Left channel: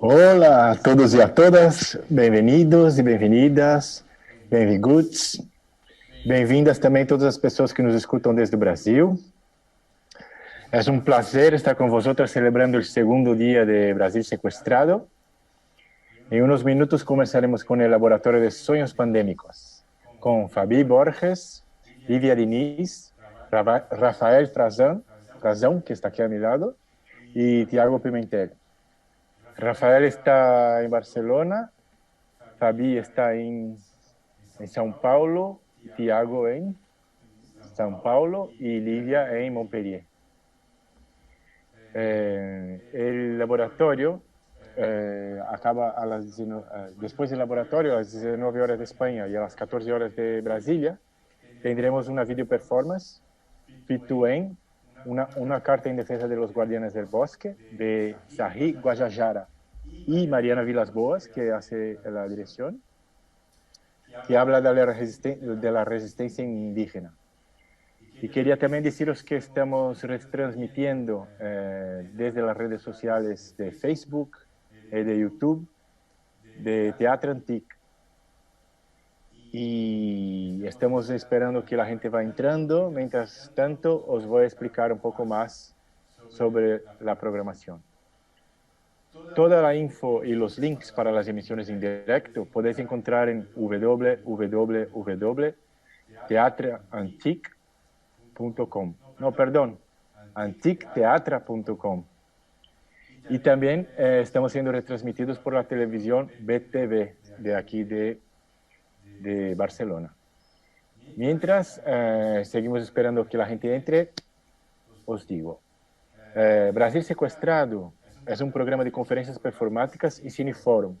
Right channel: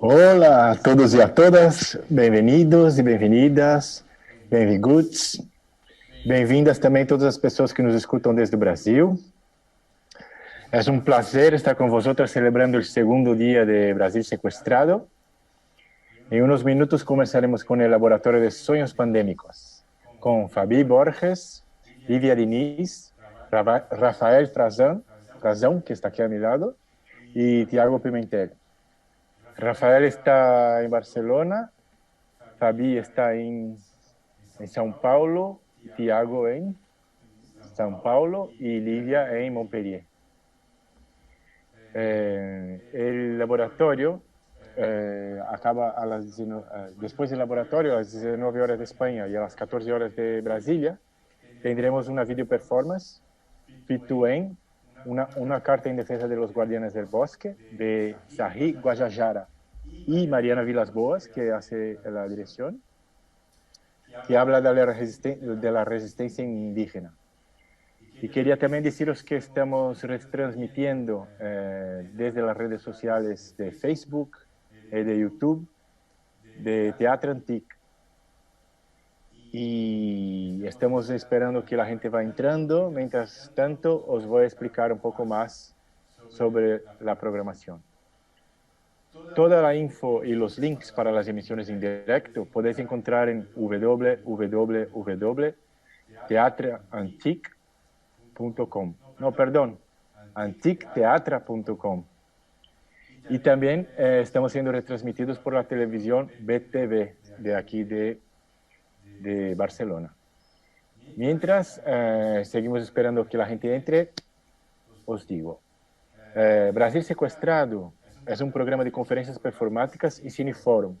Olá a todos e a todas, bem-vindos e bem-vindas, bem-vindos, bem-vindas também todas as pessoas que nos escutam desde o Brasil. É um prazer estar com vosotras celebrando o segundo dia de Brasil Sequestrado. Em uns minutos começaremos com o Laboratório de Sonhos Pandêmicos, com Fabi Borges, Lívia Diniz, Rafael Frazão, que está aqui a meu lado, e Tiago Pimentel. Rafael está em Barcelona, Fabi está em São Paulo, Tiago em São Paulo y Lidia en Montpellier. El laboratorio acaba a las 19, después del laboratorio a las 19 horas de España y a las 14 horas de Brasilia tendremos una video performance, Pituén, una carta en defensa de los guardianes del bosque de Sahi Guajajara y Mariana Vilas Boas, que hace la dirección, que habla de la resistencia indígena. Y quería también deciros que estamos retransmitiendo desde las redes sociales de Facebook, de YouTube, de Teatro Antic. Y estamos esperando que la gente va entrando. Mientras tanto, os voy a explicar un poco más sobre la programación. Toda la info y los links para las emisiones en directo podéis encontrar en www.teatroantic.com. No, perdón, anticteatra.com. Y también estamos siendo retransmitidos por la televisión BTV de aquí de Barcelona. Mientras seguimos esperando que la gente entre, os digo, Brasil Sequestrado es un programa de conferencias performáticas y cineforum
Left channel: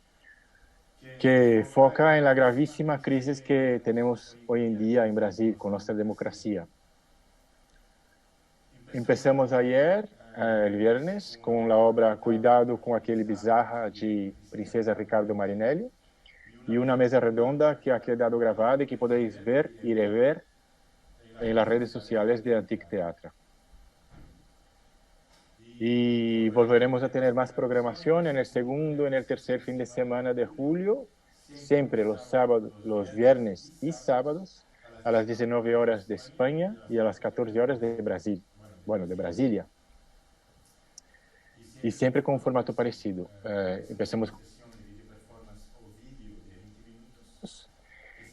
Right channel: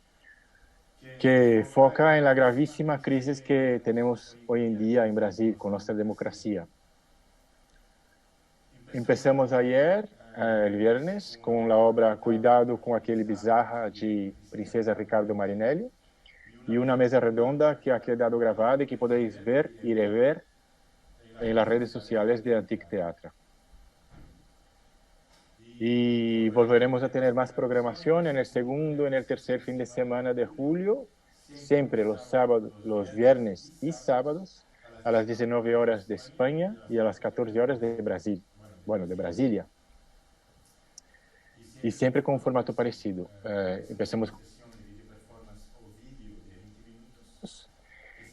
que foca en la gravísima crisis que tenemos hoy en día en Brasil con nuestra democracia. Empezamos ayer, el viernes, con la obra Cuidado com aquele bizarra de Princesa Ricardo Marinelli y una mesa redonda que ha quedado grabada y que podéis ver y rever en las redes sociales de Antic Teatra. Y volveremos a tener más programación en el segundo, en el tercer fin de semana de julio, siempre los sábados, los viernes y sábados, a las 19 horas de España y a las 14 horas de Brasil. Bueno, de Brasilia. Y siempre con un formato parecido. Empecemos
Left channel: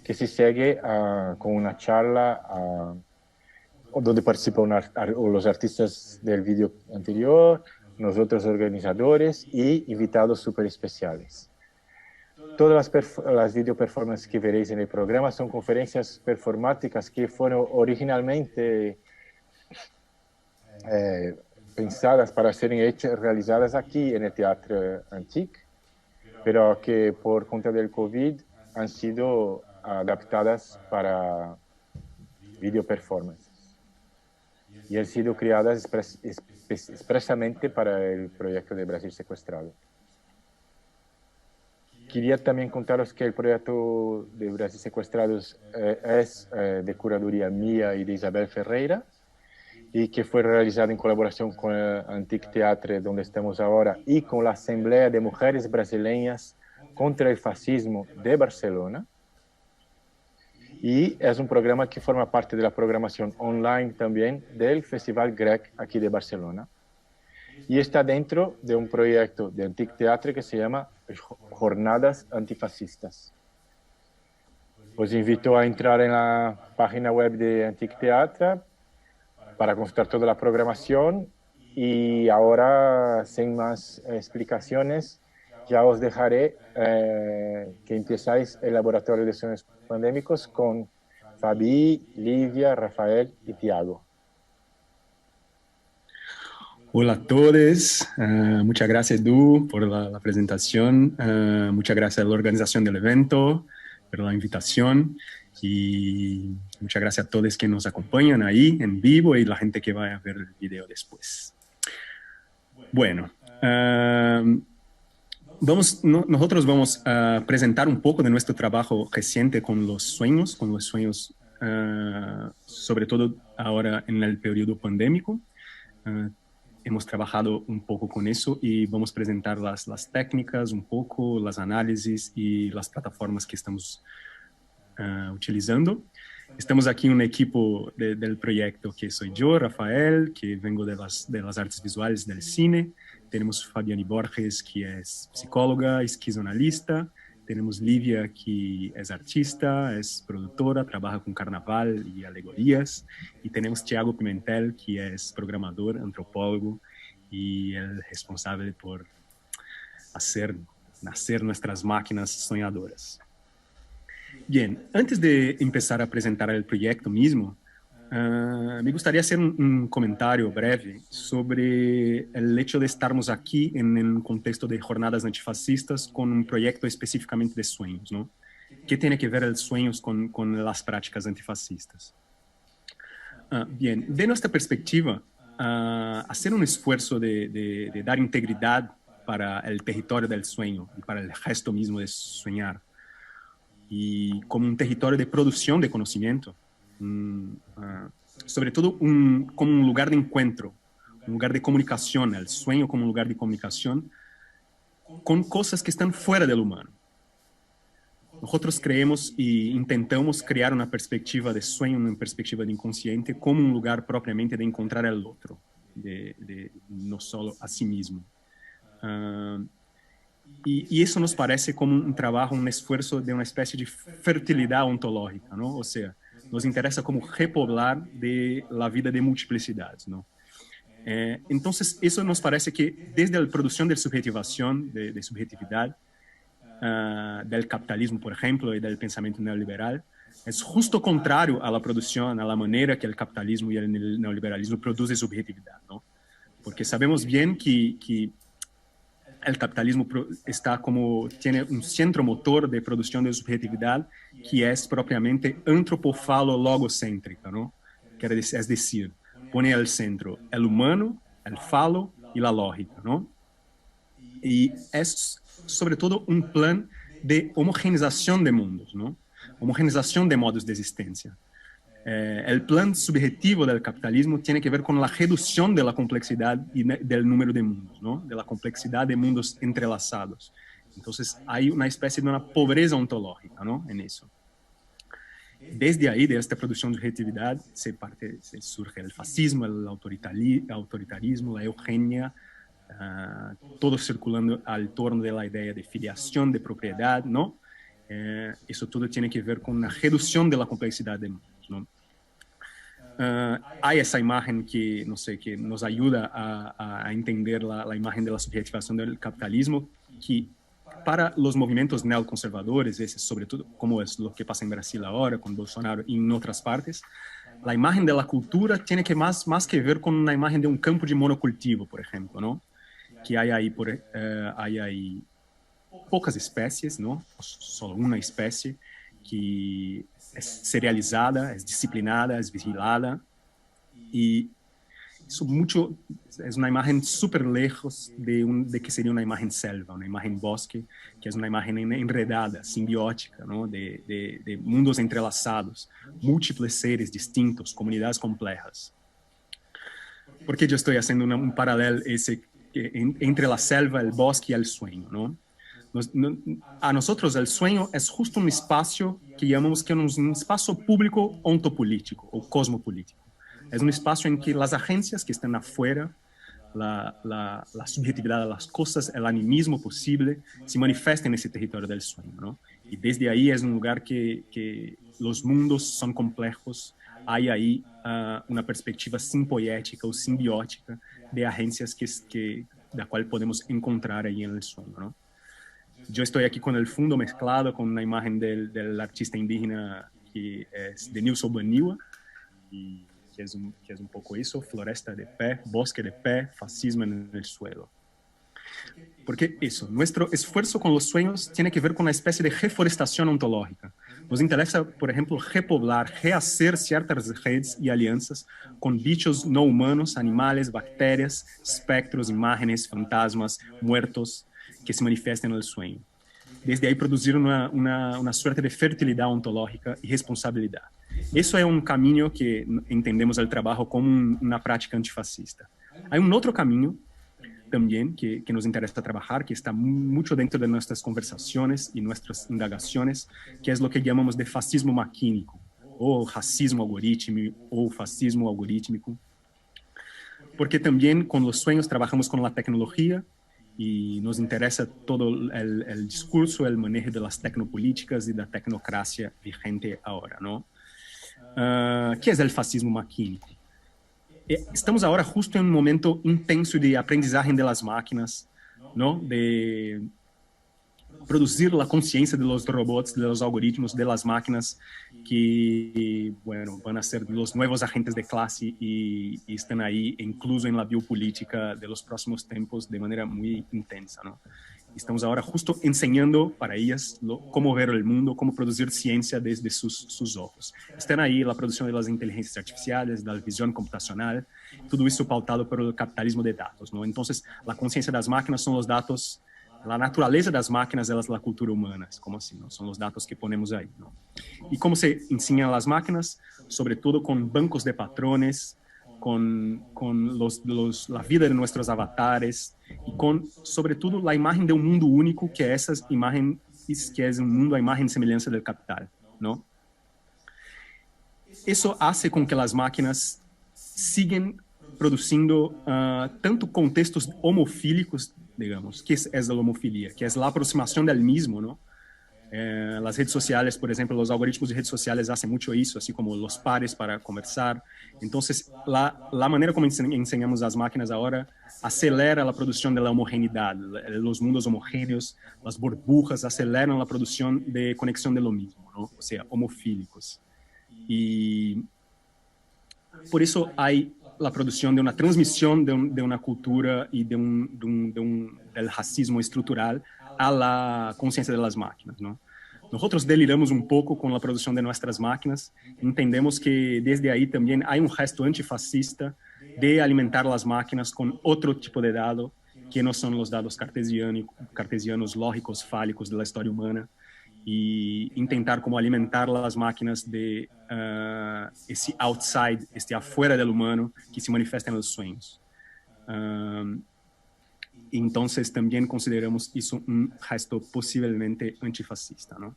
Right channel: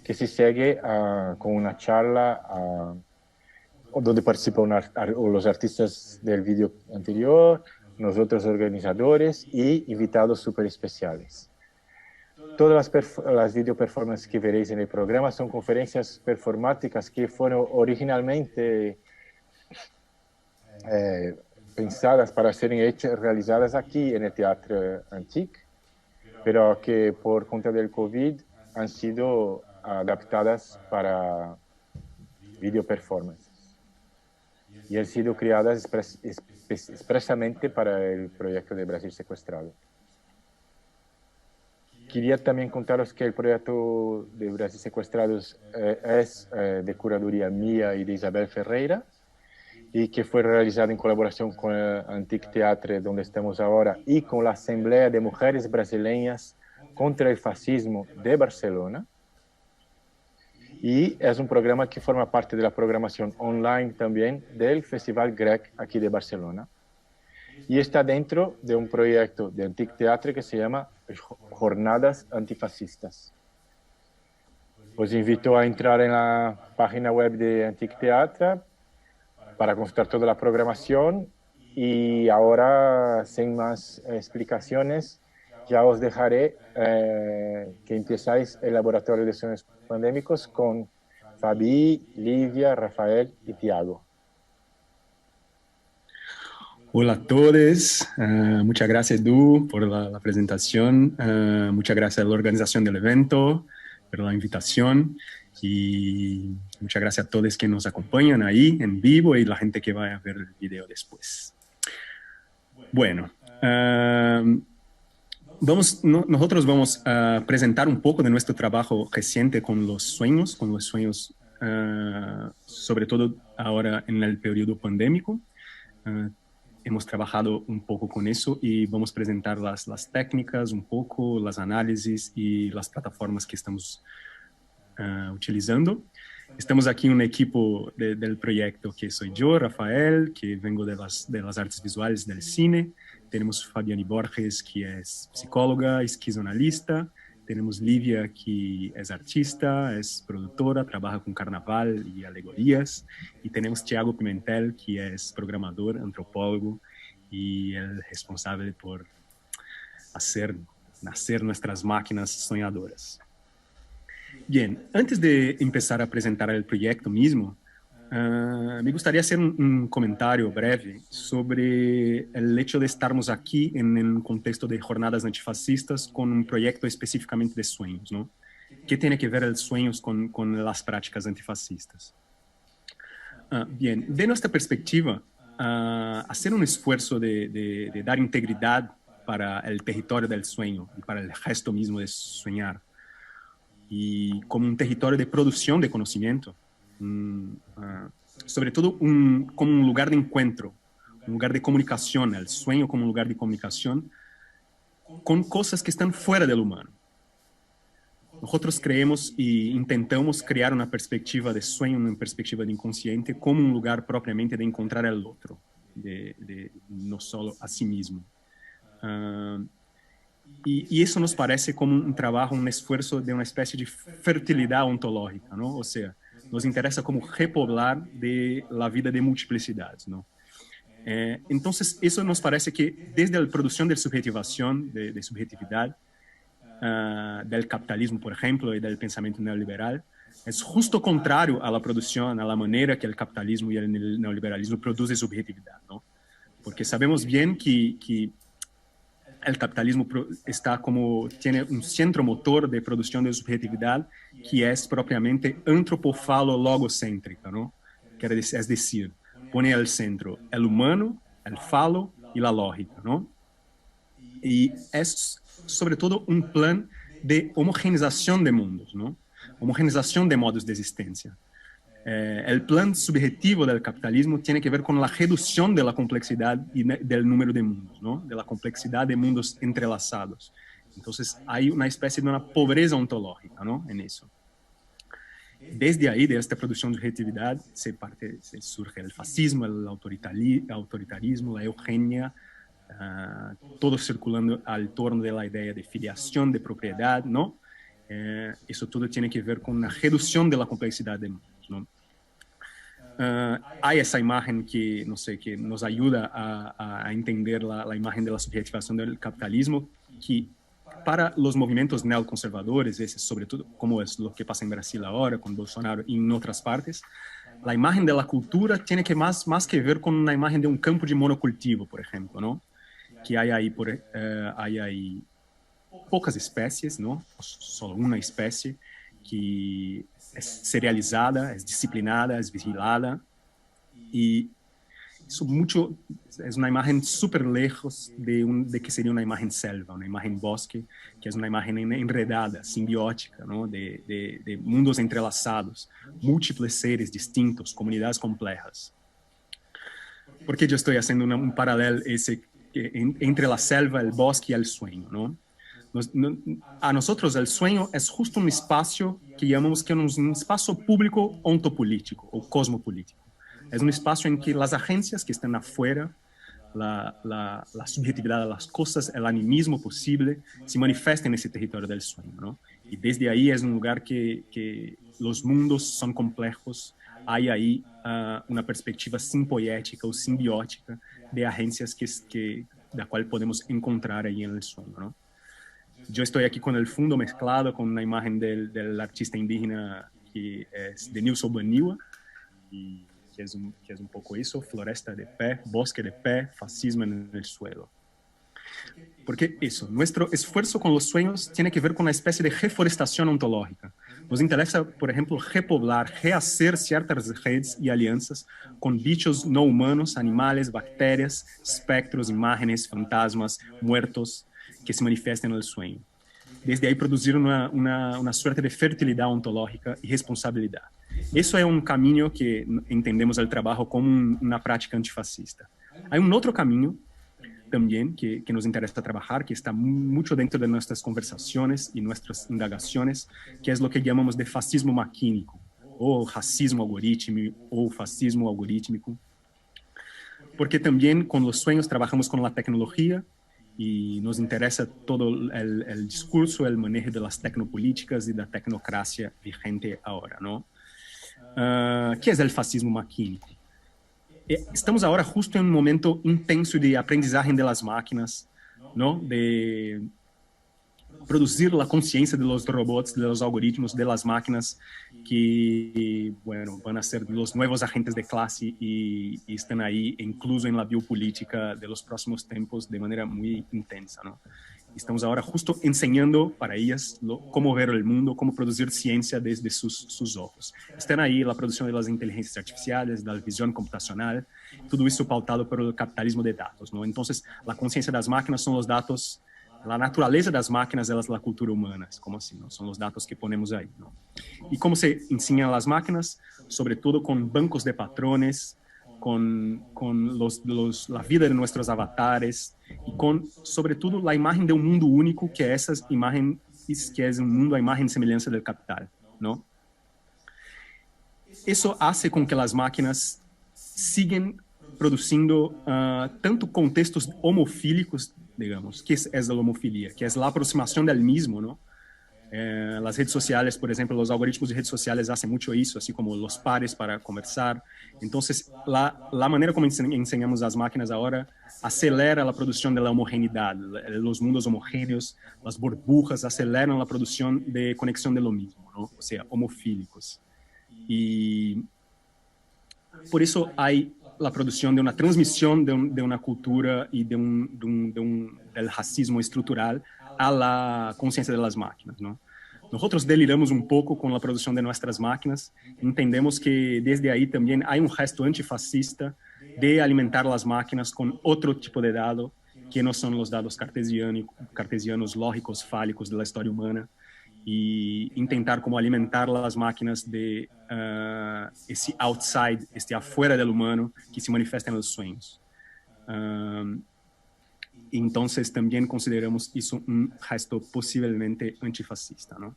que se sigue con una charla donde participan los artistas del vídeo anterior, nosotros organizadores y invitados súper especiales. Todas las video performances que veréis en el programa son conferencias performáticas que fueron originalmente pensadas para serem realizadas aquí en el Teatro Antic, pero que por cuenta del COVID han sido adaptadas para video performances y han sido creadas expresamente para el proyecto de Brasil Sequestrado. Quería también contaros que el proyecto de Brasil Sequestrados es de curaduría mía y de Isabel Ferreira, y que fue realizado en colaboración con Antic Teatre, donde estamos ahora, y con la Asamblea de Mujeres Brasileñas contra el Fascismo de Barcelona. Y es un programa que forma parte de la programación online también del Festival Grec aquí de Barcelona. Y está dentro de un proyecto de Antic Teatre que se llama Jornadas Antifascistas. Os invito a entrar en la página web de Antic Teatre para consultar toda la programación, y ahora, sin más explicaciones, ya os dejaré que empezáis el Laboratorio de Sueños Pandémicos con Fabi, Livia, Rafael y Tiago. Hola a todos, muchas gracias Edu por la presentación, muchas gracias a la organización del evento, por la invitación, y muchas gracias a todos que nos acompañan ahí en vivo y la gente que va a ver el video después. Bueno, nosotros vamos a presentar un poco de nuestro trabajo reciente con los sueños, sobre todo ahora en el periodo pandémico. hemos trabajado un poco con eso y vamos a presentar las técnicas, un poco, las análisis y las plataformas que estamos utilizando. Estamos aquí un equipo del proyecto que soy yo, Rafael, que vengo de las artes visuales del cine. Tenemos Fabiani Borges, que es psicóloga, esquizoanalista. Tenemos Livia, que es artista, es productora, trabaja con carnaval y alegorías. Y tenemos Thiago Pimentel, que es programador, antropólogo y el responsable por hacer nacer nuestras máquinas soñadoras. Bien, antes de empezar a presentar el proyecto mismo, me gustaría hacer un comentario breve sobre el hecho de estarmos aquí en un contexto de jornadas antifascistas con un proyecto específicamente de sueños, ¿no? ¿Qué tiene que ver el sueños con las prácticas antifascistas? Bien, de nuestra perspectiva, hacer un esfuerzo de dar integridad para el territorio del sueño y para el gesto mismo de soñar, y como un territorio de producción de conocimiento, sobre todo como un lugar de encuentro, un lugar de comunicación, el sueño como un lugar de comunicación con cosas que están fuera del humano. Nosotros creemos y intentamos crear una perspectiva de sueño, una perspectiva de inconsciente, como un lugar propiamente de encontrar al otro, de no solo a sí mismo. Y eso nos parece como un trabajo, un esfuerzo de una especie de fertilidad ontológica, ¿no? O sea, nos interesa como repoblar de la vida de multiplicidades, ¿no? Entonces, eso nos parece que desde la producción de subjetivación, de subjetividad, del capitalismo, por ejemplo, y del pensamiento neoliberal, es justo contrario a la producción, a la manera que el capitalismo y el neoliberalismo producen subjetividad, ¿no? Porque sabemos bien que el capitalismo tiene un centro motor de producción de subjetividad que es propiamente antropofalo-logocéntrica, ¿no? Es decir, pone al centro el humano, el falo y la lógica, ¿no? Y es sobre todo un plan de homogenización de mundos, ¿no? Homogenización de modos de existencia. El plan subjetivo del capitalismo tiene que ver con la reducción de la complejidad y del número de mundos, ¿no? De la complejidad de mundos entrelazados. Entonces hay una especie de una pobreza ontológica, ¿no? En eso. Desde ahí, de esta producción de subjetividad, surge el fascismo, el autoritarismo, la eugenia, todo circulando al torno de la idea de filiación, de propiedad, ¿no? Eso todo tiene que ver con la reducción de la complejidad de mundos, ¿no? Hay esa imagen que, no sé, que nos ayuda a entender la imagen de la subjetivación del capitalismo, que para los movimientos neoconservadores, sobre todo como es lo que pasa en Brasil ahora, con Bolsonaro y en otras partes, la imagen de la cultura tiene que más que ver con una imagen de un campo de monocultivo, por ejemplo, ¿no? Que hay ahí pocas especies, ¿no? Solo una especie que es serializada, es disciplinada, es vigilada, y eso es una imagen súper lejos de que sería una imagen selva, una imagen bosque, que es una imagen enredada, simbiótica, ¿no? de mundos entrelazados, múltiples seres distintos, comunidades complejas. ¿Por qué yo estoy haciendo un paralelo entre la selva, el bosque y el sueño, ¿no? A nosotros el sueño es justo un espacio que llamamos que es un espacio público ontopolítico o cosmopolítico. Es un espacio en que las agencias que están afuera, la subjetividad de las cosas, el animismo posible, se manifiesta en ese territorio del sueño, ¿no? Y desde ahí es un lugar que los mundos son complejos. Hay ahí una perspectiva simpoética o simbiótica de agencias la cual podemos encontrar ahí en el sueño, ¿no? Yo estoy aquí con el fondo mezclado con una imagen del artista indígena que es de Nilson Baniwa, y que es un poco eso, floresta de pé, bosque de pé, fascismo en el suelo. Porque eso, nuestro esfuerzo con los sueños tiene que ver con una especie de reforestación ontológica. Nos interesa, por ejemplo, repoblar, rehacer ciertas redes y alianzas con bichos no humanos, animales, bacterias, espectros, imágenes, fantasmas, muertos, que se manifiestan en el sueño. Desde ahí producir una suerte de fertilidad ontológica y responsabilidad. Eso es un camino que entendemos el trabajo como una práctica antifascista. Hay un otro camino también que nos interesa trabajar, que está mucho dentro de nuestras conversaciones y nuestras indagaciones, que es lo que llamamos de fascismo maquínico, o racismo algorítmico, o fascismo algorítmico, porque también con los sueños trabajamos con la tecnología y nos interesa todo el discurso, el manejo de las tecnopolíticas y de la tecnocracia vigente ahora, ¿no? ¿Qué es el fascismo maquínico? Estamos ahora justo en un momento intenso de aprendizaje de las máquinas, ¿no? De producir la conciencia de los robots, de los algoritmos, de las máquinas que, bueno, van a ser los nuevos agentes de clase y están ahí incluso en la biopolítica de los próximos tiempos de manera muy intensa, ¿no? Estamos ahora justo enseñando para ellas cómo ver el mundo, cómo producir ciencia desde sus ojos. Están ahí la producción de las inteligencias artificiales, de la visión computacional, todo eso pautado por el capitalismo de datos, ¿no? Entonces, la conciencia de las máquinas son los datos, la naturaleza de las máquinas es la cultura humana, es como así, ¿no? Son los datos que ponemos ahí, ¿no? ¿Y cómo se enseñan a las máquinas? Sobre todo con bancos de patrones, con la vida de nuestros avatares y con, sobre todo, la imagen de un mundo único, que esa imagen, que es un mundo a imagen y semejanza del capital, ¿no? Eso hace con que las máquinas siguen produciendo tanto contextos homofílicos, digamos, que es la homofilia, que es la aproximación del mismo, ¿no? Las redes sociales, por ejemplo, los algoritmos de redes sociales hacen mucho eso, así como los pares para conversar. Entonces, la manera como enseñamos las máquinas ahora acelera la producción de la homogeneidad, los mundos homogéneos, las burbujas aceleran la producción de conexión de lo mismo, ¿no? O sea, homofílicos. Y por eso hay la producción de una transmisión de una cultura y del racismo estructural a la conciencia de las máquinas, ¿no? Nosotros deliramos un poco con la producción de nuestras máquinas, entendemos que desde ahí también hay un gesto antifascista de alimentar las máquinas con otro tipo de datos, que no son los datos cartesianos, lógicos, fálicos de la historia humana, y intentar como alimentar las máquinas de ese outside, este afuera del humano que se manifiesta en los sueños. Entonces también consideramos eso un gesto posiblemente antifascista, ¿no?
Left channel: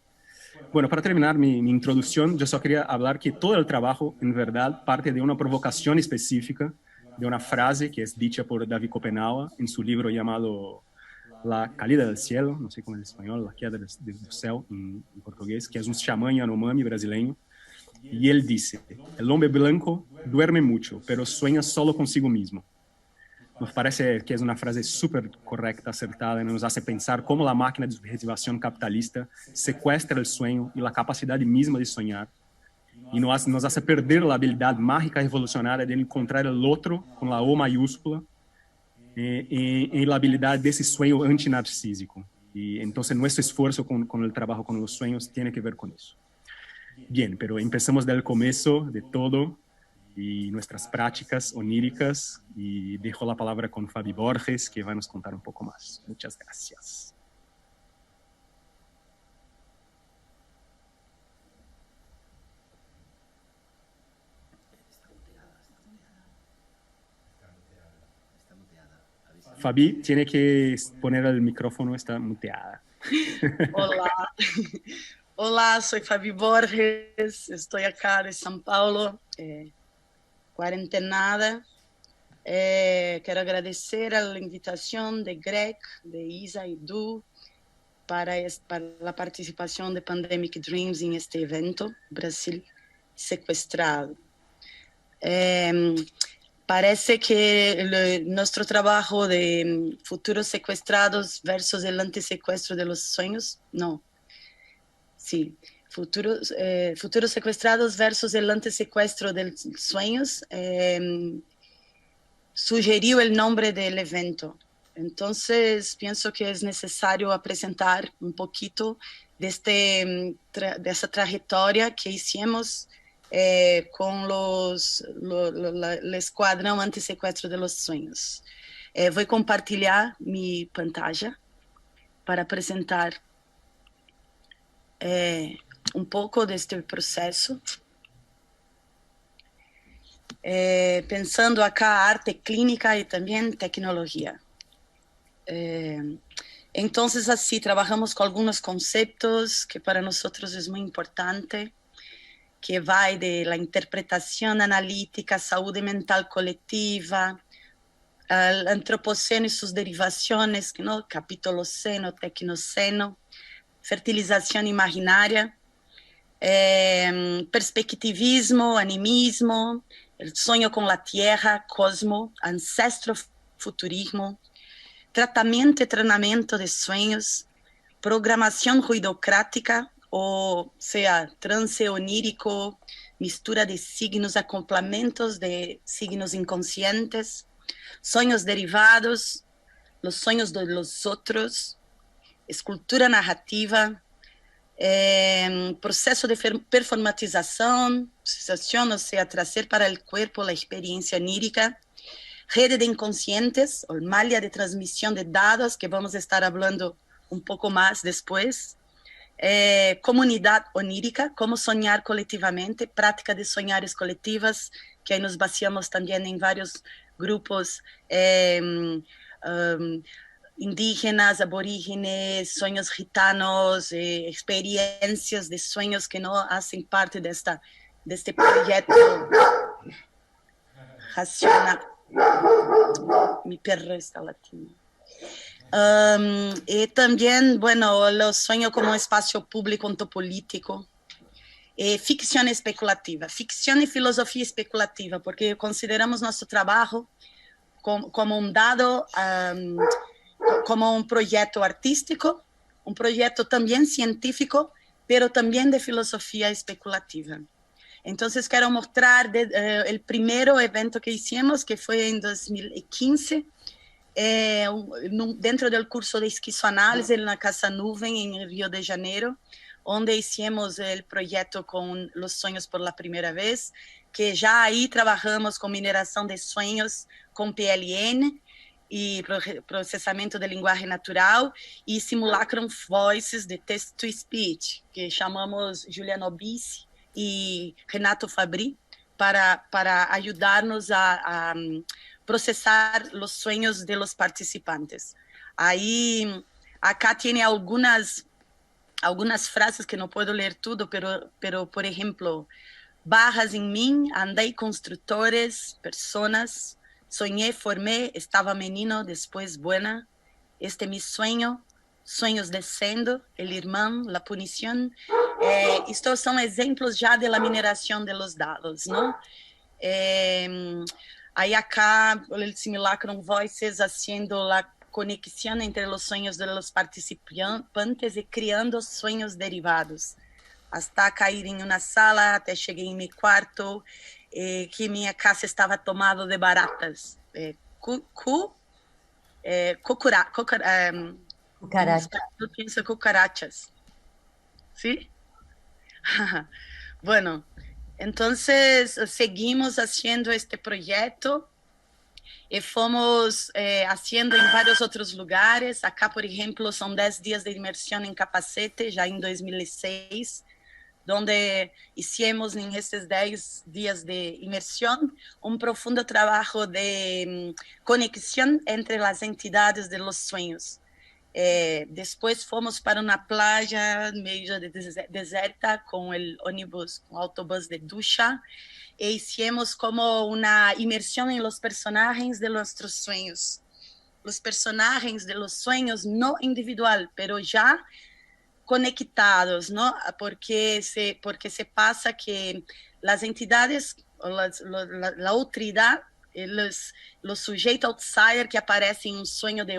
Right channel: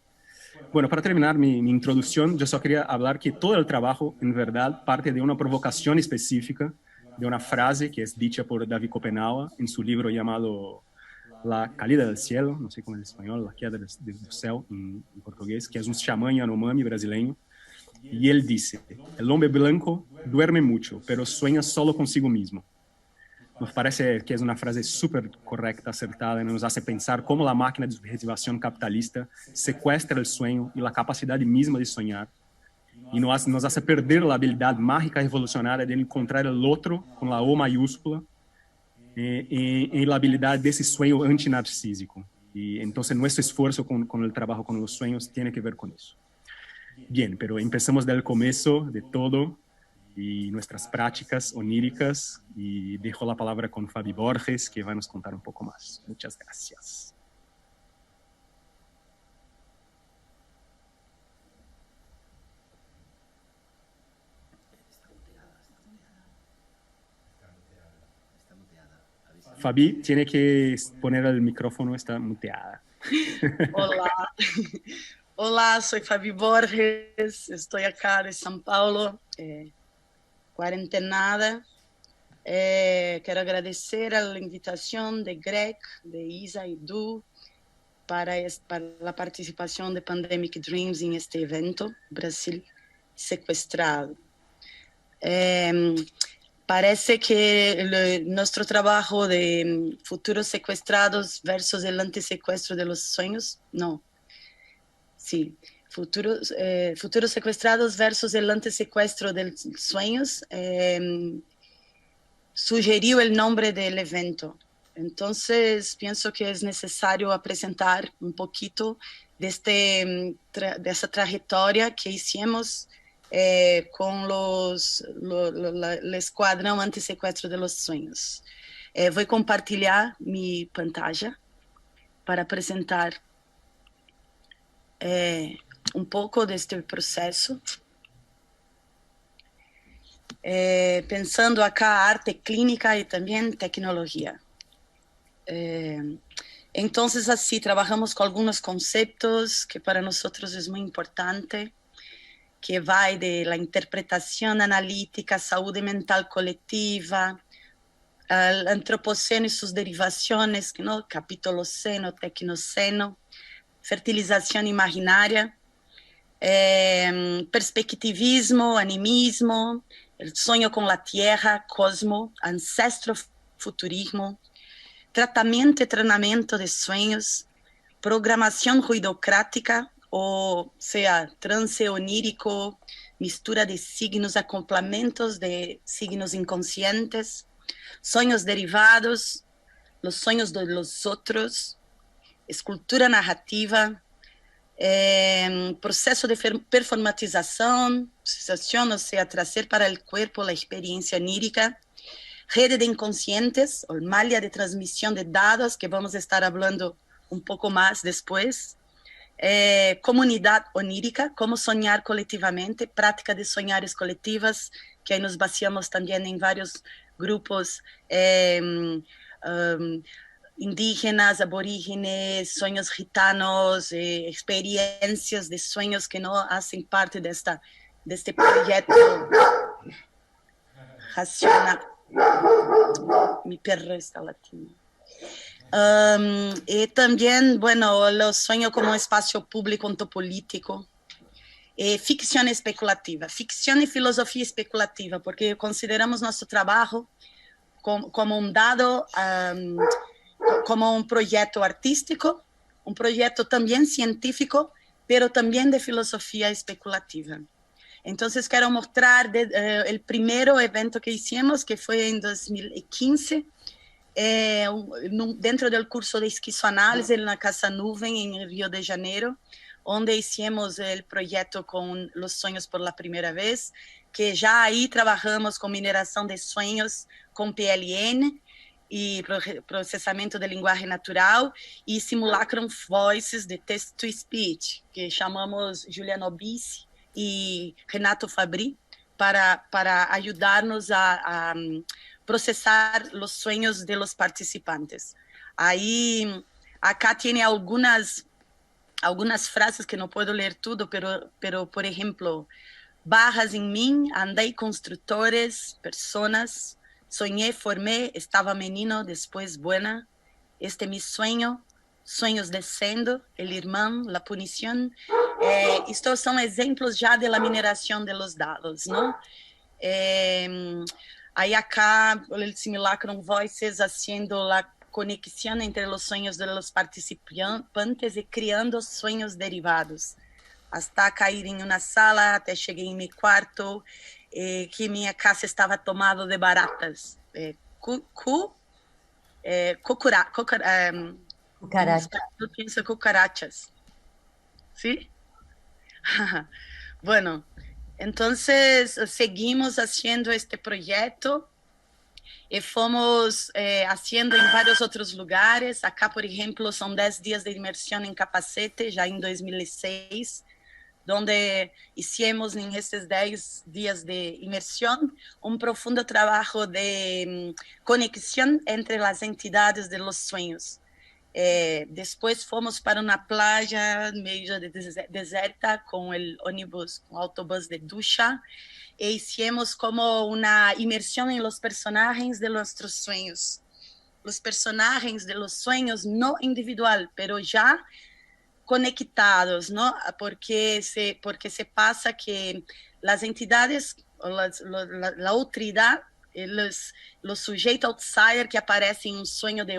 Bueno, para terminar mi introducción, yo solo quería hablar que todo el trabajo, en verdad, parte de una provocación específica, de una frase que es dicha por David Copenhague en su libro llamado La caída del cielo, no sé cómo en español, La queda del cielo en portugués, que es un chamán Yanomami brasileño. Y él dice, el hombre blanco duerme mucho, pero sueña solo consigo mismo. Nos parece que es una frase súper correcta, acertada, y nos hace pensar cómo la máquina de subjetivación capitalista secuestra el sueño y la capacidad misma de soñar, y nos hace perder la habilidad mágica revolucionaria de encontrar el otro con la O mayúscula, en la habilidad de ese sueño antinarcísico. Y entonces nuestro esfuerzo con el trabajo con los sueños tiene que ver con eso. Bien, pero empezamos del comienzo de todo y nuestras prácticas oníricas, y dejo la palabra con Fabi Borges, que va a nos contar un poco más. Muchas gracias. Fabi tiene que poner el micrófono, está muteada. Olá, olá, sou Fabi Borges, estou acá de São Paulo, quarentenada. Quero agradecer a invitação de Greg, de Isa e Du para a participação de Pandemic Dreams em este evento, Brasil Sequestrado. Parece que nuestro trabajo de futuros secuestrados versus el antisecuestro de los sueños, no, sí, futuros secuestrados versus el antisecuestro de los sueños, sugerió el nombre del evento. Entonces, pienso que es necesario presentar un poquito de esa trayectoria que hicimos con el Escuadrão Antissequestro de los Sueños. Vou compartilhar mi pantalla para apresentar un poco de este proceso. pensando acá arte clínica y también tecnología. Entonces, así, trabajamos con algunos conceptos que para nosotros es muy importante, que va de la interpretación analítica, salud mental colectiva, el antropoceno y sus derivaciones, ¿no? Capitoloceno, tecnoceno, fertilización imaginaria, perspectivismo, animismo, el sueño con la tierra, cosmo, ancestrofuturismo, tratamento y entrenamiento de sueños, programación ruidocrática, o sea, trance onírico, mistura de signos, acoplamientos de signos inconscientes, sueños derivados, los sueños de los otros, escultura narrativa, proceso de performatización, o sea, trazer para el cuerpo la experiencia onírica, rede de inconscientes, o malha de transmisión de dados, que vamos a estar hablando un poco más después, comunidad onírica, cómo soñar colectivamente, práctica de soñares colectivas, que ahí nos vaciamos también en varios grupos indígenas, aborígenes, sueños gitanos, experiencias de sueños que no hacen parte de este proyecto racional. Mi perro está latiendo. Y también, bueno, los sueños como espacio público ontopolítico, ficción especulativa, ficción y filosofía especulativa, porque consideramos nuestro trabajo como un dado, como un proyecto artístico, un proyecto también científico, pero también de filosofía especulativa. Entonces quiero mostrar el primer evento que hicimos, que fue en 2015, dentro del curso de esquizoanálisis en la Casa Nuvem, en Río de Janeiro, donde hicimos el proyecto con los sueños por la primera vez, que ya ahí trabajamos con mineración de sueños con PLN y procesamiento de lenguaje natural y simulacrum voices de text-to-speech, que chamamos Juliana Obisi y Renato Fabri para ayudarnos a procesar los sueños de los participantes. Ahí, acá tiene algunas frases que no puedo leer todo, pero por ejemplo, barras en mí, andei constructores, personas, soñé, formé, estaba menino, después buena, este mi sueño, sueños descendo, el irmão, la punición. Estos son ejemplos ya de la mineración de los dados, ¿no? Ahí acá el simulacrum voices haciendo la conexión entre los sueños de los participantes y creando sueños derivados. Hasta cair em uma sala, até cheguei em meu quarto, que minha casa estava tomada de baratas. Cucarachas. ¿Sí? Bueno, entonces seguimos haciendo este proyecto y fomos haciendo en varios otros lugares. Acá, por ejemplo, son 10 días de inmersión en Capacete, ya en 2006, donde hicimos en estos 10 días de inmersión un profundo trabajo de conexión entre las entidades de los sueños. Después fomos para una playa medio deserta con el ónibus, con autobús de ducha, e hicimos como una inmersión en los personajes de nuestros sueños. Los personajes de los sueños no individual, pero ya conectados, ¿no? Porque se pasa que las entidades, la autoridad, los sujetos outsider que aparecen en un sueño de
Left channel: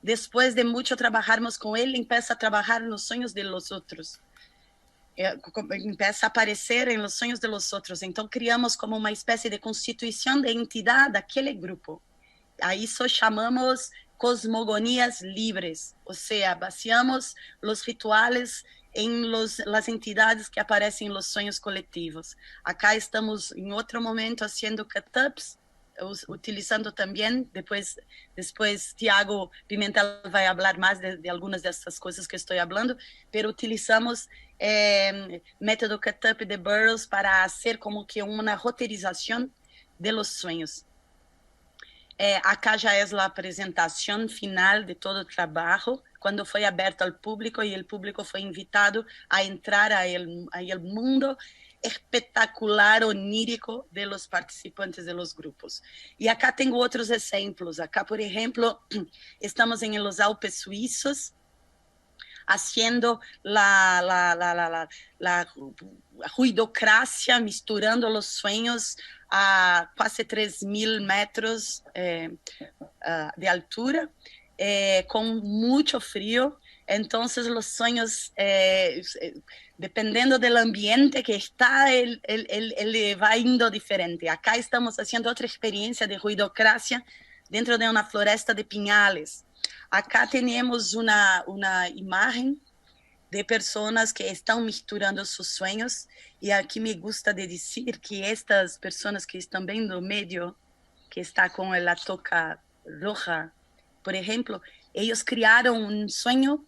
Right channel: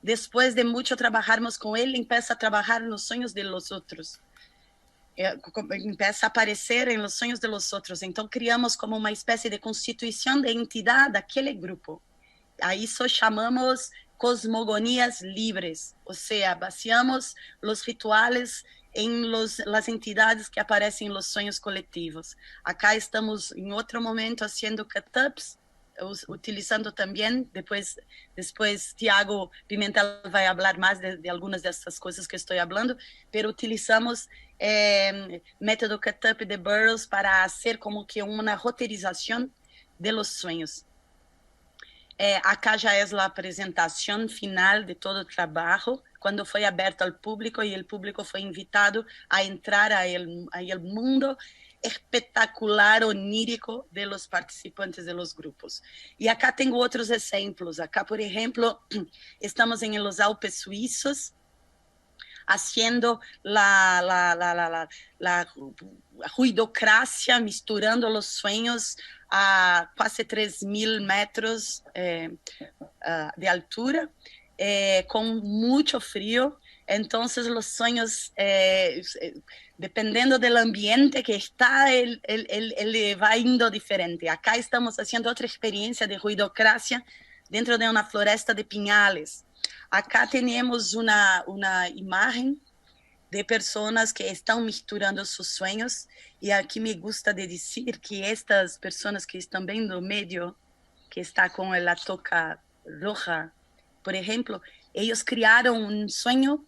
después de mucho trabajarmos con él, empieza a trabajar en los sueños de los otros. Empieza a aparecer en los sueños de los otros. Entonces criamos como una especie de constitución de entidad de aquel grupo. A eso chamamos cosmogonías libres, o sea, vaciamos los rituales en las entidades que aparecen en los sueños colectivos. Acá estamos en otro momento haciendo cut-ups, utilizando también, después Tiago Pimentel va a hablar más de algunas de estas cosas que estoy hablando, pero utilizamos método cut-up de Burroughs para hacer como que una roteirización de los sueños. Acá ya es la presentación final de todo el trabajo, cuando fue abierto al público y el público fue invitado a entrar a el mundo espectacular, onírico de los participantes de los grupos. Y acá tengo otros ejemplos. Acá, por ejemplo, estamos en los Alpes suizos, haciendo la ruidocracia, misturando los sueños a casi 3.000 metros de altura, con mucho frío. Entonces los sueños, dependiendo del ambiente que está, él va yendo diferente. Acá estamos haciendo otra experiencia de ruidocracia dentro de una floresta de piñales. Acá tenemos una imagen de personas que están misturando sus sueños, y aquí me gusta de decir que estas personas que están viendo medio, que está con la toca roja, por ejemplo, ellos crearon un sueño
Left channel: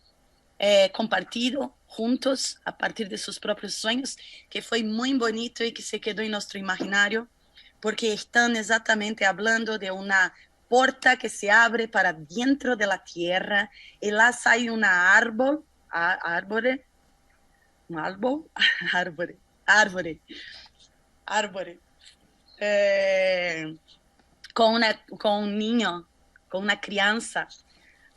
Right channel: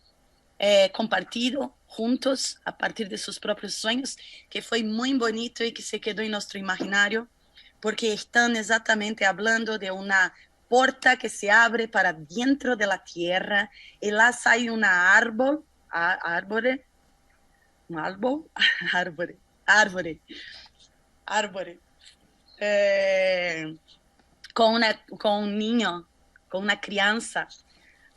compartido juntos a partir de sus propios sueños, que fue muy bonito y que se quedó en nuestro imaginario, porque están exactamente hablando de una puerta que se abre para dentro de la tierra, y lá hay una árvore, con un niño, con una crianza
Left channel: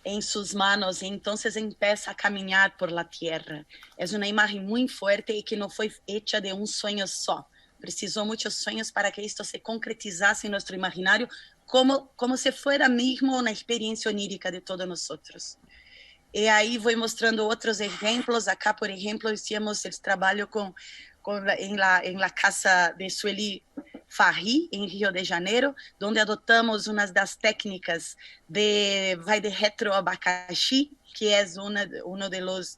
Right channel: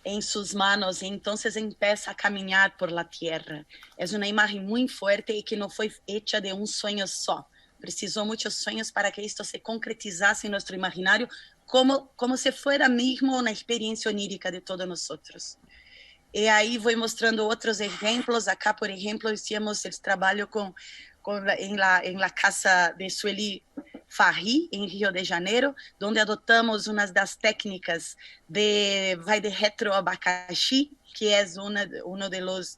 en sus manos, y entonces empieza a caminar por la tierra. Es una imagen muy fuerte y que no fue hecha de un sueño solo. Precisó muchos sueños para que esto se concretizase en nuestro imaginario, como si fuera mismo una experiencia onírica de todos nosotros. Y ahí voy mostrando otros ejemplos. Acá, por ejemplo, hicimos el trabajo en la casa de Sueli Farri, en Río de Janeiro, donde adoptamos unas de las técnicas de retroabacaxi, que es uno de los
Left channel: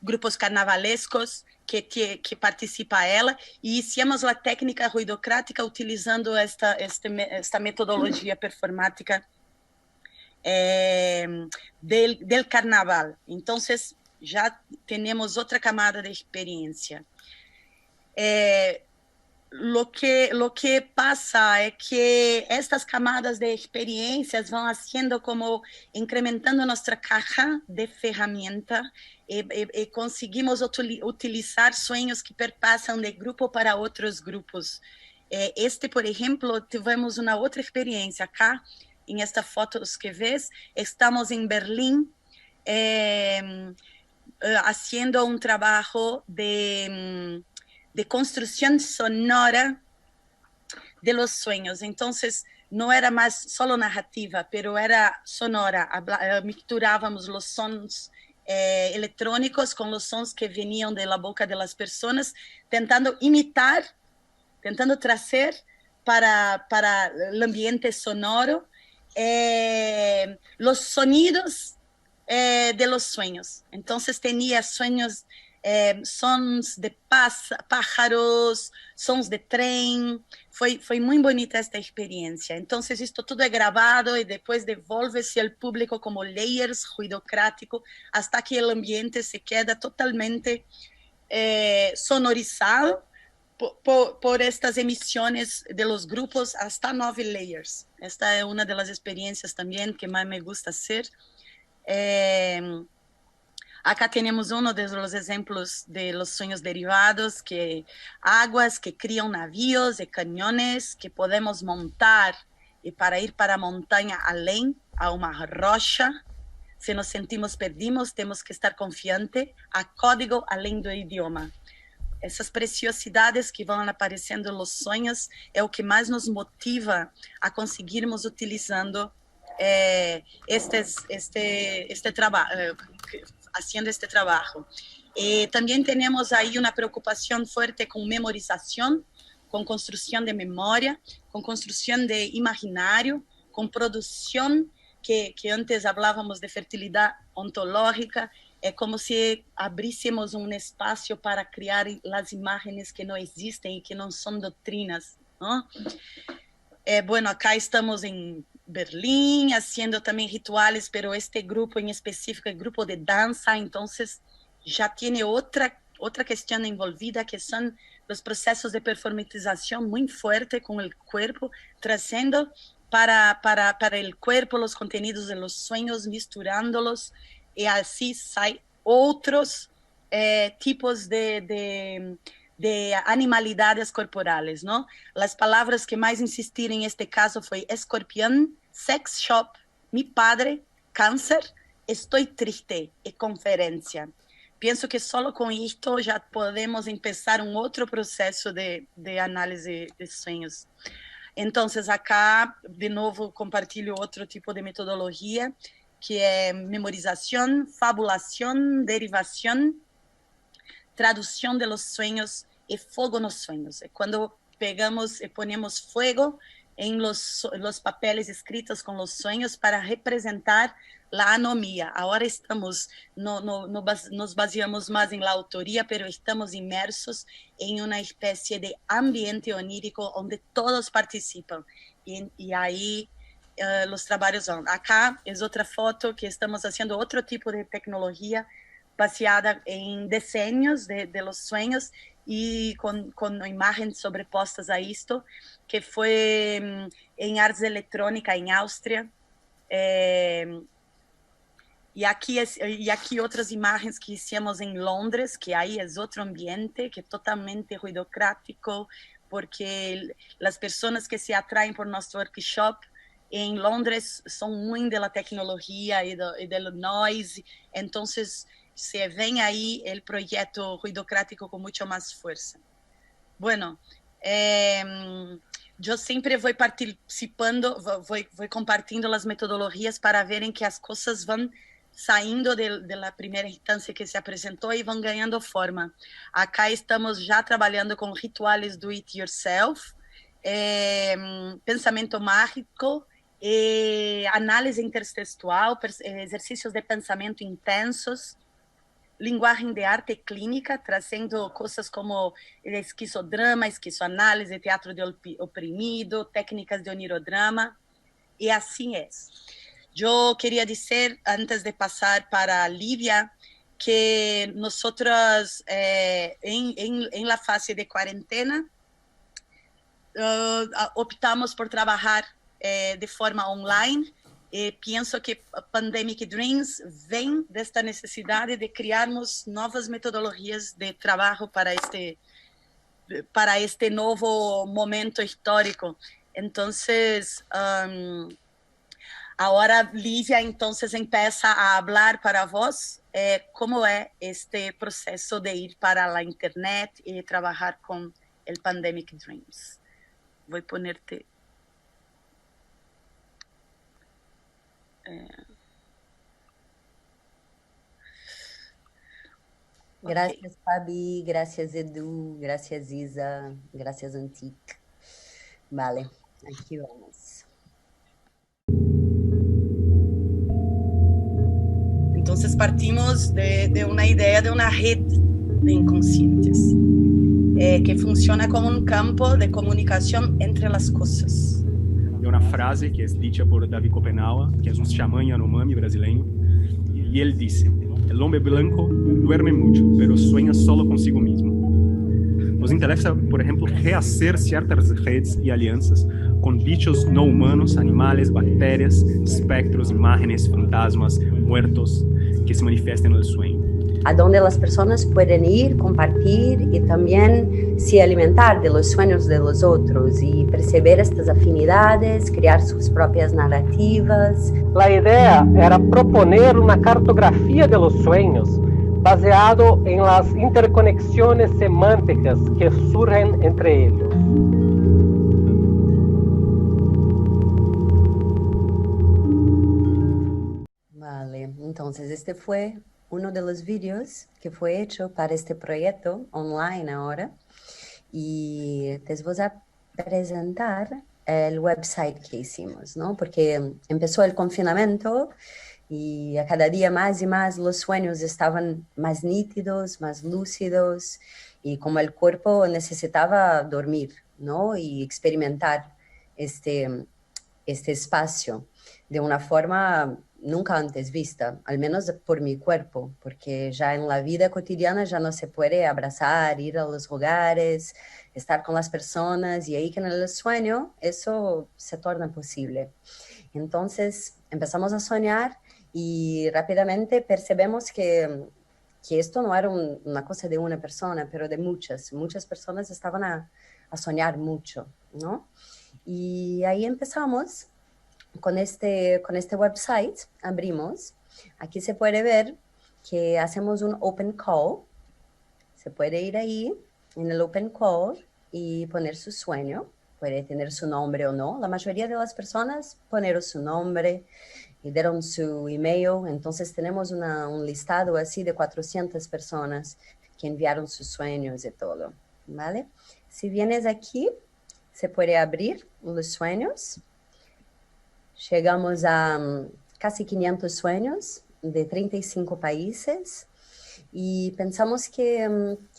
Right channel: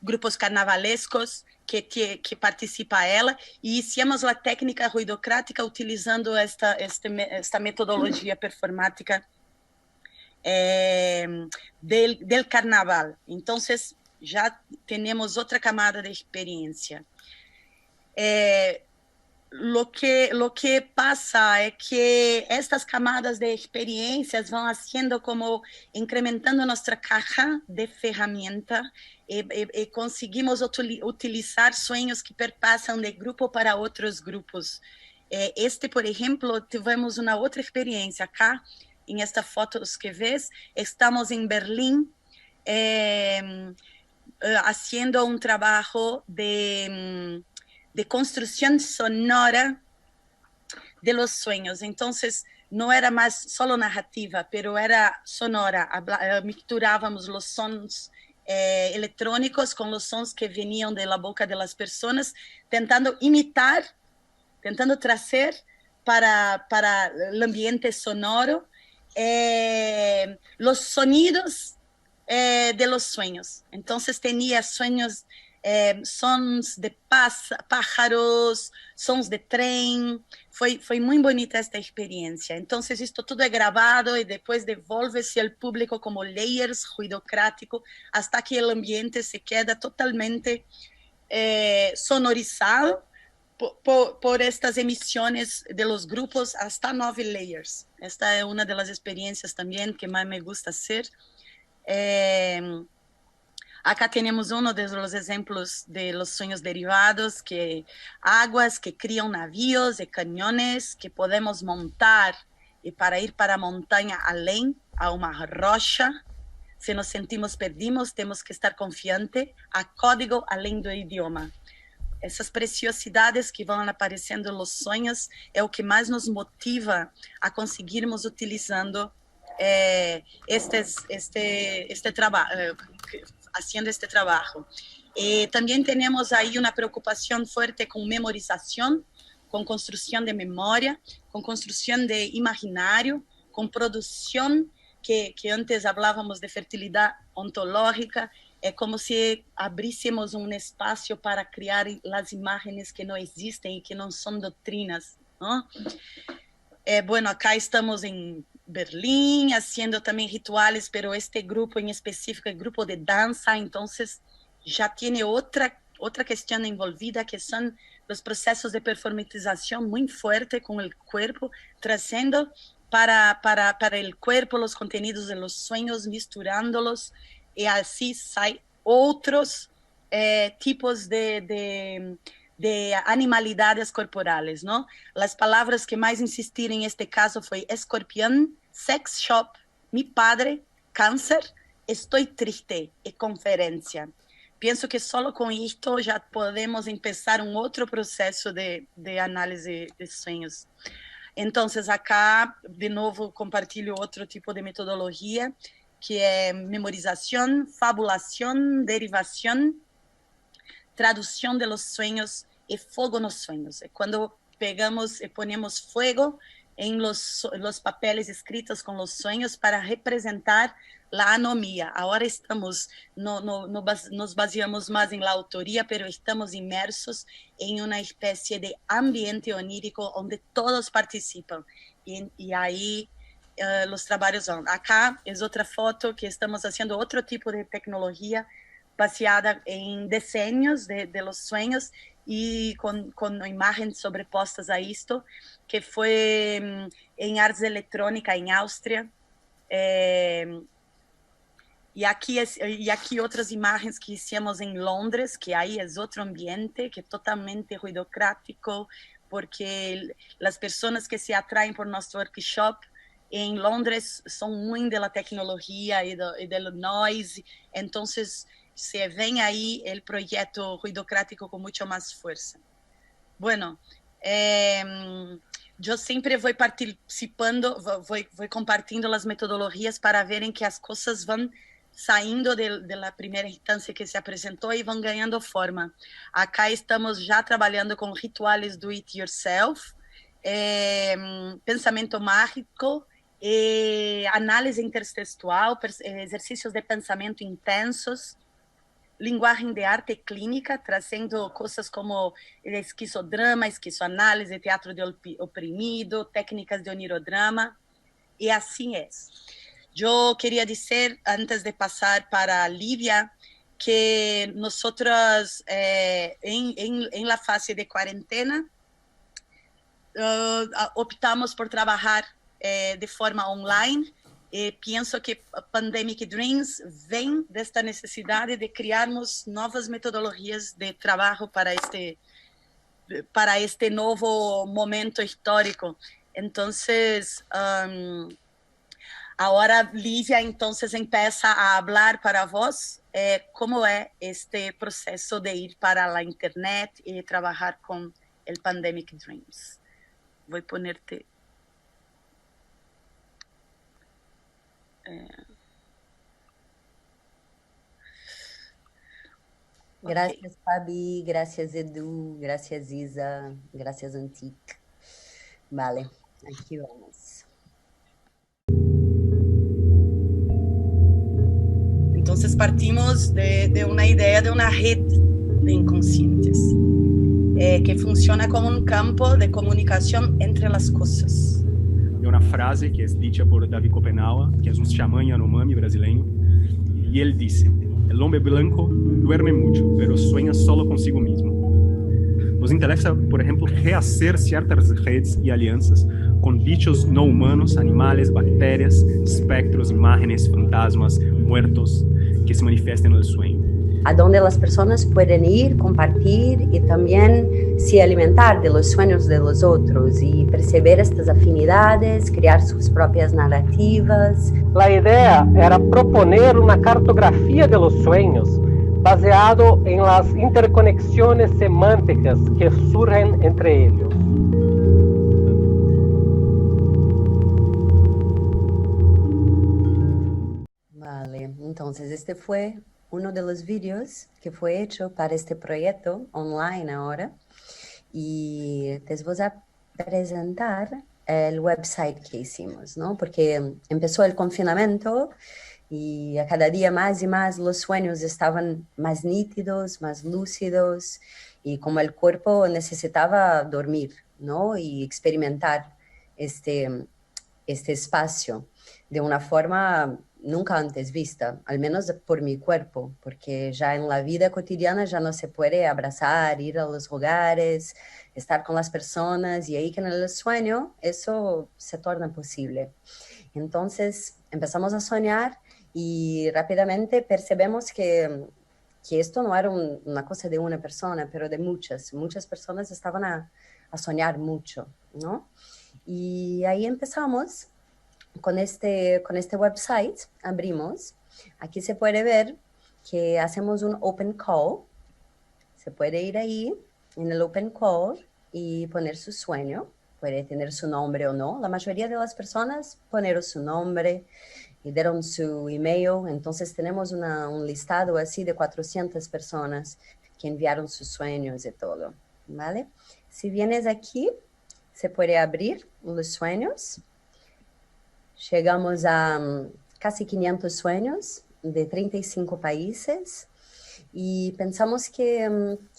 grupos carnavalescos que participa ela, e hicimos a técnica ruidocrática utilizando esta metodologia performática del carnaval. Entonces ya tenemos otra camada de experiencia. Lo que pasa es que estas camadas de experiencias van haciendo como incrementando nuestra caja de ferramentas, y conseguimos utilizar sueños que perpasan de grupo para otros grupos. Por ejemplo, tivemos una otra experiencia acá. En esta foto que ves, estamos en Berlín haciendo un trabajo de construcción sonora de los sueños. Entonces, no era más solo narrativa, pero era sonora. Mixturábamos los sons electrónicos con los sons que venían de la boca de las personas, tentando imitar, tentando traer para el ambiente sonoro los sonidos de los sueños. Entonces tenía sueños, sons de pájaros, sons de tren. Foi muy bonita esta experiencia. Entonces esto todo es grabado y después devuelve-se al público como layers ruidocrático, hasta que el ambiente se queda totalmente sonorizado por estas emisiones de los grupos, hasta 9 layers. Esta es una de las experiencias también que más me gusta hacer. Acá tenemos uno de los ejemplos de los sueños derivados, que aguas que crían navíos y cañones que podemos montar, y para ir para montaña além, a una rocha. Si nos sentimos perdidos, tenemos que estar confiantes a código além do idioma. Essas preciosidades que vão aparecendo nos sonhos é o que mais nos motiva a conseguirmos utilizando haciendo este trabajo. También tenemos ahí una preocupación fuerte con memorización, con construcción de memoria, con construcción de imaginario, con producción, que antes hablábamos de fertilidad ontológica. É como se abríssemos um espaço para criar as imagens que não existem e que não são doutrinas, ¿no? Bueno, acá estamos em Berlim haciendo também rituales, pero este grupo em específico é grupo de dança, então já tem otra cuestión envolvida, que son los procesos de performatización muy fuerte con el cuerpo, trayendo para el cuerpo los contenidos de los sueños, misturándolos, y así hay otros tipos de animalidades corporales, ¿no? Las palabras que más insistí en este caso fue escorpión, sex shop, mi padre, cáncer, estoy triste y conferencia. Pienso que solo con esto ya podemos empezar un otro proceso de análisis de sueños. Entonces, acá, de novo, compartilho outro tipo de metodologia, que é memorização, fabulação, derivação, tradução de los sueños e fogo nos sueños. É quando pegamos e ponemos fuego en los papeles escritos con los sueños para representar la anomia. Ahora estamos, nos baseamos más en la autoría, pero estamos inmersos en una especie de ambiente onírico donde todos participan. Y ahí los trabajos van. Acá es otra foto que estamos haciendo otro tipo de tecnología baseada en diseños de los sueños y con imágenes sobrepostas a esto, que fue en Artes Electrónica en Austria. Y aquí otras imágenes que hicimos en Londres, que ahí es otro ambiente, que es totalmente ruidocrático, porque las personas que se atraen por nuestro workshop en Londres son muy de la tecnología y del noise, entonces se ven ahí el proyecto ruidocrático con mucho más fuerza. Bueno, yo siempre voy participando, voy compartiendo las metodologías para ver en que las cosas van saindo de la primera instancia que se apresentou e vão ganhando forma. Acá estamos já trabalhando com rituales do it yourself, pensamento mágico, análise intertextual, exercícios de pensamento intensos, linguagem de arte clínica, trazendo coisas como esquizodrama, esquizoanálise, teatro de oprimido, técnicas de onirodrama, e assim é. Yo quería decir, antes de pasar para Lívia, que nosotros en la fase de cuarentena optamos por trabajar de forma online. Pienso que Pandemic Dreams vem desta necessidade de criarmos novas metodologias de trabalho para este novo momento histórico. Entonces, ahora Lívia entonces empieza a hablar para vos cómo es este proceso de ir para la internet y trabajar con el Pandemic Dreams. Voy a ponerte... Gracias, Fabi, gracias, Edu, gracias, Isa, gracias, Antic. Vale, aquí vamos. Entonces partimos de una idea de una red de inconscientes que funciona como un campo de comunicación entre las cosas. De una frase que es dicha por Davi Copenaua, que es un chamán Yanomami brasileño, y él dice: el hombre blanco duerme mucho, pero sueña solo consigo mismo. Nos interesa, por ejemplo, rehacer ciertas redes y alianzas con bichos no humanos, animales, bacterias, espectros, imágenes, fantasmas, muertos, que se manifiestan en el sueño. A donde las personas pueden ir, compartir y también se alimentar de los sueños de los otros y perceber estas afinidades, crear sus propias narrativas. La idea era proponer una cartografía de los sueños baseado en las interconexiones semánticas que surgen entre ellos. Vale, entonces este fue uno de los vídeos que fue hecho para este proyecto online ahora, y les voy a presentar el website que hicimos, ¿no? Porque empezó el confinamiento y a cada día más y más los sueños estaban más nítidos, más lúcidos, y como el cuerpo necesitaba dormir, ¿no? Y experimentar este espacio de una forma nunca antes vista, al menos por mi cuerpo, porque ya en la vida cotidiana ya no se puede abrazar, ir a los hogares, estar con las personas, y ahí que en el sueño eso se torna posible. Entonces empezamos a soñar y rápidamente percebemos que esto no era una cosa de una persona, pero de muchas personas estaban a soñar mucho, ¿no? Y ahí empezamos con este website, abrimos. Aquí se puede ver que hacemos un open call. Se puede ir ahí en el open call y poner su sueño. Puede tener su nombre o no. La mayoría de las personas ponieron su nombre y dieron su email. Entonces tenemos un listado así de 400 personas que enviaron sus sueños y todo, ¿vale? Si vienes aquí, se puede abrir los sueños. Llegamos a casi 500 sueños de 35 países y pensamos que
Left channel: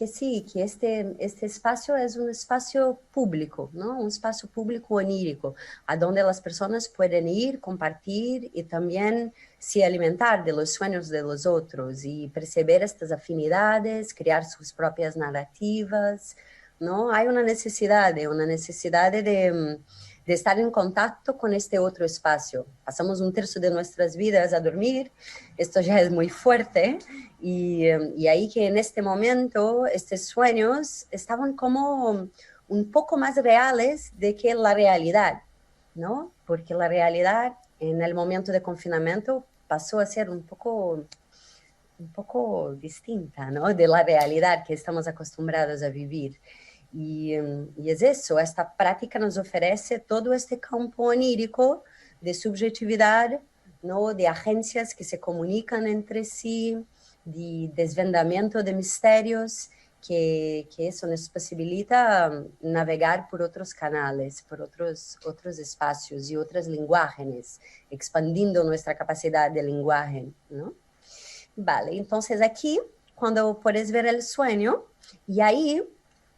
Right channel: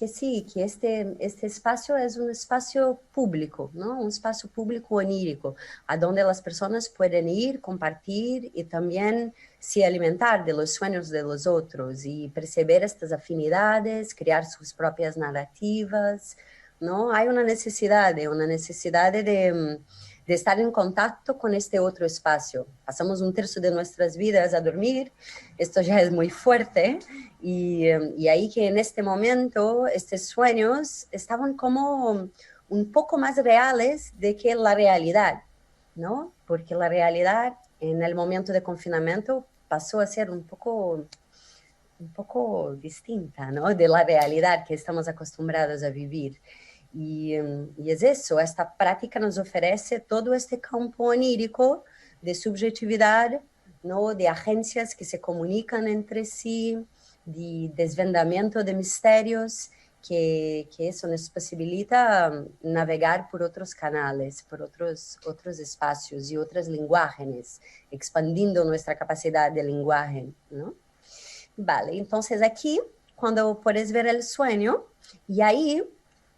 sí, que este espacio es un espacio público, ¿no? Un espacio público onírico, a donde las personas pueden ir, compartir y también se alimentar de los sueños de los otros y perceber estas afinidades, crear sus propias narrativas, ¿no? Hay una necesidad de estar en contacto con este otro espacio. Pasamos un tercio de nuestras vidas a dormir, esto ya es muy fuerte, y ahí que en este momento estos sueños estaban como un poco más reales de que la realidad, ¿no? Porque la realidad en el momento de confinamiento pasó a ser un poco distinta, ¿no? De la realidad que estamos acostumbrados a vivir. Y es eso, esta práctica nos ofrece todo este campo onírico de subjetividad, ¿no? De agencias que se comunican entre sí, de desvendamiento de misterios, que eso nos posibilita navegar por otros canales, por otros espacios y otros lenguajes, expandiendo nuestra capacidad de lenguaje, ¿no? Vale, entonces aquí, cuando puedes ver el sueño, y ahí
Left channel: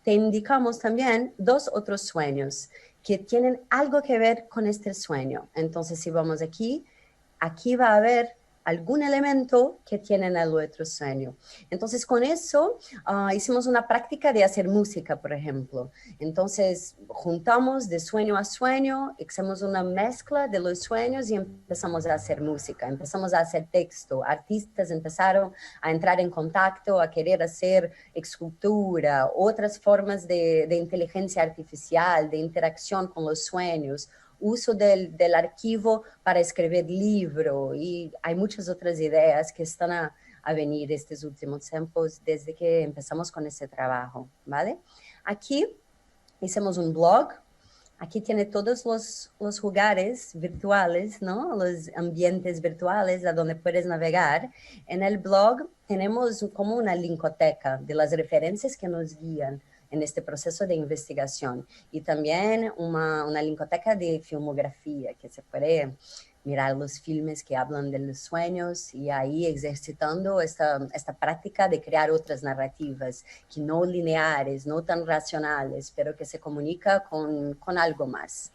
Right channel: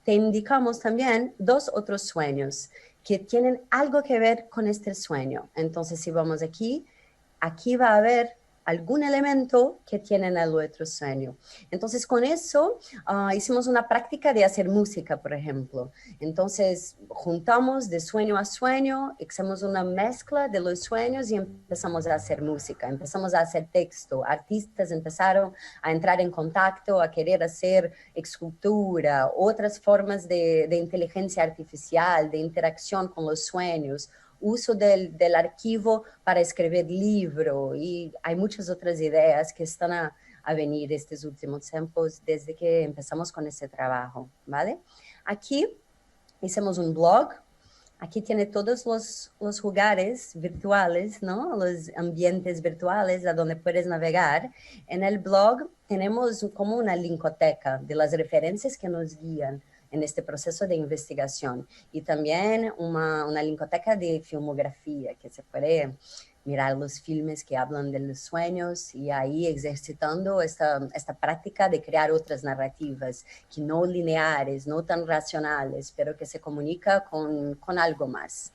te indicamos también 2 otros sueños que tienen algo que ver con este sueño. Entonces, si vamos aquí va a haber algún elemento que tiene en el otro sueño. Entonces, con eso hicimos una práctica de hacer música, por ejemplo. Entonces, juntamos de sueño a sueño, hicimos una mezcla de los sueños y empezamos a hacer música, empezamos a hacer texto. Artistas empezaron a entrar en contacto, a querer hacer escultura, otras formas de inteligencia artificial, de interacción con los sueños, uso del archivo para escribir libro, y hay muchas otras ideas que están a venir estos últimos tiempos desde que empezamos con ese trabajo, ¿vale? Aquí hicimos un blog, aquí tiene todos los lugares virtuales, ¿no? Los ambientes virtuales a donde puedes navegar. En el blog tenemos como una linkoteca de las referencias que nos guían en este proceso de investigación, y también una linkoteca de filmografía, que se puede mirar los filmes que hablan de los sueños y ahí ejercitando esta práctica de crear otras narrativas que no lineares, no tan racionales, pero que se comunica con algo más.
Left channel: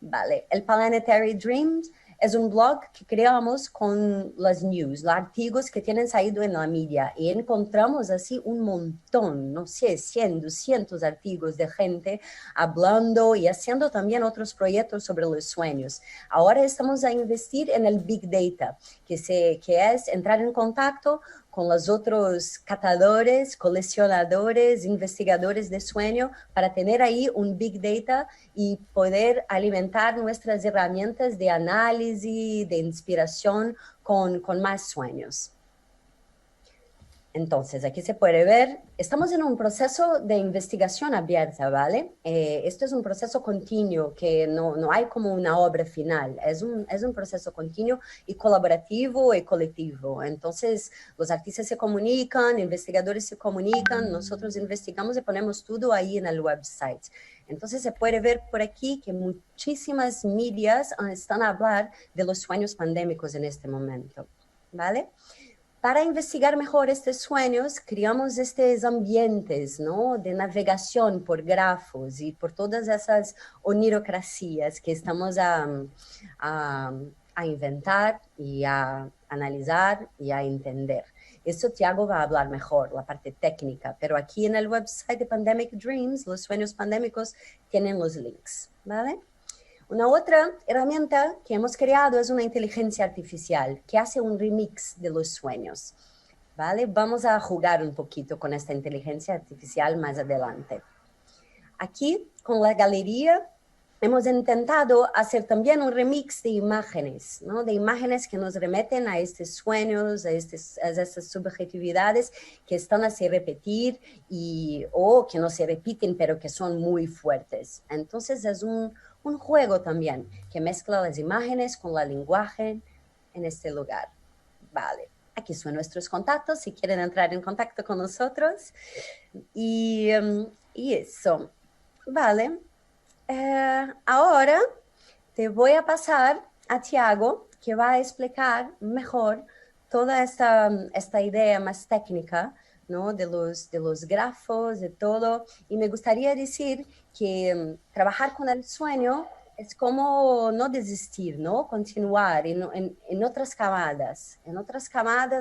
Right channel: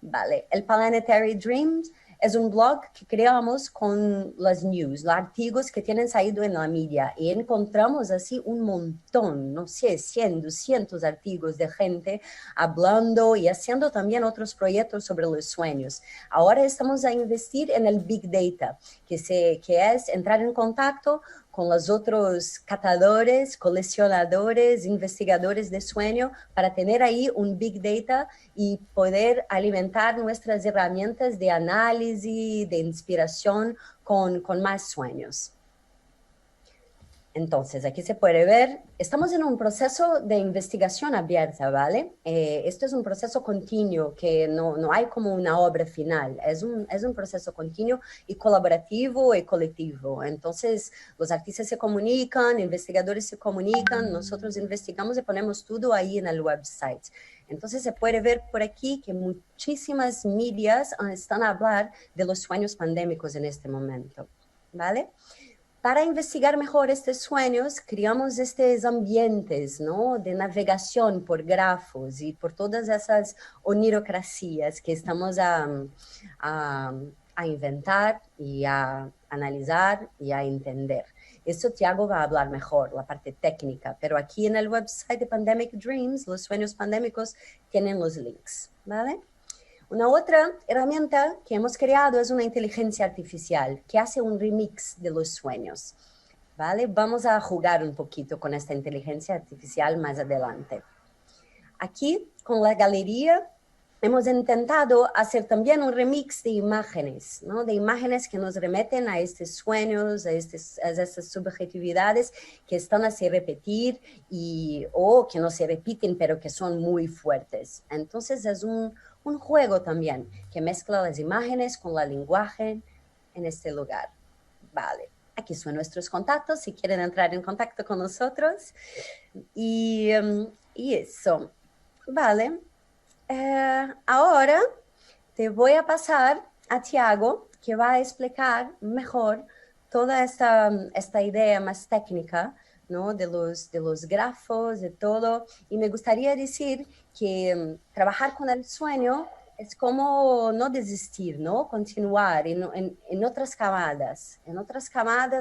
Vale, el Planetary Dreams es un blog que creamos con las news, los artículos que tienen salido en la media, y encontramos así un montón, no sé, 100, 200 artículos de gente hablando y haciendo también otros proyectos sobre los sueños. Ahora estamos a investir en el Big Data, que es entrar en contacto con los otros catadores, coleccionadores, investigadores de sueño, para tener ahí un Big Data y poder alimentar nuestras herramientas de análisis, de inspiración con más sueños. Entonces, aquí se puede ver, estamos en un proceso de investigación abierta, ¿vale? Esto es un proceso continuo, que no hay como una obra final, es un proceso continuo y colaborativo y colectivo. Entonces, los artistas se comunican, investigadores se comunican, nosotros investigamos y ponemos todo ahí en el website. Entonces, se puede ver por aquí que muchísimas medias están a hablar de los sueños pandémicos en este momento, ¿vale? Para investigar mejor estos sueños, creamos estos ambientes, ¿no? De navegación por grafos y por todas esas onirocracias que estamos a a inventar y a analizar y a entender. Eso Tiago va a hablar mejor, la parte técnica, pero aquí en el website de Pandemic Dreams, los sueños pandémicos, tienen los links, ¿vale? Una otra herramienta que hemos creado es una inteligencia artificial que hace un remix de los sueños, ¿vale? Vamos a jugar un poquito con esta inteligencia artificial más adelante. Aquí, con la galería, hemos intentado hacer también un remix de imágenes, ¿no? De imágenes que nos remeten a estos sueños, a estas subjetividades que están a se repetir o que no se repiten, pero que son muy fuertes. Entonces es un juego también que mezcla las imágenes con la lenguaje en este lugar. Vale, aquí son nuestros contactos, si quieren entrar en contacto con nosotros. Y eso, vale. Ahora te voy a pasar a Tiago, que va a explicar mejor toda esta idea más técnica, ¿no? de los grafos, de todo. Y me gustaría decir que trabajar con el sueño es como no desistir, ¿no? Continuar en otras camadas,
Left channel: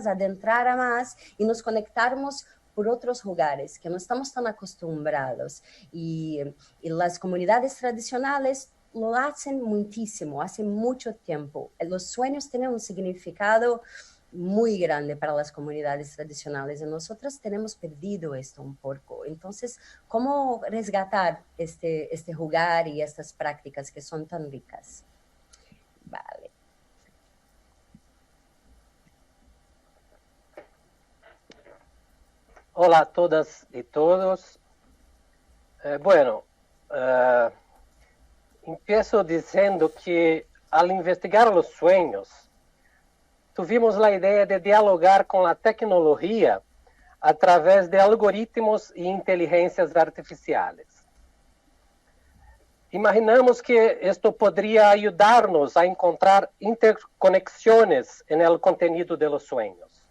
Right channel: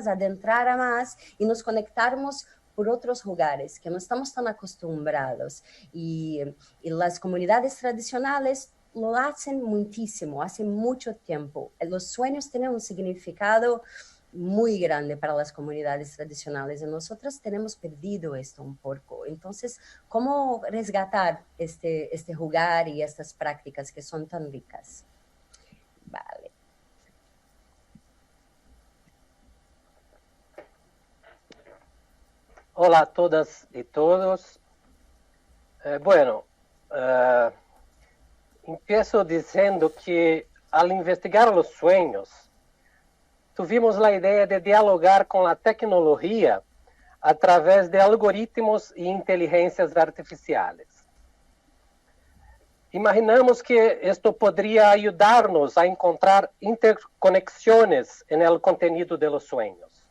adentrar a más y nos conectarnos por otros lugares que no estamos tan acostumbrados. Y las comunidades tradicionales lo hacen muchísimo, hace mucho tiempo. Los sueños tienen un significado muy grande para las comunidades tradicionales y nosotros tenemos perdido esto un poco. Entonces, ¿cómo resgatar este jugar y estas prácticas que son tan ricas? Vale. Hola a todas y todos. Empiezo diciendo que al investigar los sueños, tuvimos la idea de dialogar con la tecnología a través de algoritmos y inteligencias artificiales. Imaginamos que esto podría ayudarnos a encontrar interconexiones en el contenido de los sueños.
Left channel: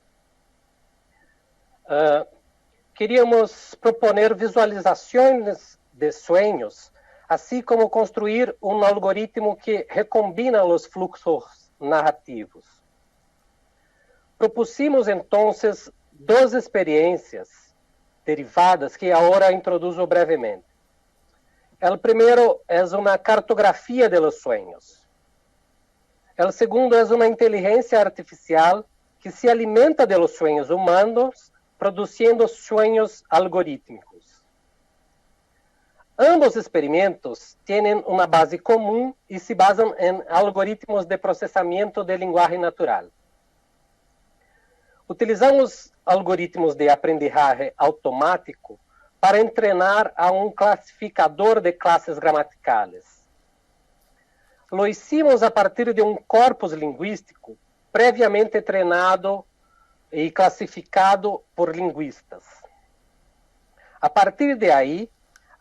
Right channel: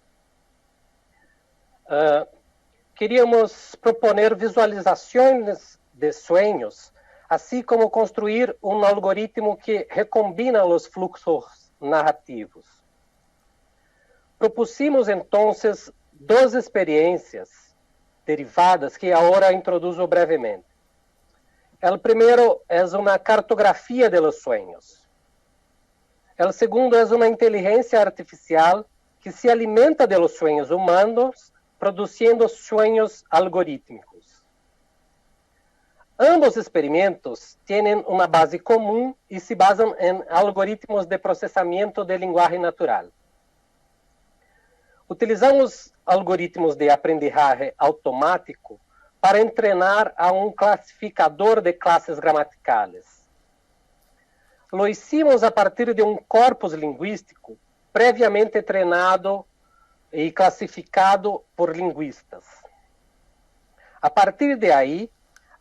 Queríamos proponer visualizaciones de sueños, así como construir un algoritmo que recombina los fluxos narrativos. Propusimos entonces dos experiencias derivadas que ahora introduzo brevemente. El primero es una cartografía de los sueños. El segundo es una inteligencia artificial que se alimenta de los sueños humanos, produciendo sueños algorítmicos. Ambos experimentos tienen una base común y se basan en algoritmos de procesamiento de lenguaje natural. Utilizamos algoritmos de aprendizaje automático para entrenar a un clasificador de clases gramaticales. Lo hicimos a partir de un corpus lingüístico previamente treinado y clasificado por lingüistas. A partir de ahí,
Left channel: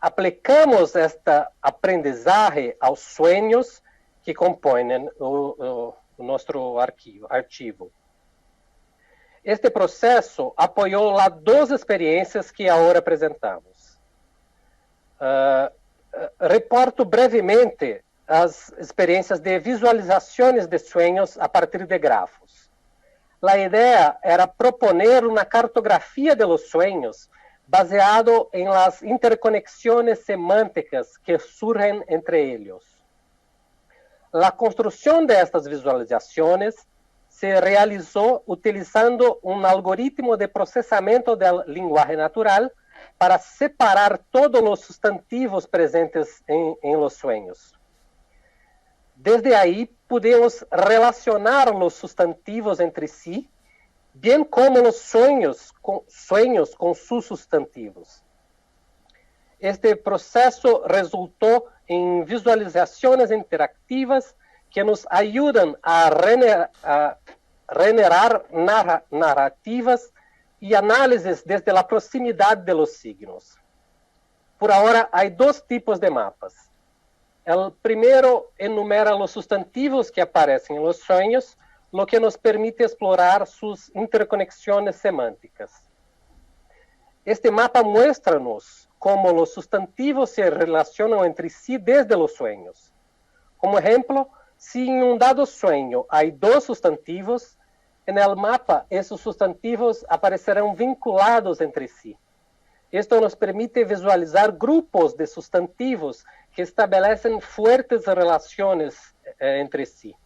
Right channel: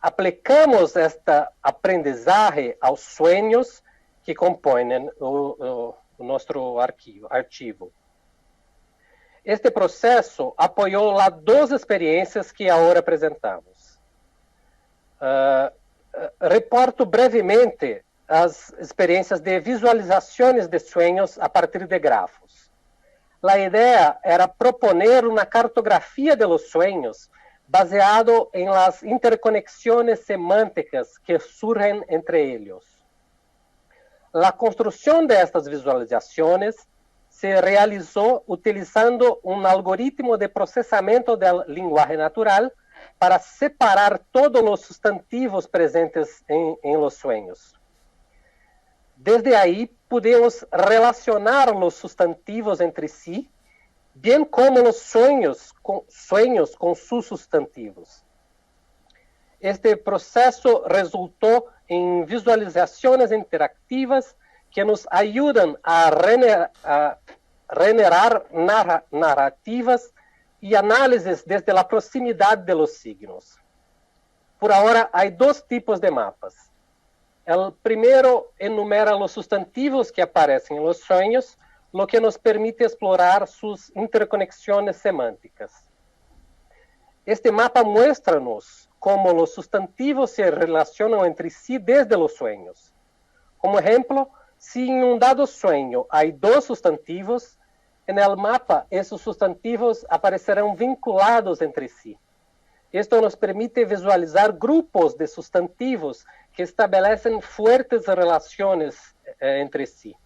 aplicamos este aprendizaje aos sueños que compõem o nosso arquivo. Este processo apoiou as duas experiências que agora apresentamos. Reporto brevemente as experiências de visualizações de sonhos a partir de grafos. A ideia era proponer uma cartografia de los sueños baseado em las interconexões semânticas que surgem entre eles. A construção destas visualizações se realizou utilizando um algoritmo de processamento do linguagem natural para separar todos os substantivos presentes em los sueños. Desde aí, podemos relacionar os substantivos entre si, bem como os sonhos com seus substantivos. Este processo resultou em visualizações interativas que nos ajudam a generar narrativas e análises desde a proximidade de los signos. Por agora, há dois tipos de mapas. O primeiro enumera os substantivos que aparecem em los sueños, lo que nos permite explorar suas interconexões semânticas. Este mapa muestra-nos como os substantivos se relacionam entre si desde los sueños. Como exemplo, Si en un dado sueño hay dos sustantivos, en el mapa esos sustantivos aparecerán vinculados entre sí. Esto nos permite visualizar grupos de sustantivos que establecen fuertes relaciones entre sí.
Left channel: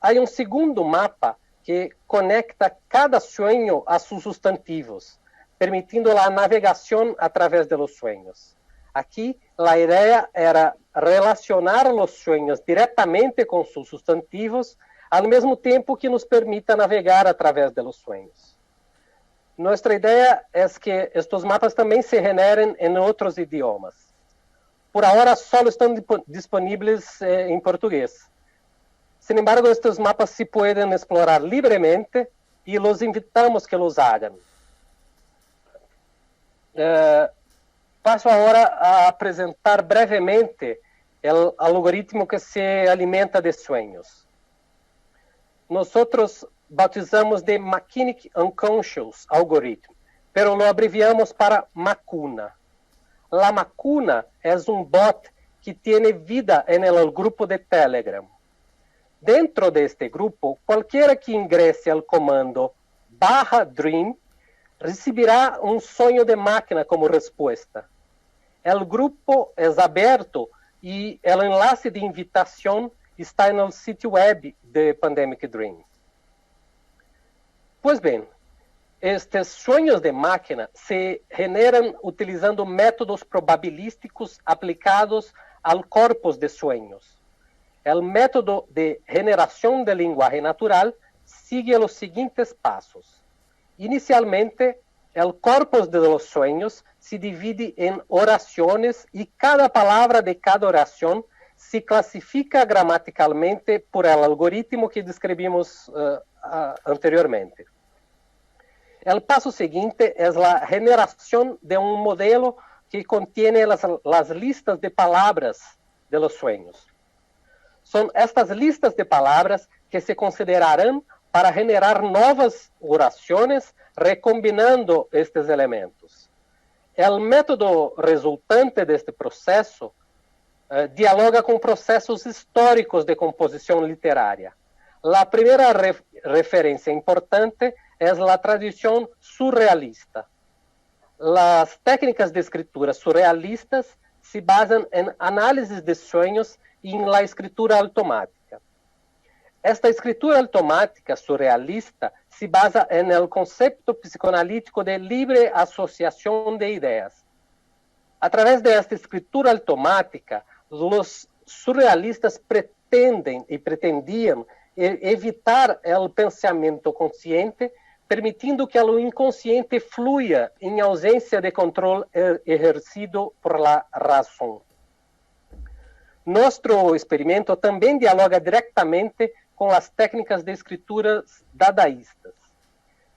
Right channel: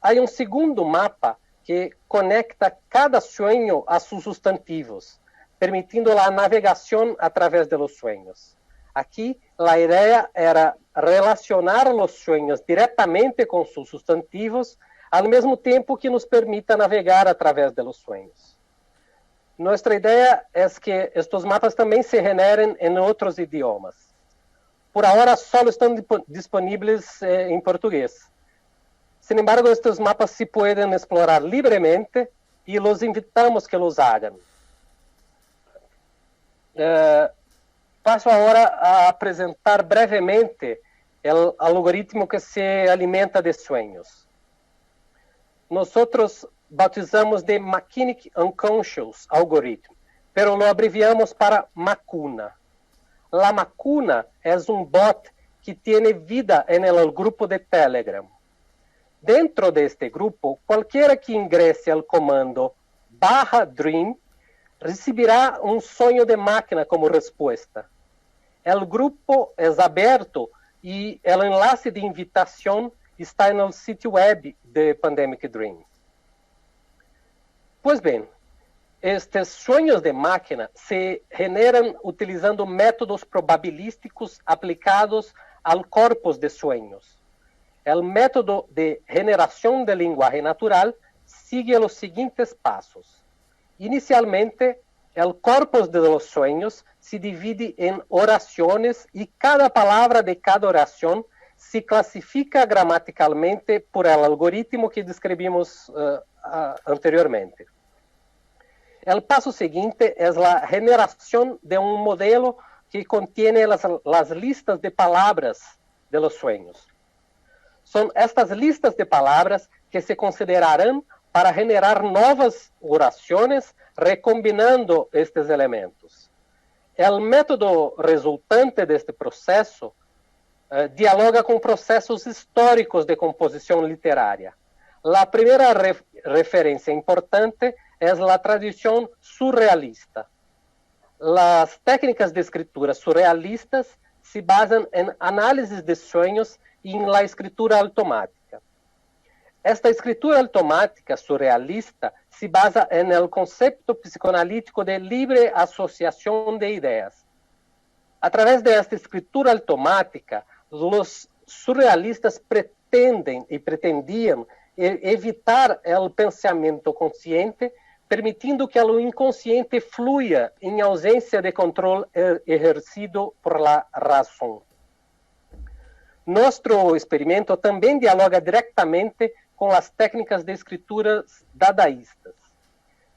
Hay un segundo mapa que conecta cada sueño a sus sustantivos, permitiendo la navegación a través de los sueños. Aquí la idea era relacionar los sueños directamente con sus sustantivos, al mismo tiempo que nos permita navegar a través de los sueños. Nuestra idea es que estos mapas también se generen en otros idiomas. Por ahora solo están disponibles en portugués. Sin embargo, estos mapas se pueden explorar libremente y los invitamos que los hagan. Paso ahora a apresentar brevemente el algoritmo que se alimenta de sueños. Nosotros bautizamos de Machinic Unconscious Algorithm, pero lo abreviamos para Macuna. La Macuna es un bot que tiene vida en el grupo de Telegram. Dentro de este grupo, cualquiera que ingrese al comando /dream recibirá un sueño de máquina como respuesta. El grupo es abierto y el enlace de invitación está en el sitio web de Pandemic Dream. Pues bien, estos sueños de máquina se generan utilizando métodos probabilísticos aplicados al corpus de sueños. El método de generación de lenguaje natural sigue los siguientes pasos. Inicialmente, el corpus de los sueños se divide en oraciones y cada palabra de cada oración se clasifica gramaticalmente por el algoritmo que describimos anteriormente. El paso siguiente es la generación de un modelo que contiene las listas de palabras de los sueños. Son estas listas de palabras que se considerarán para generar nuevas oraciones recombinando estos elementos. El método resultante de este proceso dialoga con procesos históricos de composición literaria. La primera referencia importante es la tradición surrealista. Las técnicas de escritura surrealistas se basan en análisis de sueños y en la escritura automática. Esta escritura automática surrealista se basa en el concepto psicoanalítico de libre asociación de ideas. A través de esta escritura automática, los surrealistas pretendían evitar el pensamiento consciente, permitiendo que lo inconsciente fluya en ausencia de control ejercido por la razón. Nuestro experimento también dialoga directamente con las técnicas de escrituras dadaístas.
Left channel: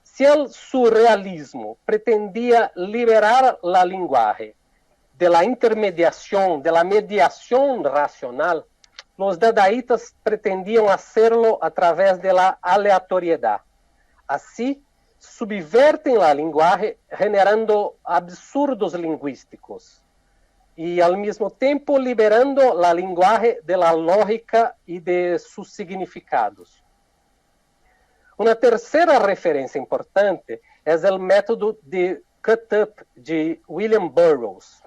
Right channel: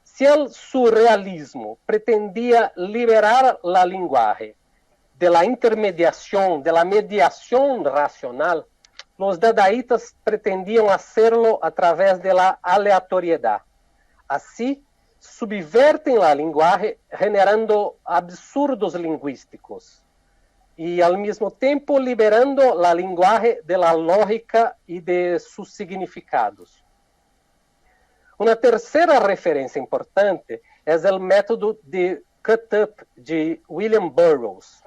Si el surrealismo pretendía liberar la lenguaje de la intermediación, de la mediación racional, los dadaístas pretendían hacerlo a través de la aleatoriedad. Así, subverten la lenguaje generando absurdos lingüísticos y al mismo tiempo liberando la lenguaje de la lógica y de sus significados. Una tercera referencia importante es el método de cut-up de William Burroughs.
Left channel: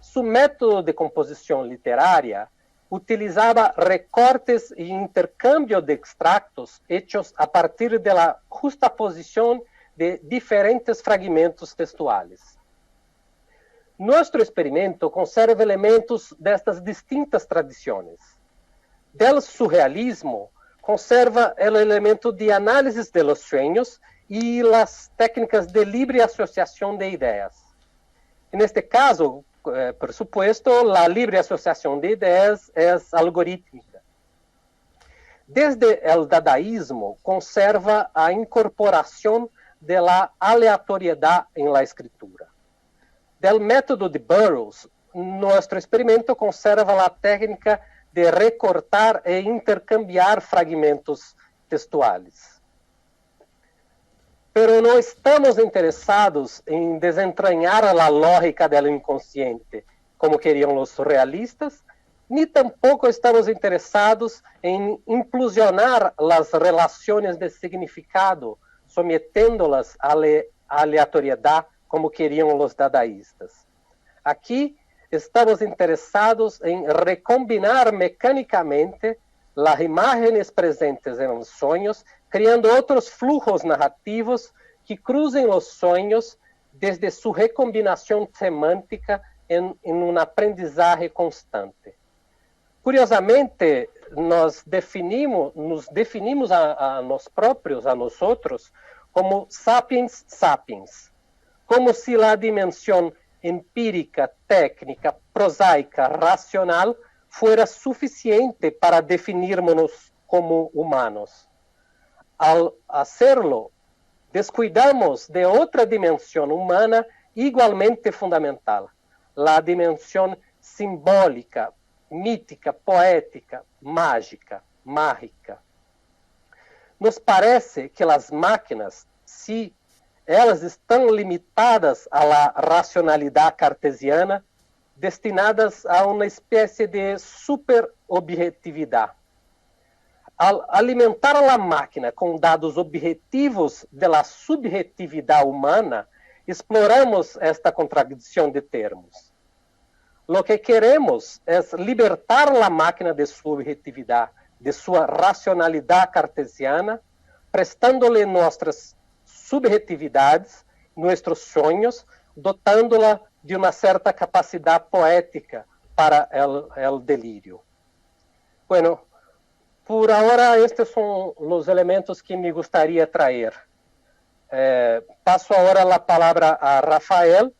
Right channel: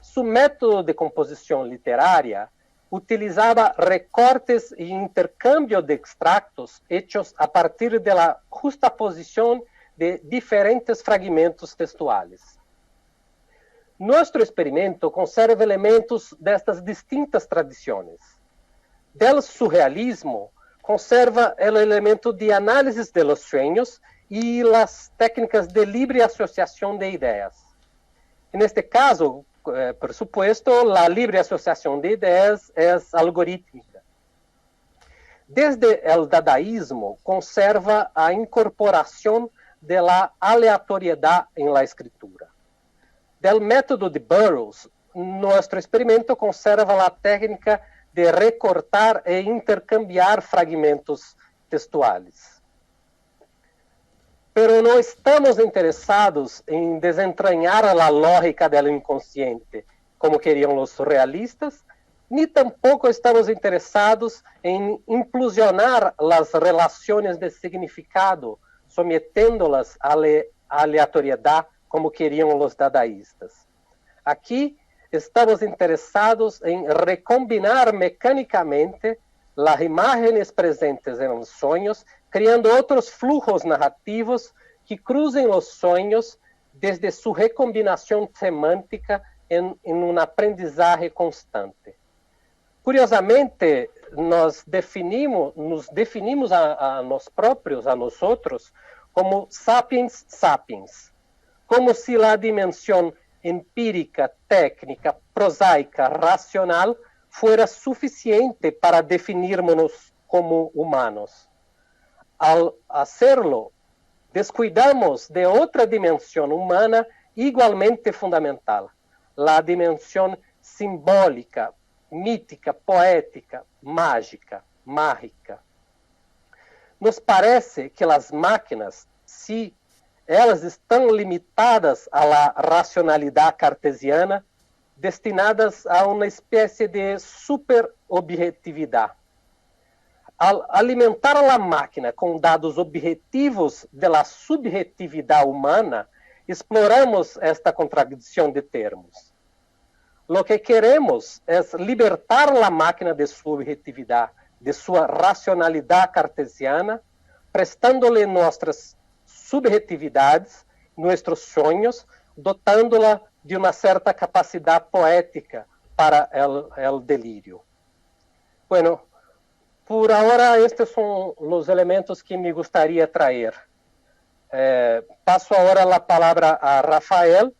Su método de composición literaria utilizaba recortes e intercambio de extractos hechos a partir de la justaposición de diferentes fragmentos textuales. Nuestro experimento conserva elementos de estas distintas tradiciones. Del surrealismo, conserva el elemento de análisis de los sueños y las técnicas de libre asociación de ideas. En este caso, por supuesto, la libre asociación de ideas es algorítmica. Desde el dadaísmo, conserva a incorporación de la aleatoriedad en la escritura. Del método de Burroughs, nuestro experimento conserva la técnica de recortar e intercambiar fragmentos textuales. Pero no estamos interesados en desentrañar la lógica del inconsciente, como querían los surrealistas, ni tampoco estamos interesados en implosionar las relaciones de significado, sometiéndolas a aleatoriedad como querían los dadaístas. Aquí estamos interesados en recombinar mecánicamente las imágenes presentes en los sueños, creando otros flujos narrativos que crucen los sueños desde su recombinación semántica en un aprendizaje constante. Curiosamente, nos definimos a nós próprios, a nosotros, como sapiens sapiens, como si la dimensión empírica, técnica, prosaica, racional fuera suficiente para definirnos como humanos. Al hacerlo, descuidamos de otra dimensión humana igualmente fundamental, la dimensión simbólica, mítica, poética, mágica. Nos parece que las máquinas, si elas estão limitadas à racionalidade cartesiana, destinadas a uma espécie de superobjetividade. Al alimentar a máquina com dados objetivos da subjetividade humana, exploramos esta contradição de termos. Lo que queremos é libertar a máquina de sua objetividade, de sua racionalidade cartesiana, prestando-lhe nossas subjetividades, nossos sonhos, dotando-la de uma certa capacidade poética para o delírio. Bueno, por ahora estes são os elementos que me gostaria de trazer. Passo agora a palavra a Rafael,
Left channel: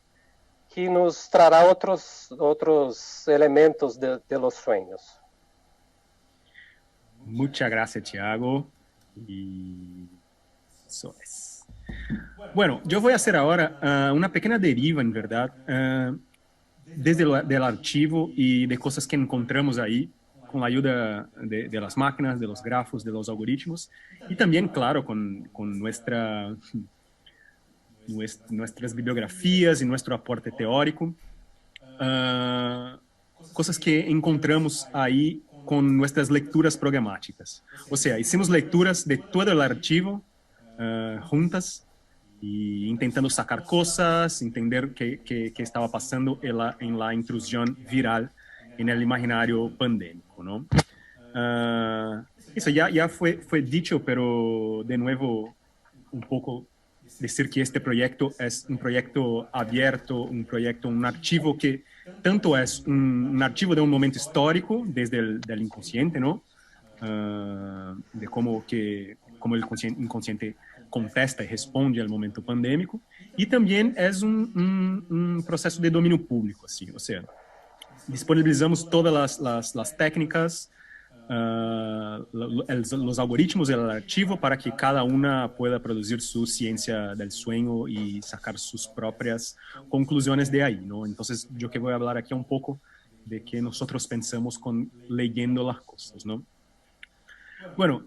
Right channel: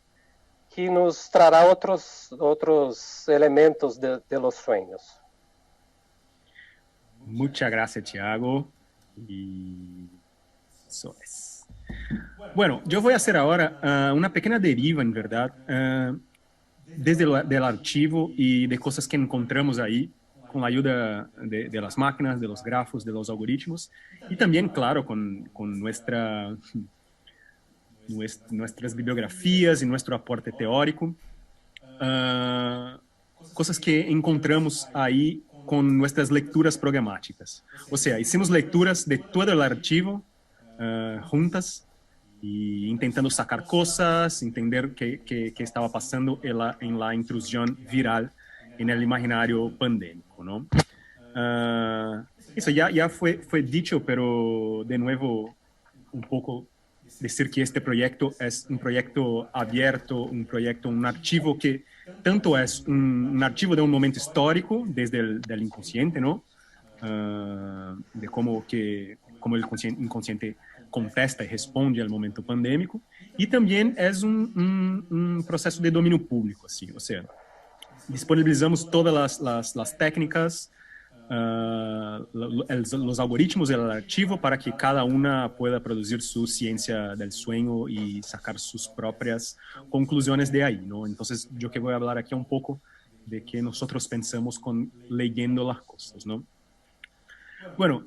que nos trará outros elementos de los sueños. Muchas gracias, Thiago. Y eso es. Bueno, yo voy a hacer ahora una pequeña deriva, en verdad, desde el archivo y de cosas que encontramos ahí, con la ayuda de las máquinas, de los grafos, de los algoritmos, y también, claro, con nuestras bibliografías y nuestro aporte teórico. Cosas que encontramos ahí con nuestras lecturas programáticas. O sea, hicimos lecturas de todo el archivo juntas y intentando sacar cosas, entender qué estaba pasando en la intrusión viral en el imaginario pandémico, ¿no? Eso ya fue dicho, pero de nuevo un poco decir que este proyecto es un proyecto abierto, un archivo que tanto es un archivo de un momento histórico desde el inconsciente, ¿no? De cómo el inconsciente contesta y responde al momento pandémico, y también es un proceso de dominio público, así, o sea, disponibilizamos todas las técnicas, los algoritmos del archivo para que cada una pueda producir su ciencia del sueño y sacar sus propias conclusiones de ahí, ¿no? Entonces, yo que voy a hablar aquí un poco de qué nosotros pensamos leyendo las cosas, ¿no? Bueno,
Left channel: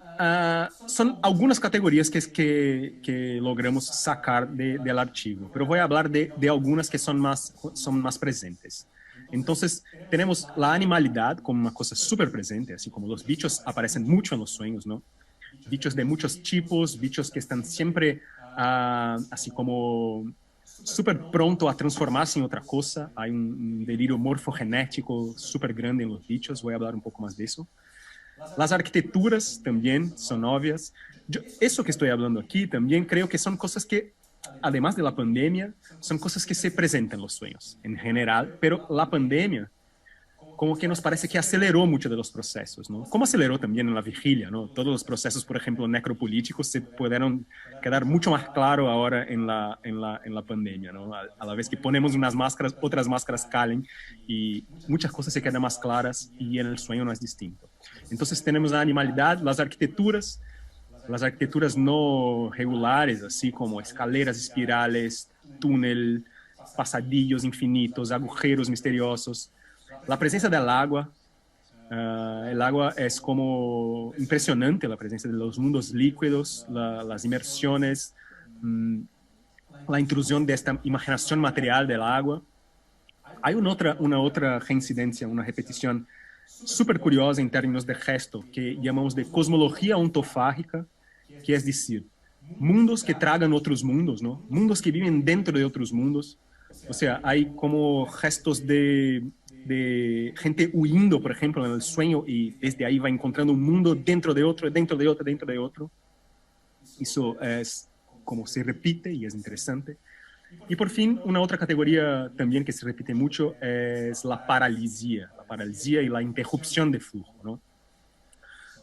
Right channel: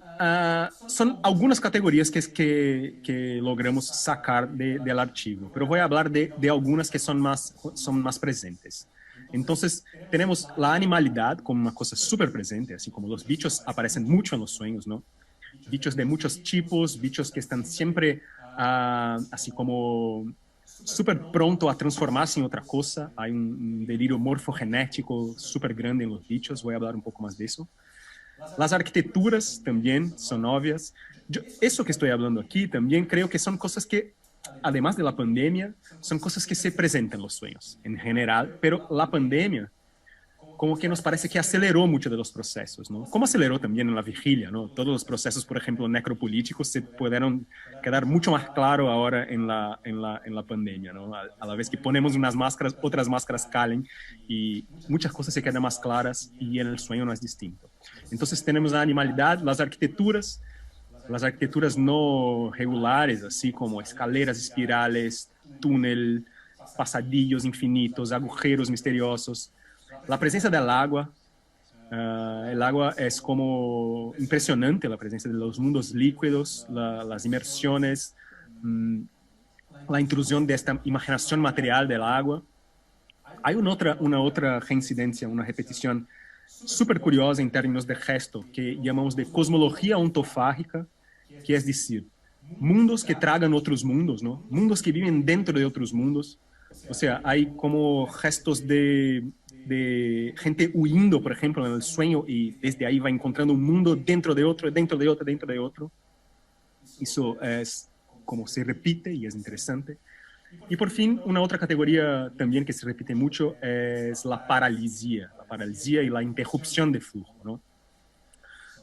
son algunas categorías que logramos sacar del archivo, pero voy a hablar de algunas que son más presentes. Entonces, tenemos la animalidad como una cosa súper presente, así como los bichos aparecen mucho en los sueños, ¿no? Bichos de muchos tipos, bichos que están siempre así como súper pronto a transformarse en otra cosa. Hay un delirio morfogenético súper grande en los bichos, voy a hablar un poco más de eso. Las arquitecturas también son obvias. Eso que estoy hablando aquí también creo que son cosas que, además de la pandemia, son cosas que se presentan en los sueños en general, pero la pandemia como que nos parece que aceleró muchos de los procesos, ¿no? Como aceleró también en la vigilia, ¿no? Todos los procesos, por ejemplo, necropolíticos se pudieron quedar mucho más claro ahora en la pandemia, ¿no? A la vez que ponemos unas máscaras, otras máscaras caen y muchas cosas se quedan más claras y el sueño no es distinto. Entonces tenemos la animalidad, las arquitecturas no regulares, así como escaleras espirales, túnel, pasadillos infinitos, agujeros misteriosos. La presencia del agua. El agua es como impresionante, la presencia de los mundos líquidos, las inmersiones, la intrusión de esta imaginación material del agua. Hay una otra reincidencia, una repetición súper curiosa en términos de gesto, que llamamos de cosmología ontofágica, que es decir, mundos que tragan otros mundos, ¿no? Mundos que viven dentro de otros mundos. O sea, hay como gestos de gente huyendo, por ejemplo, en el sueño, y desde ahí va encontrando un mundo dentro de otro, dentro de otro, dentro de otro. Eso es como se repite y es interesante. Y por fin, una otra categoría también que se repite mucho es la paralisia y la interrupción de flujo, ¿no?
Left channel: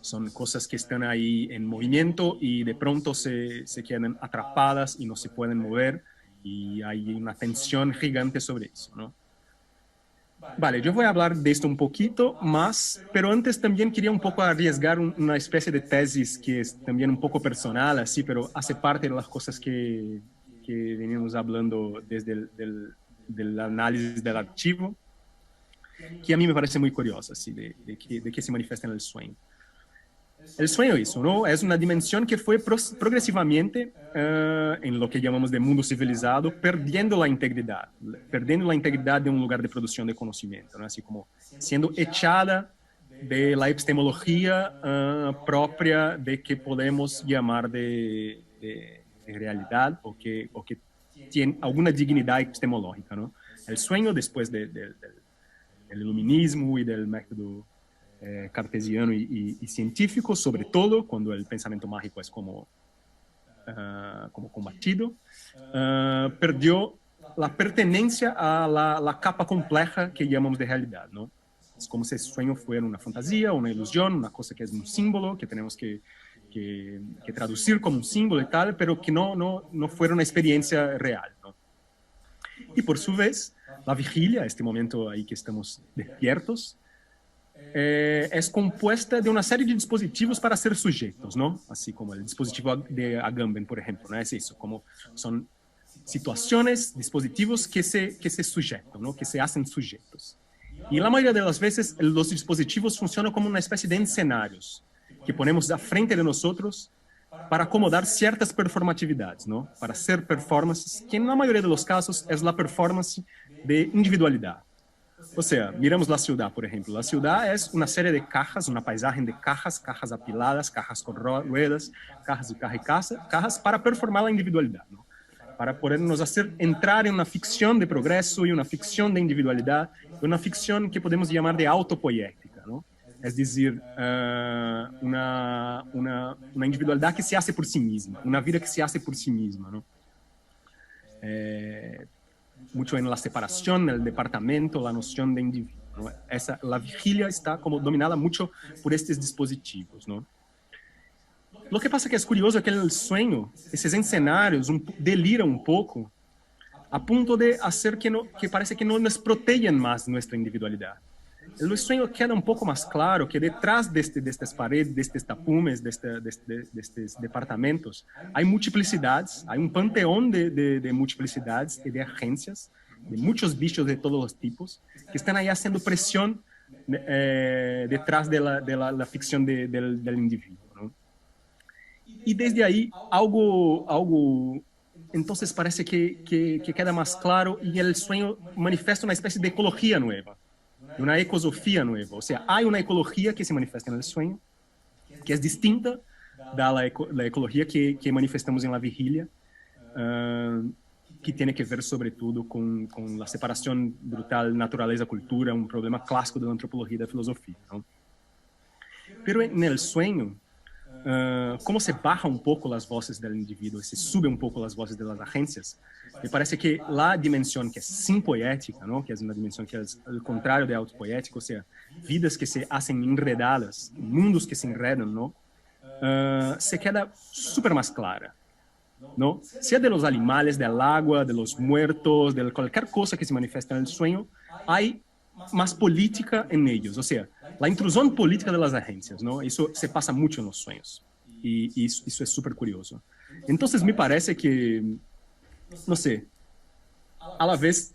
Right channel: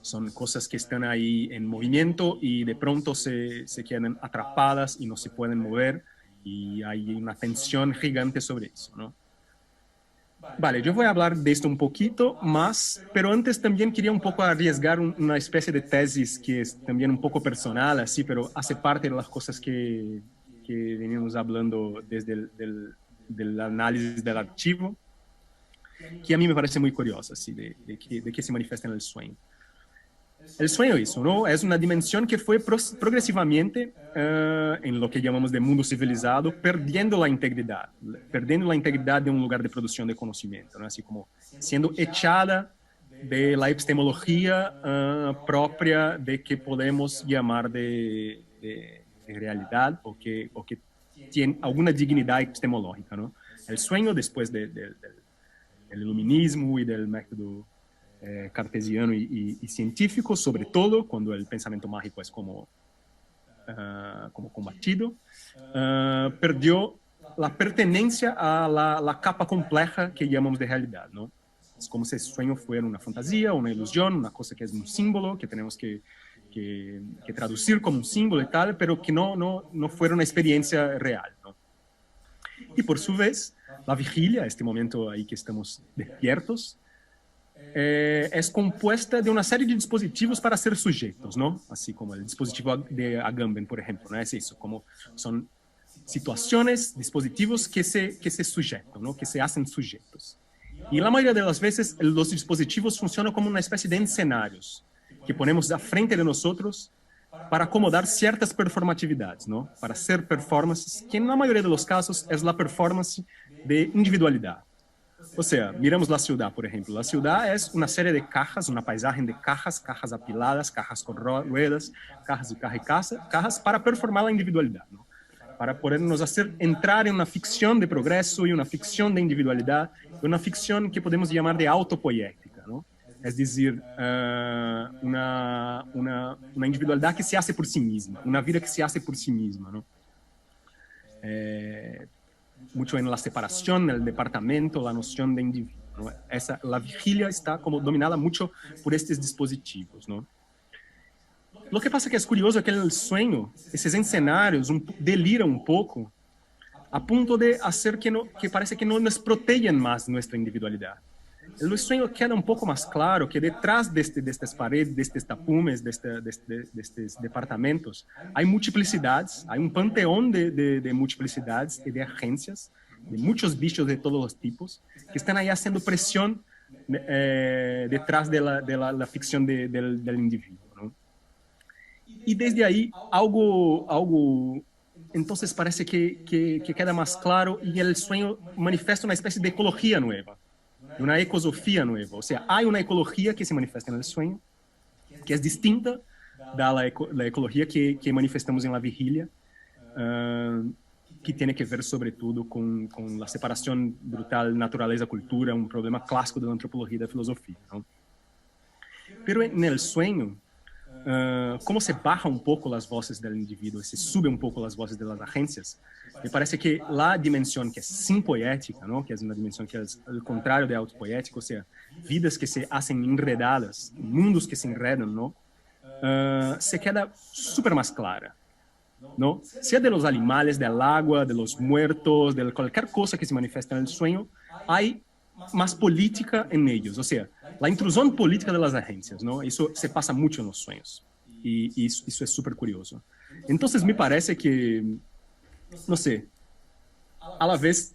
Son cosas que están ahí en movimiento y de pronto se quedan atrapadas y no se pueden mover, y hay una tensión gigante sobre eso, ¿no? Vale, yo voy a hablar de esto un poquito más, pero antes también quería un poco arriesgar una especie de tesis que es también un poco personal, así, pero hace parte de las cosas que venimos hablando desde del análisis del archivo, que a mí me parece muy curiosa, así, de que se manifiesta en el sueño. El sueño eso, ¿no? Es una dimensión que fue progresivamente, en lo que llamamos de mundo civilizado, perdiendo la integridad de un lugar de producción de conocimiento, ¿no? Así como siendo echada de la epistemología propia de que podemos llamar de realidad o que tiene alguna dignidad epistemológica, ¿no? El sueño, después del iluminismo y del método cartesiano y científico, sobre todo cuando el pensamiento mágico es como combatido, perdió la pertenencia a la capa compleja que llamamos de realidad, ¿no? Es como si el sueño fuera una fantasía, una ilusión, una cosa que es un símbolo que tenemos que traducir como un símbolo y tal, pero que no fuera una experiencia real, ¿no? Y por su vez, la vigilia, este momento ahí que estamos despiertos, es compuesta de una serie de dispositivos para ser sujetos, ¿no? Así como el dispositivo de Agamben, por ejemplo, ¿no? Es eso, como son situaciones, dispositivos que se sujetan, ¿no? Que se hacen sujetos. Y la mayoría de las veces los dispositivos funcionan como una especie de escenarios que ponemos a frente de nosotros para acomodar ciertas performatividades, ¿no? Para hacer performances, que en la mayoría de los casos es la performance de individualidad. O sea, miramos la ciudad, por ejemplo. La ciudad es una serie de cajas, una paisaje de cajas, cajas apiladas, cajas con ruedas, cajas de cajas para performar la individualidad, ¿no? Para podernos hacer entrar en una ficción de progreso y una ficción de individualidad, una ficción que podemos llamar de autopoética, ¿no? Es decir, una individualidad que se hace por sí misma, una vida que se hace por sí misma, ¿no? Mucho en la separación, el departamento, la noción de individuo, ¿no? La vigilia está como dominada mucho por estos dispositivos, ¿no? Lo que pasa que es curioso que en el sueño, esos escenarios deliran un poco a punto de hacer que parece que no nos protegen más nuestra individualidad. En el sueño queda un poco más claro que detrás de estas paredes, de estos tapumes, de estos departamentos, hay multiplicidades, hay un panteón de multiplicidades y de agencias, de muchos bichos de todos los tipos, que están ahí haciendo presión detrás de la ficción del individuo, ¿no? Y desde ahí algo entonces parece que queda más claro, y el sueño manifiesta una especie de ecología nueva, una ecosofía nueva. O sea, hay una ecología que se manifiesta en el sueño, que es distinta de la ecología que manifestamos en la vigilia, que tiene que ver sobre todo con la separación brutal naturaleza-cultura, un problema clásico de la antropología y de la filosofía, ¿no? Pero en el sueño, como se baja un poco las voces del individuo, se sube un poco las voces de las agencias, me parece que la dimensión que es simpoética, ¿no? Que es una dimensión que es al contrario de autopoética, o sea, vidas que se hacen enredadas, mundos que se enredan, ¿no? Se queda súper más clara, ¿no? Sea de los animales, del agua, de los muertos, de cualquier cosa que se manifiesta en el sueño, hay más política en ellos, o sea, la intrusión política de las agencias, ¿no? Eso se pasa mucho en los sueños, y eso es súper curioso. Entonces me parece que, no sé, a la vez,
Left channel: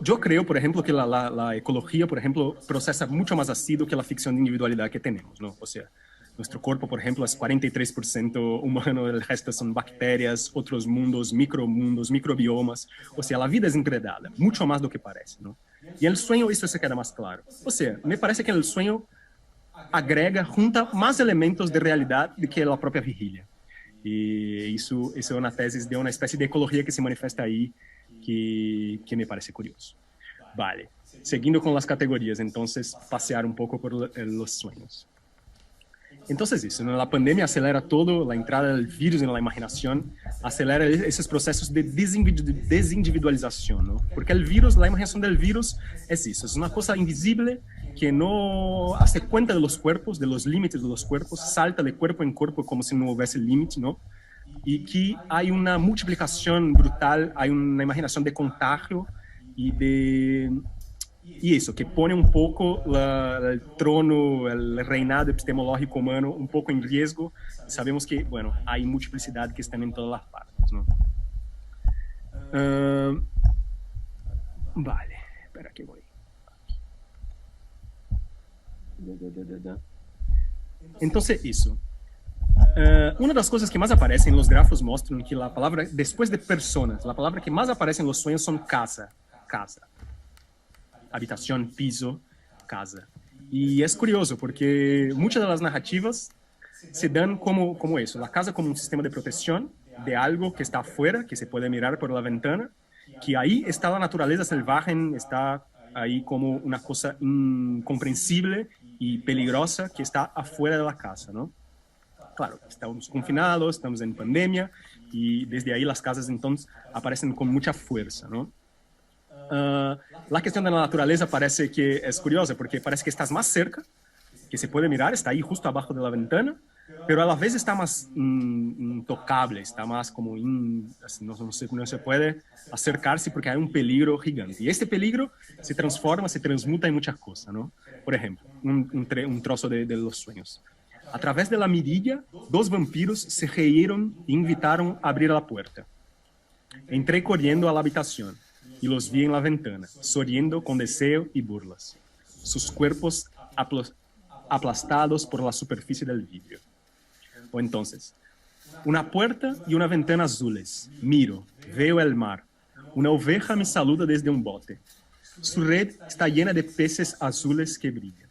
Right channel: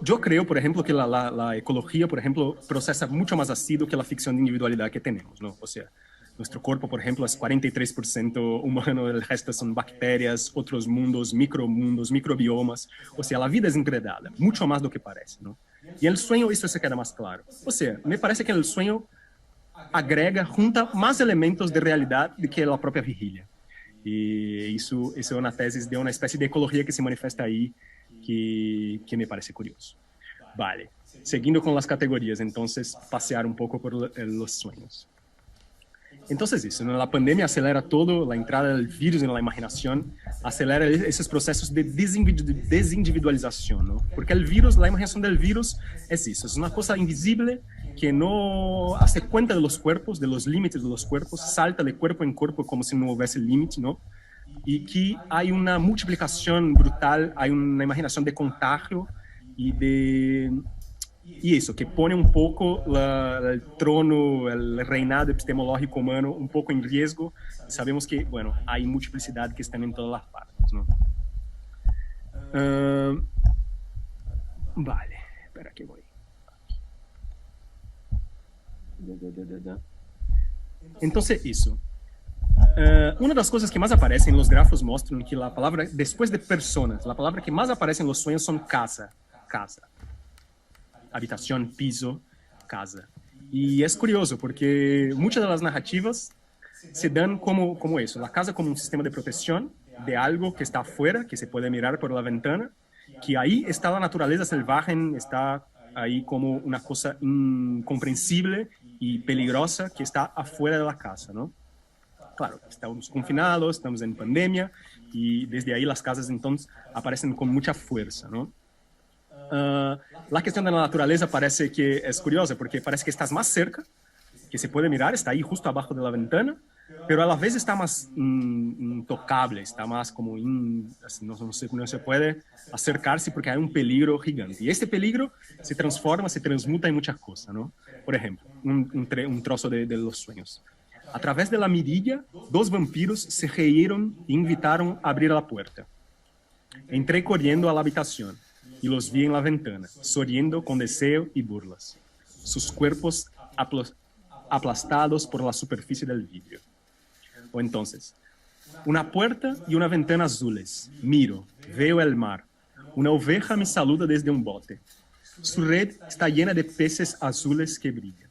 yo creo, por ejemplo, que la ecología, por ejemplo, procesa mucho más ácido que la ficción de individualidad que tenemos, ¿no? O sea, Nuestro cuerpo, por ejemplo, es 43% humano, el resto son bacterias, otros mundos, microbiomas. O sea, la vida es enredada, mucho más de lo que parece, ¿no? Y el sueño, esto se queda más claro. O sea, me parece que el sueño agrega, junta más elementos de realidad do que a própria vigília. E isso é uma tese de uma espécie de ecologia que se manifesta aí, que me parece curioso. Vale, seguindo com as categorias, então, passear um pouco por los sueños. Entonces eso, ¿no? La pandemia acelera todo, la entrada del virus en la imaginación acelera esos procesos de desindividualización, ¿no? Porque el virus, la imaginación del virus es eso, es una cosa invisible que no hace cuenta de los cuerpos, de los límites de los cuerpos, salta de cuerpo en cuerpo como si no hubiese límite, ¿no? Y que hay una multiplicación brutal, hay una imaginación de contagio y eso, que pone un poco el trono, el reinado epistemológico humano un poco en riesgo. Sabemos que, bueno, hay multiplicidad que están en todas las partes, ¿no? Vale, espera que voy. Entonces, eso. Una de las cosas que más aparecen en los grafos muestran que la palabra, después de personas, la palabra que más aparece en los sueños son casa. Habitación, piso, casa. Y es curioso porque muchas de las narrativas se dan como eso, la casa como un sistema de protección de algo que está afuera, que se puede mirar por la ventana, que ahí está la naturaleza salvaje, está ahí como una cosa incomprensible y peligrosa que está afuera de la casa, ¿no? Claro, estamos confinados, estamos en pandemia y desde ahí las casas entonces aparecen con mucha fuerza, ¿no? La cuestión de la naturaleza parece que es curiosa porque parece que estás más cerca, que se puede mirar, está ahí justo abajo de la ventana, pero a la vez está más intocable, está más como así, no se puede acercarse porque hay un peligro gigante. Y este peligro se transforma, se transmuta en muchas cosas, ¿no? Por ejemplo, un trozo de los sueños. A través de la mirilla, 2 vampiros se rieron e invitaron a abrir la puerta. Entré corriendo a la habitación y los vi en la ventana, sonriendo con deseo y burlas. Sus cuerpos aplastados por la superficie del vidrio. O entonces, una puerta y una ventana azules. Miro, veo el mar. Una oveja me saluda desde un bote. Su red está llena de peces azules que brillan.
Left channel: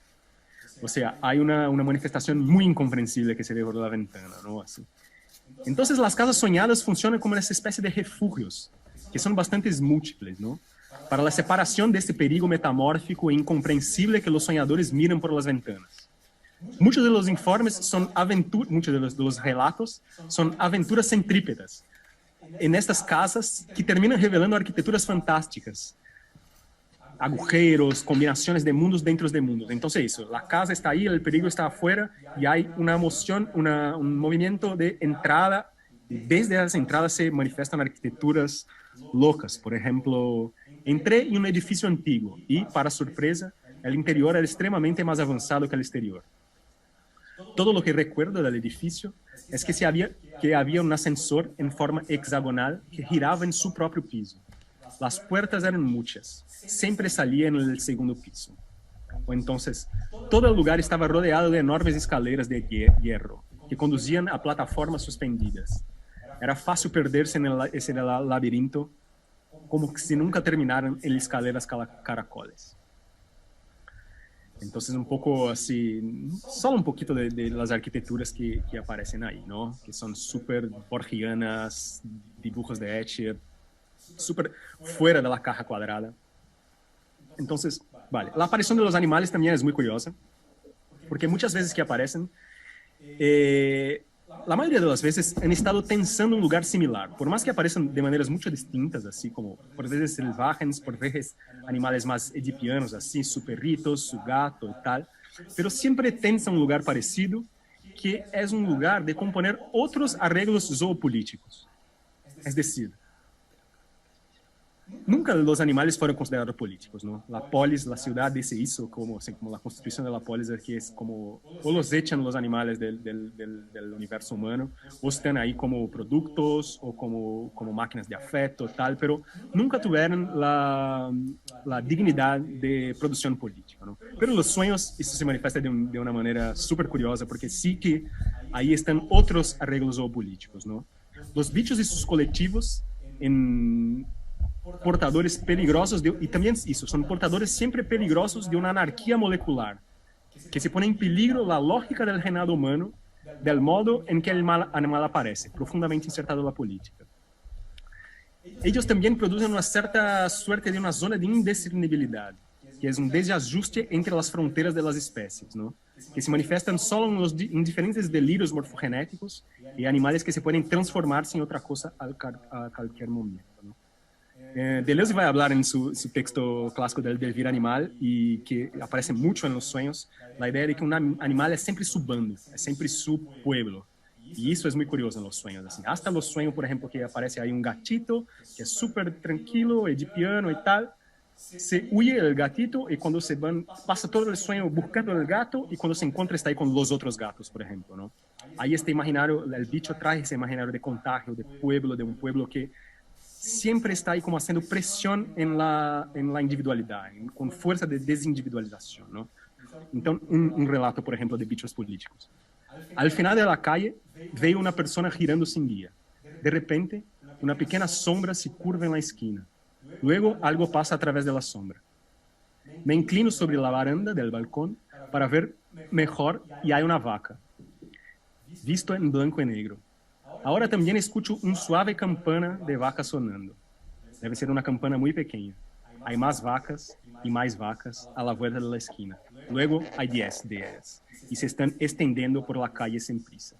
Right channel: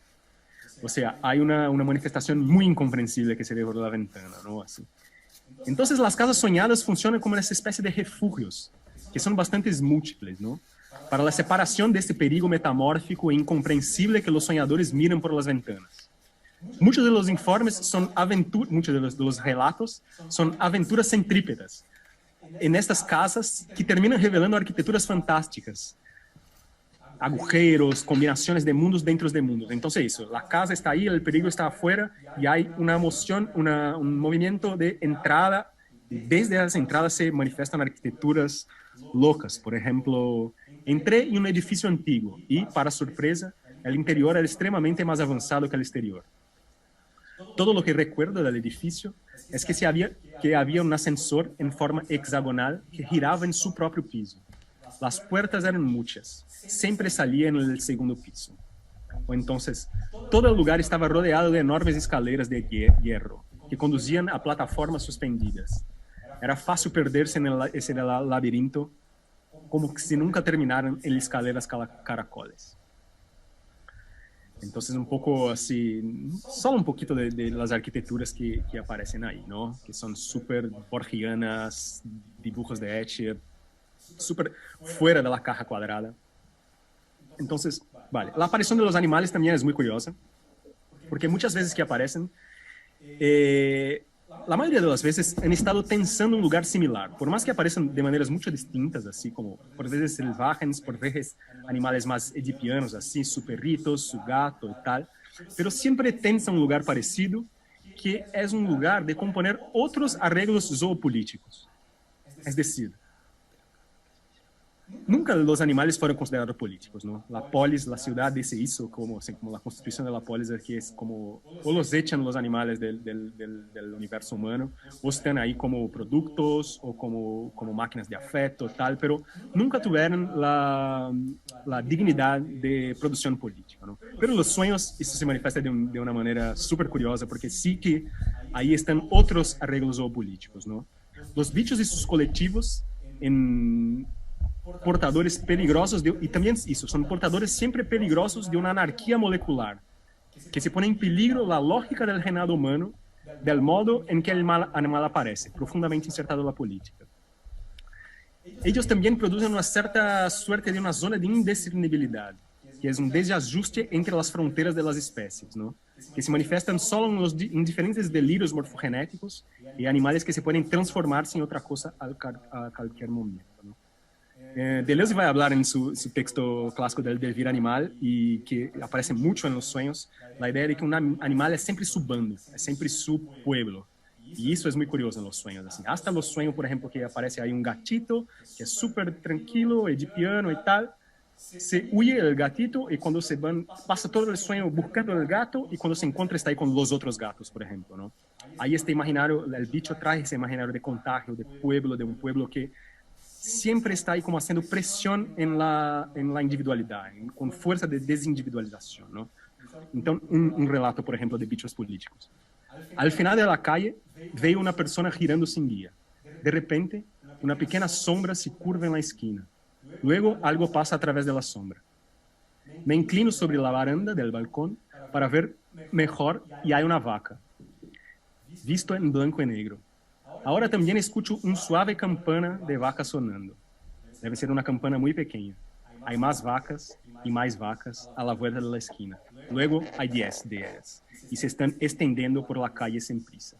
O sea, hay una manifestación muy incomprensible que se ve por la ventana, ¿no? Así. Entonces, las casas soñadas funcionan como esa especie de refugios, que son bastantes múltiples, ¿no? Para la separación de este perigo metamórfico e incomprensible que los soñadores miran por las ventanas. Muchos de los informes son muchos de los relatos son aventuras centrípetas en estas casas que terminan revelando arquitecturas fantásticas, agujeros, combinaciones de mundos dentro de mundos. Entonces eso, la casa está ahí, el peligro está afuera y hay una emoción, un movimiento de entrada. Desde las entradas se manifiestan arquitecturas locas. Por ejemplo, entré en un edificio antiguo y, para sorpresa, el interior era extremadamente más avanzado que el exterior. Todo lo que recuerdo del edificio es que había un ascensor en forma hexagonal que giraba en su propio piso. Las puertas eran muchas, siempre salía en el segundo piso. O entonces, todo el lugar estaba rodeado de enormes escaleras de hierro que conducían a plataformas suspendidas. Era fácil perderse en ese laberinto, como si nunca terminaran en escaleras caracoles. Entonces, un poco así, solo un poquito de las arquitecturas que aparecen ahí, ¿no? Que son súper borgianas, dibujos de Escher, súper fuera de la caja cuadrada. Entonces, vale, la aparición de los animales también es muy curiosa, porque muchas veces que aparecen, la mayoría de las veces han estado pensando en un lugar similar, por más que aparezcan de maneras mucho distintas, así como por veces salvajes, por veces animales más edipianos, así su perrito, su gato y tal, pero siempre piensan un lugar parecido, que es un lugar de componer otros arreglos zoopolíticos. Es decir, nunca los animales fueron considerados políticos, ¿no? La polis, la ciudad se hizo como, assim, como la constitución de la polis, que es como, o los echan los animales del universo humano, o están ahí como productos, o como máquinas de afecto, tal, pero nunca tuvieron la dignidad de producción política, ¿no? Pero los sueños, eso se manifiesta de una manera súper curiosa, porque sí que ahí están otros arreglos zoopolíticos, ¿no? Los bichos y sus colectivos en portadores peligrosos y también eso, son portadores siempre peligrosos de una anarquía molecular que se pone en peligro la lógica del reinado humano del modo en que el animal aparece, profundamente insertado en la política. Ellos también producen una cierta suerte de una zona de indiscernibilidad, que es un desajuste entre las fronteras de las especies, ¿no? Que se manifiestan solo en diferentes delirios morfogenéticos y animales que se pueden transformarse en otra cosa a cualquier momento, ¿no? Deleuze vai falar em seu texto clássico del Devir Animal, e que aparece muito nos sonhos, a ideia de que um animal é sempre su bando, é sempre su pueblo. E isso é muito curioso nos sonhos. Assim. Hasta nos sonhos, por exemplo, que aparece aí um gatito, que é super tranquilo, é de piano e tal, se huye el gatito e quando se van, passa todo o sonho buscando o gato e quando se encontra está aí com os outros gatos, por exemplo, ¿no? Aí este imaginário, o bicho traz esse imaginário de contágio, de um pueblo que siempre está ahí como haciendo presión en la individualidad, con fuerza de desindividualización, ¿no? Entonces, un relato, por ejemplo, de bichos políticos. Al final de la calle, veo una persona girando sin guía. De repente, una pequeña sombra se curva en la esquina. Luego, algo pasa a través de la sombra. Me inclino sobre la baranda del balcón para ver mejor y hay una vaca, visto en blanco y negro. Ahora también escucho un suave campana de vaca sonando. Debe ser una campana muy pequeña. Hay más vacas y más vacas a la vuelta de la esquina. Luego hay 10 de ellas y se están extendiendo por la calle sin prisa.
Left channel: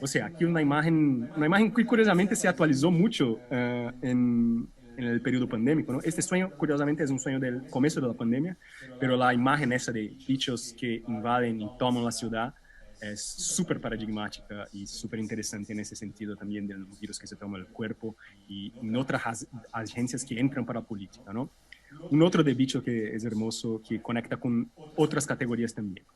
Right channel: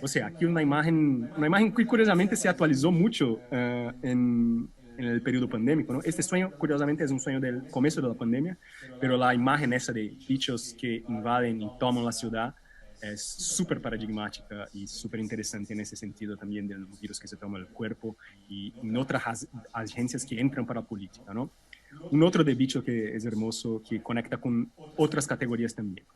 O sea, aquí una imagen que curiosamente se actualizó mucho en el periodo pandémico, ¿no? Este sueño, curiosamente, es un sueño del comienzo de la pandemia, pero la imagen esa de bichos que invaden y toman la ciudad es súper paradigmática y súper interesante en ese sentido también de los virus que se toman el cuerpo y en otras agencias que entran para la política, ¿no? Un otro de bicho que es hermoso, que conecta con otras categorías también.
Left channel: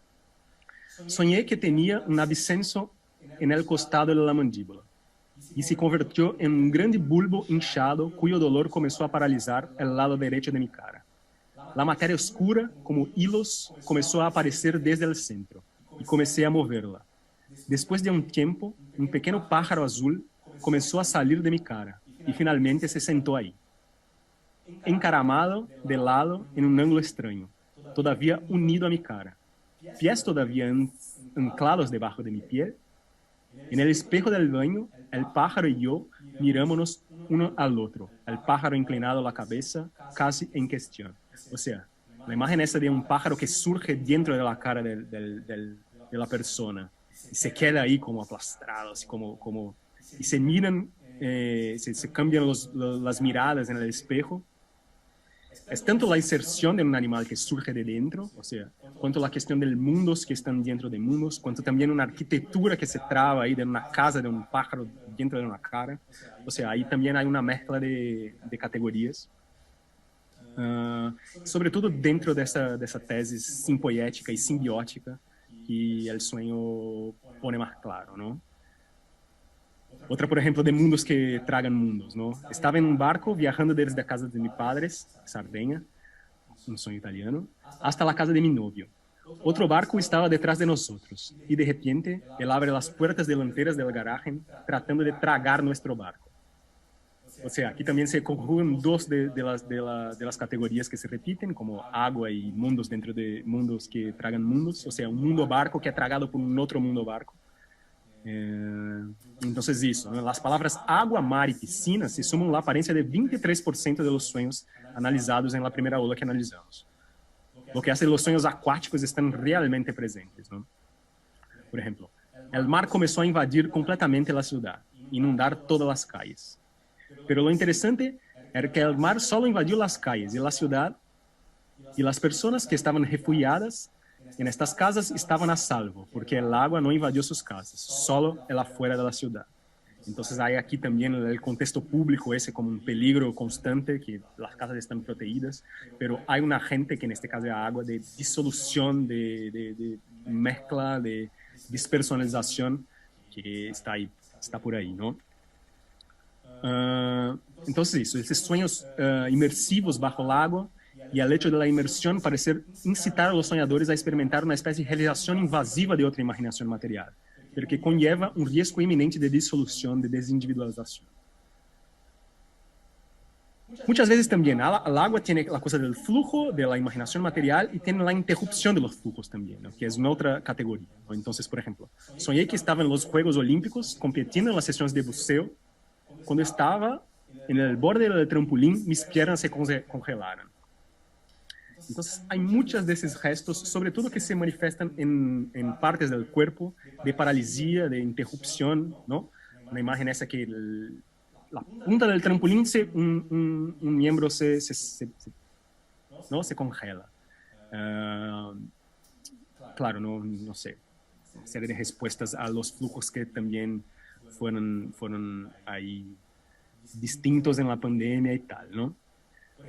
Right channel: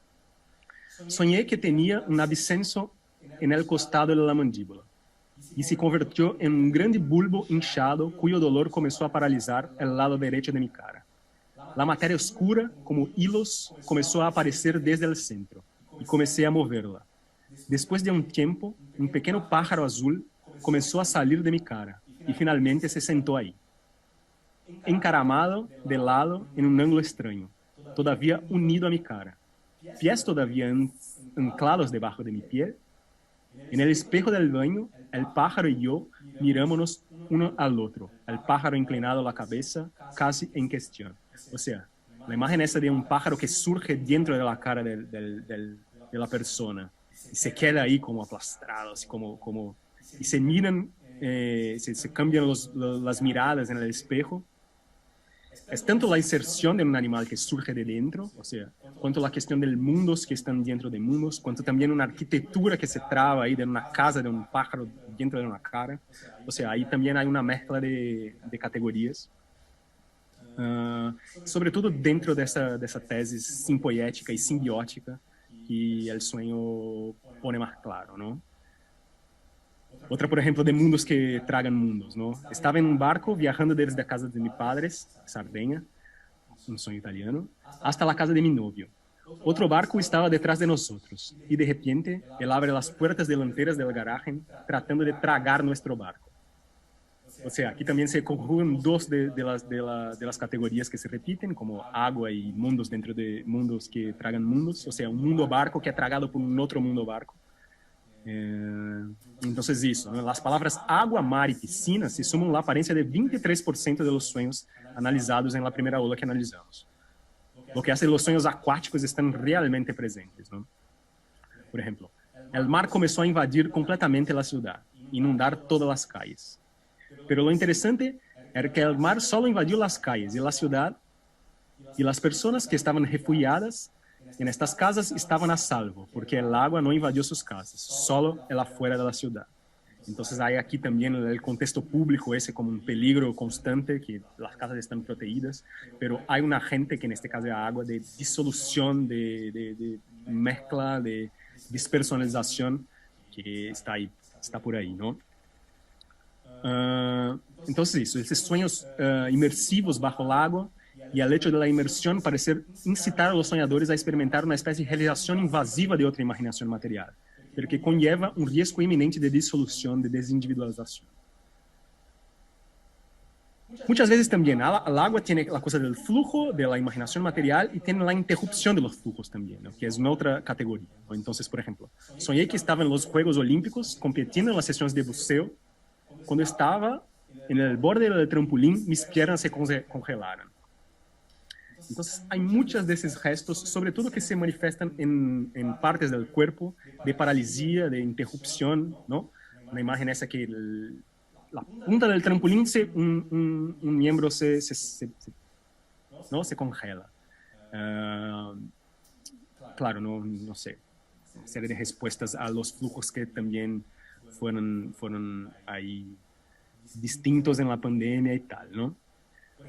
Soñé que tenía un absceso en el costado de la mandíbula y se convirtió en un grande bulbo hinchado cuyo dolor comenzó a paralizar el lado derecho de mi cara. La materia oscura, como hilos, comenzó a aparecer desde el centro y comencé a moverla. Después de un tiempo, un pequeño pájaro azul comenzó a salir de mi cara y finalmente se sentó ahí, encaramado de lado en un ángulo extraño, todavía unido a mi cara, pies todavía anclados debajo de mi piel. En el espejo del baño, el pájaro y yo mirámonos uno al otro, el pájaro inclinado la cabeza casi en cuestión. O sea, la imagen esa de un pájaro que surge dentro de la cara de la persona y se queda ahí como aplastrado, así como y se miran, se cambian las miradas en el espejo. Es tanto la inserción de un animal que surge de dentro, o sea, cuanto la cuestión de mundos que están dentro de mundos, cuanto también una arquitectura que se traba ahí de una casa, de un pájaro dentro de una cara. O sea, ahí también hay una mezcla de categorías. Sobre todo dentro de esa tesis simpoética y simbiótica que el sueño pone más claro, ¿no? Otra, por ejemplo, de mundos que tragan mundos, ¿no? Estaba en un barco viajando desde la casa de mis padres, Sardeña, un sueño italiano, hasta la casa de mi novio. Otro barco estaba detrás de nosotros y de repente él abre las puertas delanteras del garaje tratando de tragar nuestro barco. O sea, aquí también se conjugan dos de las categorías que se repiten, como agua y mundos dentro de mundos que tragan mundos. O sea, un mundo barco que ha tragado por un otro mundo barco. Entonces eso, ¿no? Las palabras agua, mar y piscina se suman a la apariencia de 23% de los sueños analizados en la primera ola que analizamos. Lo que hace los sueños acuáticos están realmente presentes, ¿no? Por ejemplo, el mar comenzó a invadir completamente la ciudad, inundar todas las calles. Pero lo interesante era que el mar solo invadió las calles y la ciudad y las personas que estaban refugiadas en estas casas estaban a salvo, porque el agua no invadió sus casas, solo el afuera de la ciudad. Entonces hay aquí también el contexto público ese como un peligro constante, que las casas están protegidas, pero hay un agente que en este caso es agua de disolución, de mezcla, de despersonalización que está ahí, está por ahí, ¿no? Entonces eso, esos sueños inmersivos bajo el agua y el hecho de la inmersión parece incitar a los soñadores a experimentar una especie de realización invasiva de otra imaginación material, pero que conlleva un riesgo inminente de disolución, de desindividualización. Muchas veces también el agua tiene la cosa del flujo, de la imaginación material, y tiene la interrupción de los flujos también, ¿no? Que es una otra categoría, ¿no? Entonces, por ejemplo, soñé que estaba en los Juegos Olímpicos compitiendo en las sesiones de buceo. Cuando estaba en el borde del trampolín, mis piernas se congelaron. Entonces, hay muchos de esos gestos, sobre todo que se manifiestan en partes del cuerpo, de paralisia, de interrupción, ¿no? Una imagen esa que la punta del trampolín, un miembro ¿no? Se congela. Claro, no sé, una serie de respuestas a los flujos que también fueron ahí distintos en la pandemia y tal, ¿no?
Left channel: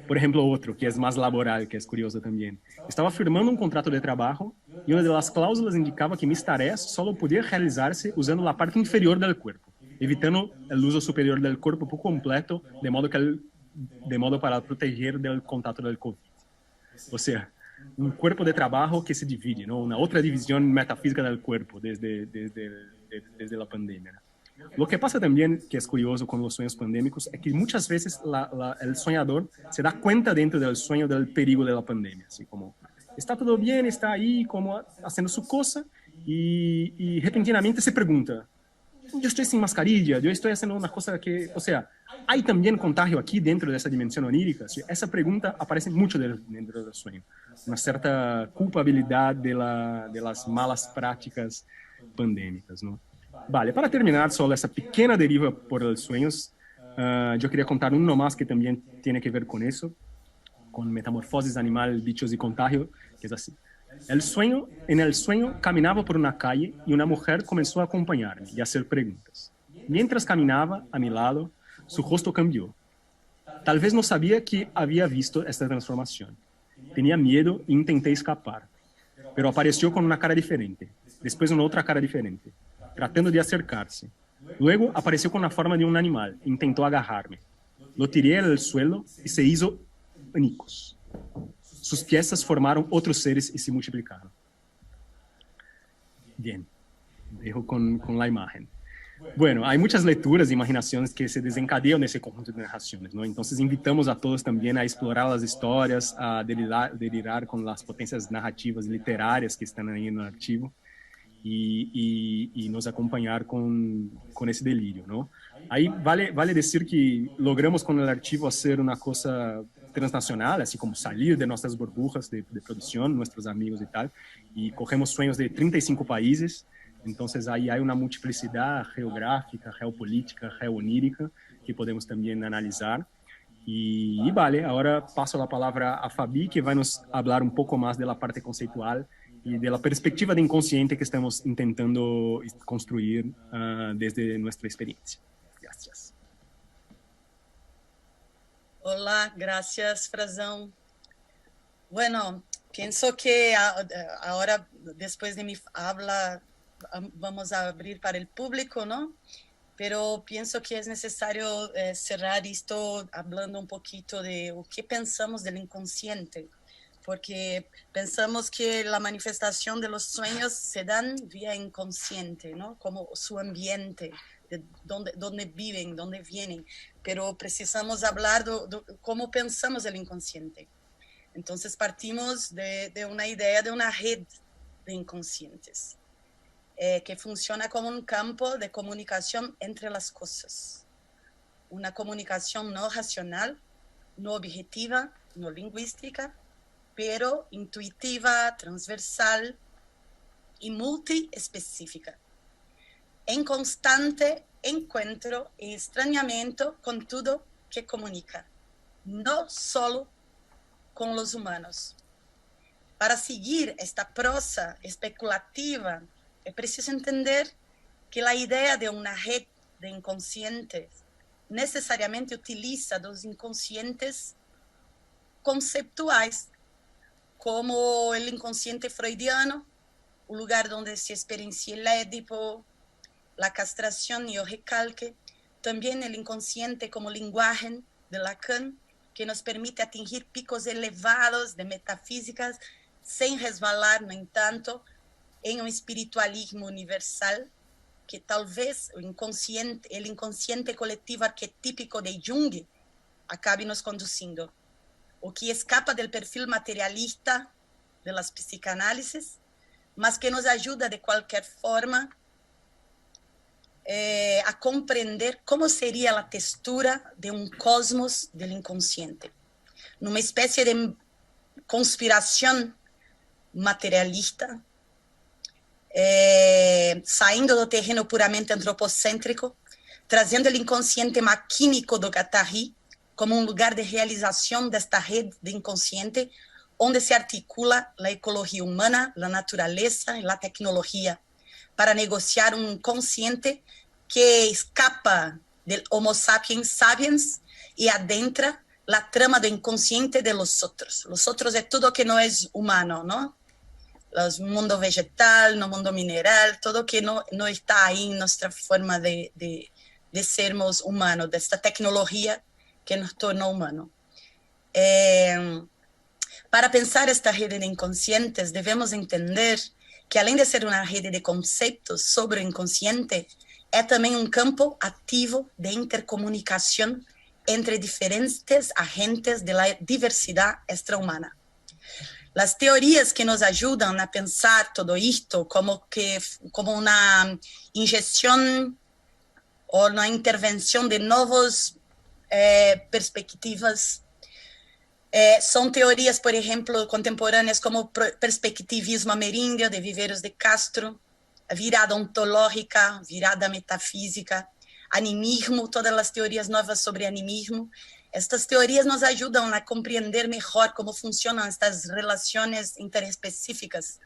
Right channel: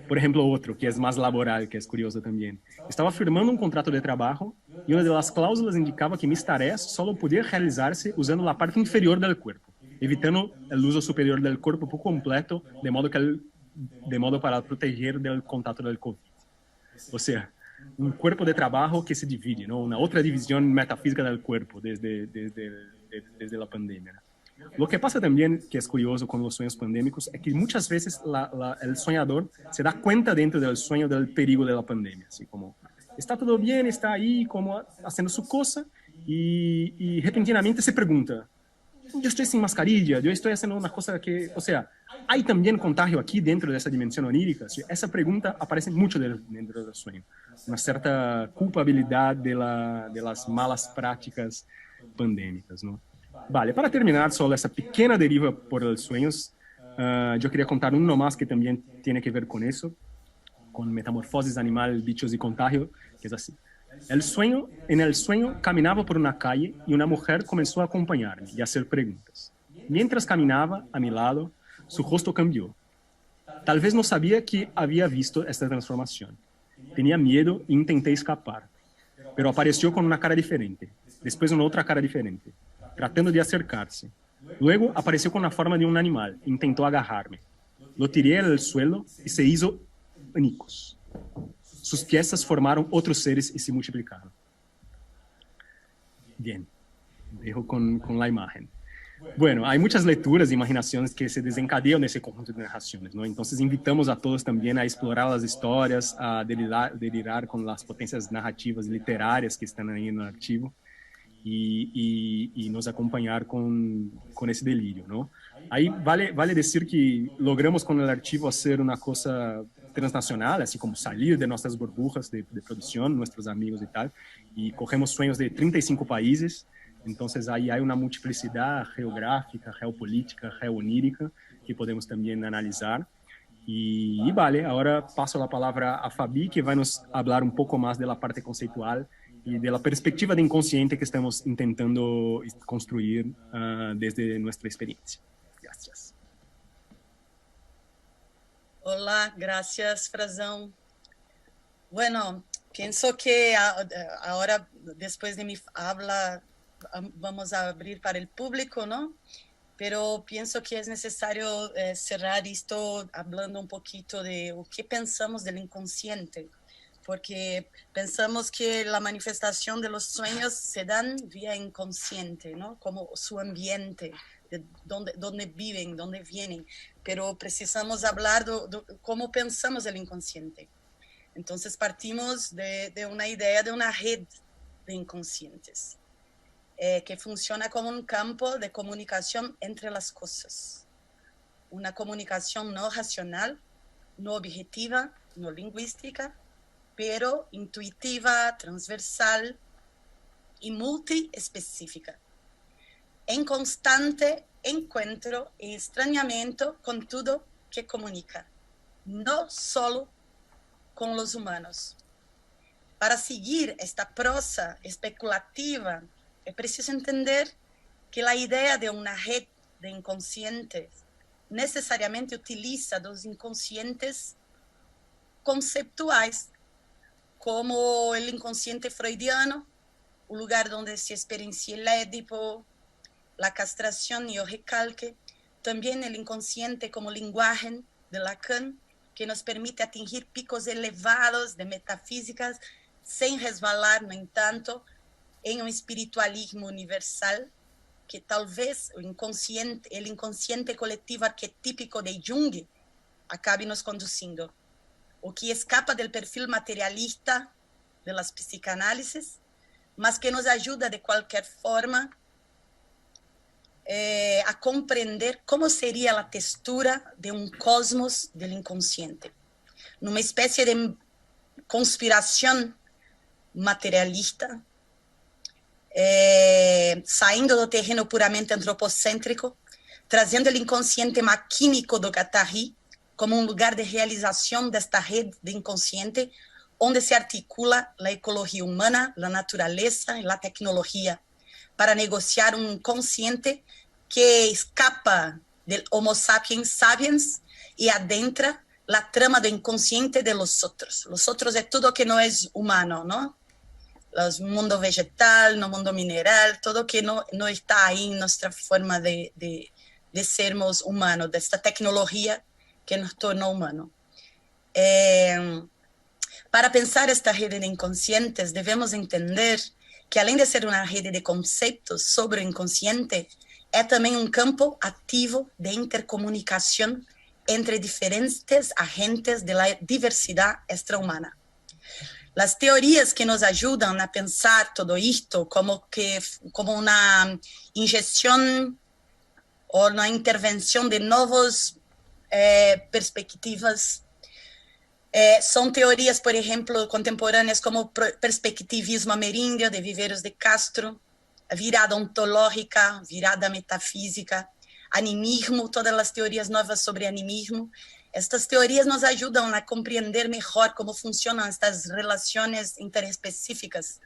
Por ejemplo, otro que es más laboral, que es curioso también. Estaba firmando un contrato de trabajo y una de las cláusulas indicaba que mis tareas solo podían realizarse usando la parte inferior del cuerpo, evitando el uso superior del cuerpo por completo, de modo para proteger del contacto del COVID. O sea, un cuerpo de trabajo que se divide, ¿no? Una otra división metafísica del cuerpo desde la pandemia. Lo que pasa también, que es curioso con los sueños pandémicos, es que muchas veces el soñador se da cuenta dentro del sueño del peligro de la pandemia, así como está todo bien, está ahí como haciendo su cosa y repentinamente se pregunta, yo estoy sin mascarilla, yo estoy haciendo una cosa que, o sea, hay también contagio aquí dentro de esa dimensión onírica. ¿Sí? Esa pregunta aparece mucho dentro del sueño, una cierta culpabilidad de las malas prácticas pandémicas, ¿no? Vale, para terminar solo esa pequeña deriva por los sueños, yo quería contar uno más que también tiene que ver con eso, con metamorfosis animal, bichos y contagio, que es así. En el sueño caminaba por una calle y una mujer comenzó a acompañarme y a hacer preguntas. Mientras caminaba a mi lado, su rostro cambió. Tal vez no sabía que había visto esta transformación. Tenía miedo e intenté escapar, pero apareció con una cara diferente, después una otra cara diferente, tratando de acercarse. Luego apareció con la forma de un animal, intentó agarrarme. Lo tiré del suelo y se hizo añicos. Sus piezas formaron otros seres y se multiplicaron. Bien, dejo con la imagen. Bueno, hay muchas lecturas e imaginaciones que se desencadean en ese conjunto de narraciones, ¿no? Entonces invitamos a todos también a explorar las historias, a delirar con las potencias narrativas literarias que están ahí en el archivo y nos acompañar con ese delirio, ¿no? Ahí vale decir que logramos con el archivo hacer una cosa transnacional, así como salir de nuestras burbujas de producción, nuestros amigos y tal, y cogemos sueños de 35 países. Entonces ahí hay una multiplicidad geográfica, geopolítica, geonírica que podemos también analizar. Y vale, ahora paso la palabra a Fabi, que va a nos hablar un poco más de la parte conceptual y de la perspectiva de inconsciente que estamos intentando construir desde nuestra experiencia. Gracias. Hola, gracias, Frazão. Bueno, pienso que ahora, después de mi habla, vamos a abrir para el público, ¿no? Pero pienso que es necesario cerrar esto hablando un poquito de lo que pensamos del inconsciente, porque pensamos que la manifestación de los sueños se dan vía inconsciente, ¿no? Como su ambiente, de dónde viven, dónde vienen, pero precisamos hablar de cómo pensamos el inconsciente. Entonces partimos de una idea de una red de inconscientes. Que funciona como un campo de comunicación entre las cosas. Una comunicación no racional, no objetiva, no lingüística, pero intuitiva, transversal y multiespecífica. En constante encuentro y extrañamiento con todo que comunica, no solo con los humanos. Para seguir esta prosa especulativa, es preciso entender que la idea de una red de inconsciente necessariamente utiliza dos inconscientes conceptuais, como o inconsciente freudiano, o lugar onde se experiencia el Édipo, la castración y el recalque, también el inconsciente como lenguaje de Lacan, que nos permite atingir picos elevados de metafísicas sem resvalar, no entanto, em um espiritualismo universal, que talvez o inconsciente coletivo arquetípico de Jung acabe nos conducindo, o que escapa del perfil materialista de las psicanálisis, mas que nos ajuda de qualquer forma a compreender como seria a textura de um cosmos do inconsciente, numa espécie de conspiração materialista, saindo do terreno puramente antropocêntrico, trazendo o inconsciente maquínico do Guattari como um lugar de realização desta rede de inconsciente, onde se articula a ecologia humana, a natureza e a tecnologia, para negociar um inconsciente que escapa del Homo sapiens sapiens e adentra a trama do inconsciente de los otros. Los otros é tudo que não é humano, não? O mundo vegetal, no mundo mineral, todo que não está aí em nossa forma de sermos humanos, desta tecnologia que nos tornou humanos. Para pensar esta rede de inconscientes, devemos entender que, além de ser uma rede de conceitos sobre o inconsciente, é também um campo ativo de intercomunicação entre diferentes agentes da diversidade extra-humana. As teorias que nos ajudam a pensar todo isto como uma injeção ou uma intervenção de novas perspectivas são teorias, por exemplo, contemporâneas como o perspectivismo ameríndio de Viveiros de Castro, a virada ontológica, virada metafísica, animismo, todas as teorias novas sobre animismo. Estas teorias nos ajudam a compreender melhor como funcionam estas relações interespecíficas,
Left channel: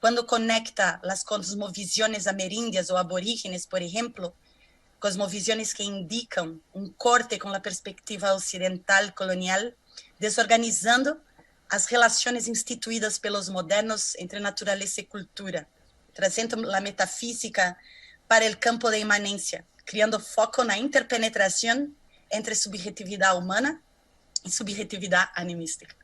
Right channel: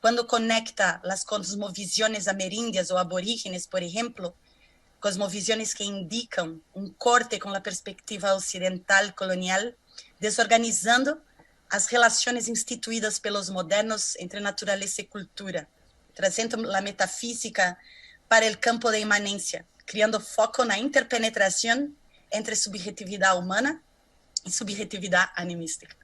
quando conecta as cosmovisões ameríndias ou aborígenes, por exemplo, cosmovisões que indicam um corte com a perspectiva ocidental colonial, desorganizando as relações instituídas pelos modernos entre natureza e cultura, trazendo a metafísica para o campo da imanência, criando foco na interpenetração entre subjetividade humana e subjetividade animística,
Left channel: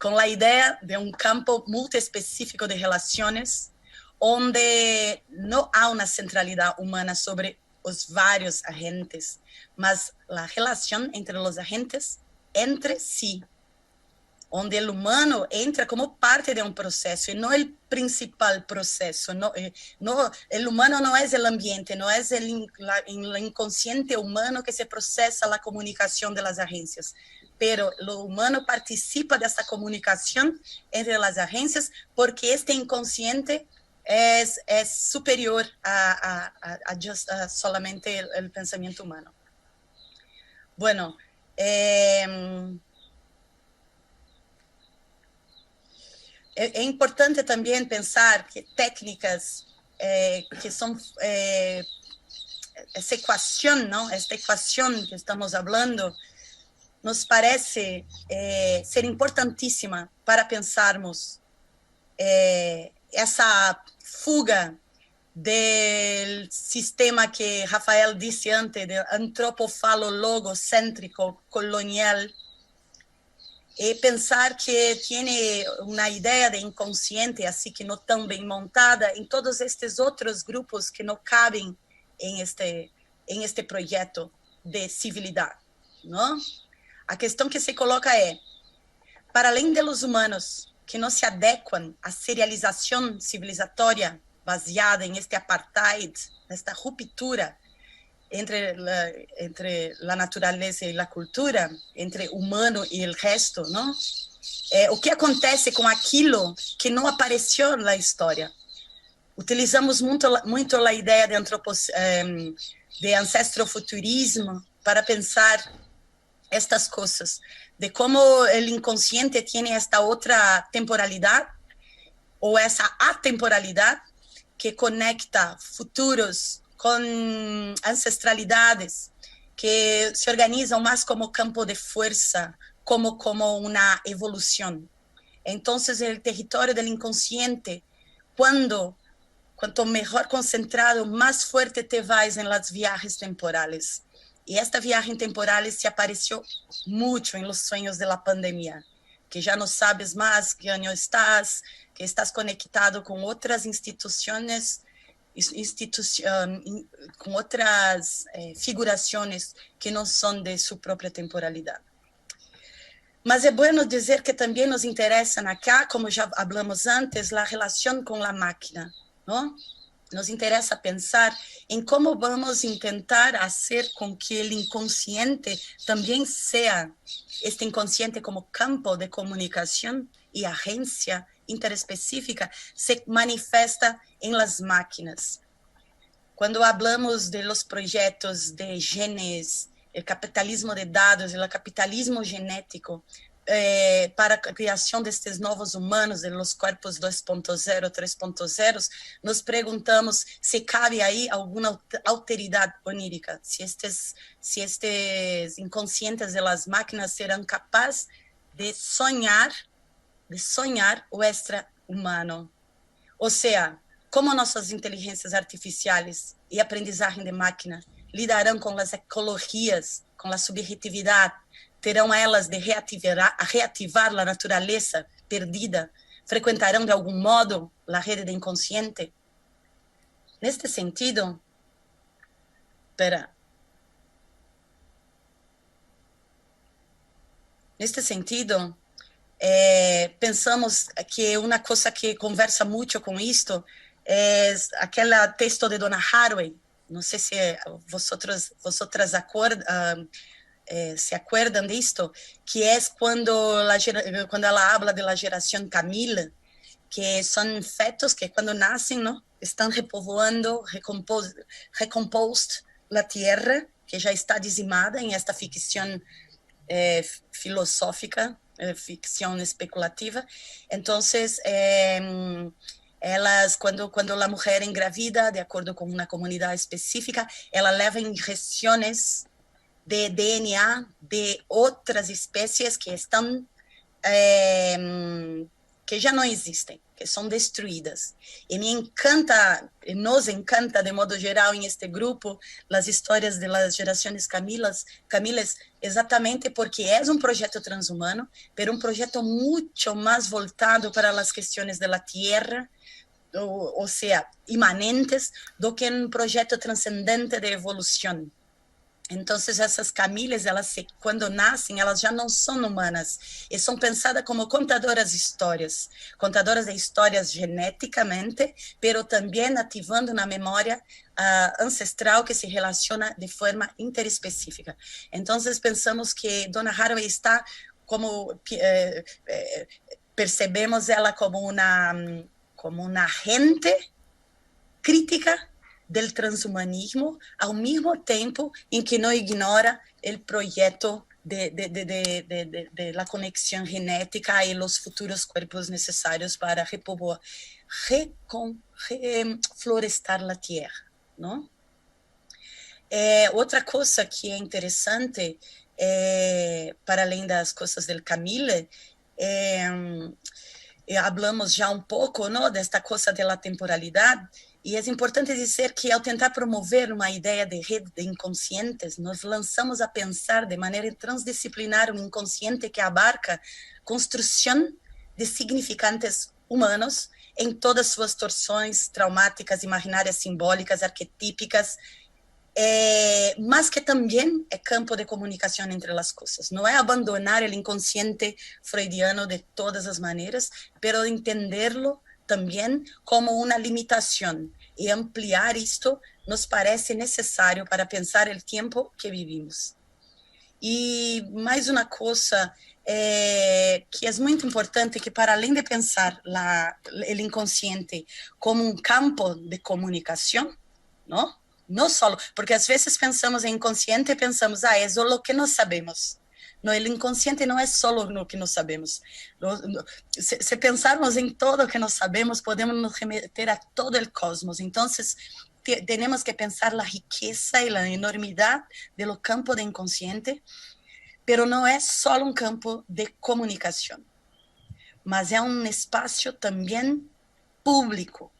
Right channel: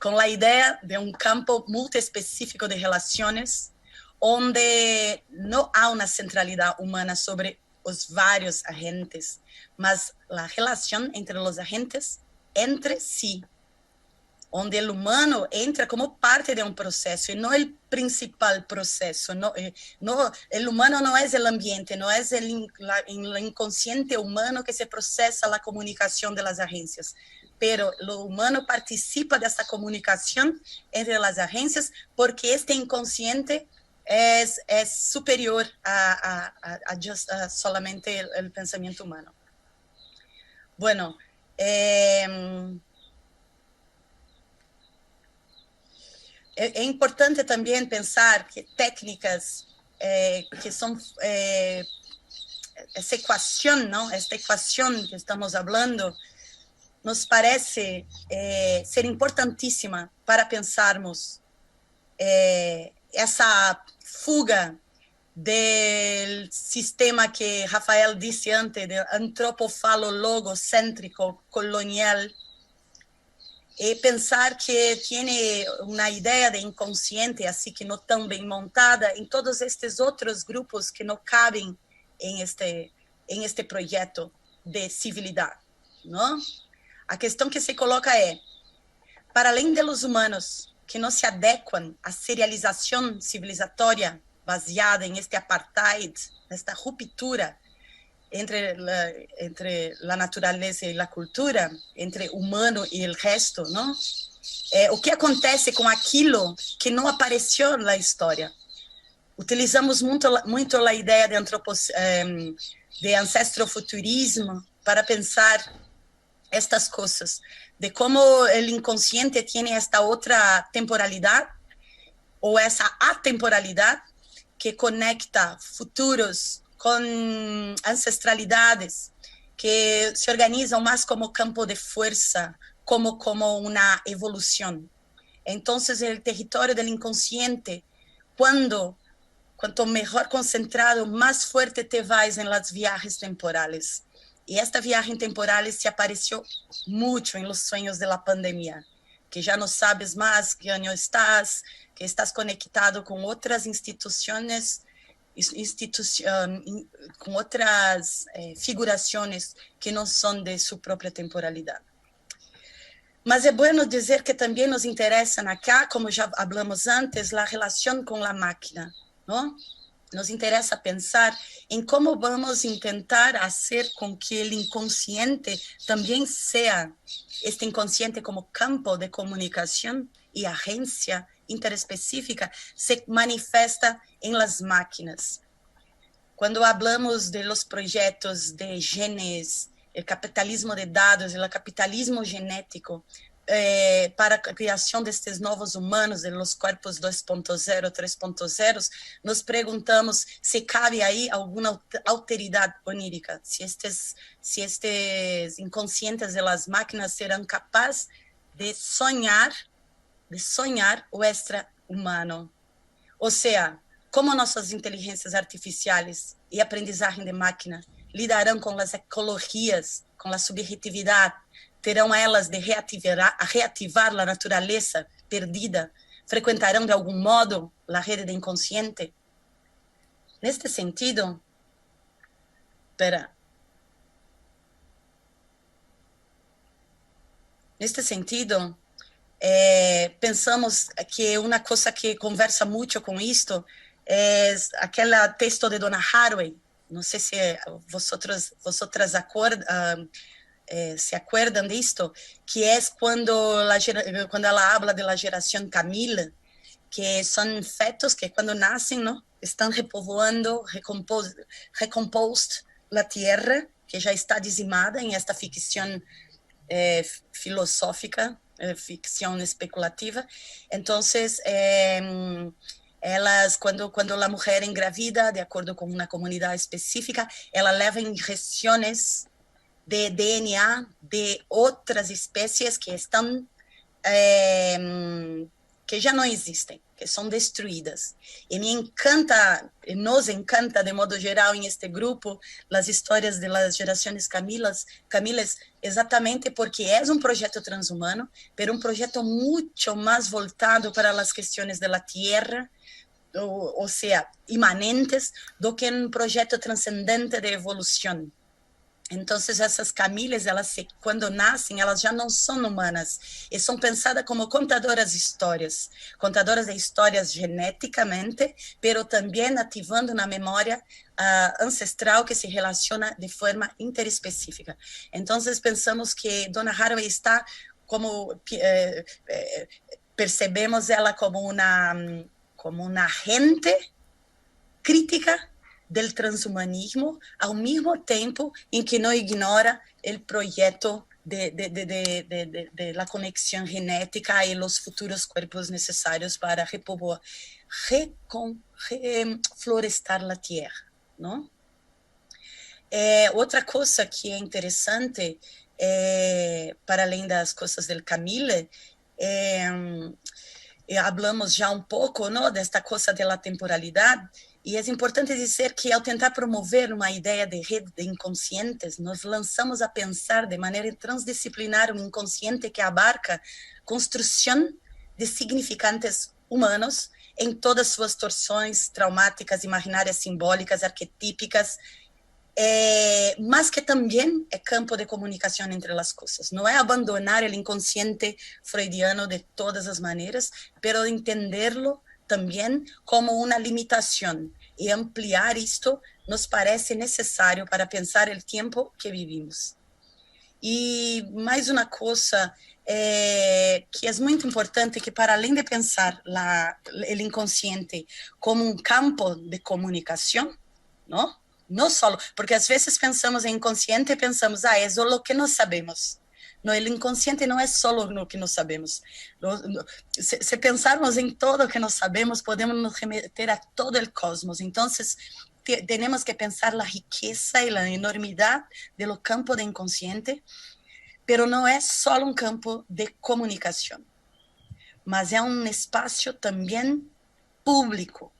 com a ideia de um campo multiespecífico de relações, onde não há uma centralidade humana sobre os vários agentes, mas a relação entre os agentes entre si, onde o humano entra como parte de um processo e não o principal processo. O humano não é o ambiente, não é o inconsciente humano que se processa a comunicação das agências, pero o humano participa dessa comunicação entre as agências porque este inconsciente é superior a solamente o pensamento humano. Bueno, é importante também pensar que técnicas que são essa equação, não? Esta equação que estamos falando, nos parece ser importantíssima para pensarmos essa fuga do sistema que Rafael disse antes, do antropofalo-logocêntrico colonial, e pensar que tem uma ideia de inconsciente, assim que não tão bem montada, em todos estes outros grupos que não cabem em este projeto de civilidade, não? A questão que se coloca é, para além dos humanos que não se adequam à serialização civilizatória baseada em este apartheid, nesta ruptura entre a natureza e a cultura, entre o humano e o resto, não? O que acontece com aquilo que não apareceu na história? Utilizamos muito a ideia de ancestrofuturismo para pensar estas coisas, de como o inconsciente tem esta outra temporalidade, ou essa atemporalidade, que conecta futuros con ancestralidades que se organizan más como campo de fuerza, como una evolución. Entonces, el territorio del inconsciente, cuanto mejor concentrado, más fuerte te vas en las viajes temporales. Y esta viaje temporal se apareció mucho en los sueños de la pandemia, que ya no sabes más qué año estás, que estás conectado con otras instituciones, con otras figuraciones que no son de su propia temporalidad. Mas é bueno dizer que também nos interessam acá, como já hablamos antes, a relação com a máquina, não? Nos interessa pensar em como vamos tentar fazer com que o inconsciente também seja, este inconsciente como campo de comunicação e agência interespecífica, se manifesta em las máquinas. Quando hablamos de los projetos de genes, o capitalismo de dados e o capitalismo genético, para a criação destes novos humanos, de los corpos 2.0, 3.0, nos perguntamos se cabe aí alguma alteridade onírica, se estes inconscientes de las máquinas serão capazes de sonhar o extra-humano. Ou seja, como nossas inteligências artificiais e aprendizagem de máquina lidarão com as ecologias, com a subjetividade, terão elas de reativar a natureza perdida, frequentarão de algum modo a rede de inconsciente. Neste sentido, pensamos que uma coisa que conversa muito com isto é aquele texto de Donna Haraway. Não sei se vosotras se acuerdan de esto, que es cuando ela habla de la geración Camille, que son fetos que cuando nacen, ¿no?, están repovoando, recompost la tierra, que ya está dizimada en esta ficción filosófica, ficción especulativa. Entonces, elas, quando a mulher engravida, de acordo com uma comunidade específica, ela leva injeções de DNA de outras espécies que estão que já não existem, que são destruídas. E nos encanta de modo geral em este grupo as histórias das gerações Camiles, exatamente porque é projeto transhumano, mas projeto muito mais voltado para as questões da terra, ou seja, imanentes, do que projeto transcendente de evolução. Então, essas Camiles, quando nascem, elas já não são humanas e são pensadas como contadoras de histórias geneticamente, mas também ativando na memória ancestral que se relaciona de forma interespecífica. Então, pensamos que Donna Haraway está como percebemos ela como uma agente crítica del transhumanismo, ao mesmo tempo em que não ignora o projeto de la conexão genética e os futuros corpos necessários para reflorestar a terra, não? Outra coisa que é interessante, para além das coisas del Camille, hablamos já pouco, não, desta coisa da temporalidade. E é importante dizer que, ao tentar promover uma ideia de rede de inconscientes, nós lançamos a pensar de maneira transdisciplinar inconsciente que abarca construção de significantes humanos em todas suas torções traumáticas, imaginárias, simbólicas, arquetípicas, mas que também é campo de comunicação entre as coisas. Não é abandonar o inconsciente freudiano de todas as maneiras, mas entenderlo também como uma limitação, e ampliar isto nos parece necessário para pensar o tempo que vivimos. E mais uma coisa que é muito importante, que para além de pensar o inconsciente como um campo de comunicação, não só, porque às vezes pensamos em inconsciente e pensamos, é o que nós sabemos. No, el inconsciente no es solo lo que no sabemos. Si pensarmos en todo lo que no sabemos, podemos nos remeter a todo el cosmos. Entonces, tenemos que pensar la riqueza y la enormidad de lo campo de inconsciente, pero no es solo un campo de comunicación, mas es un espacio también público,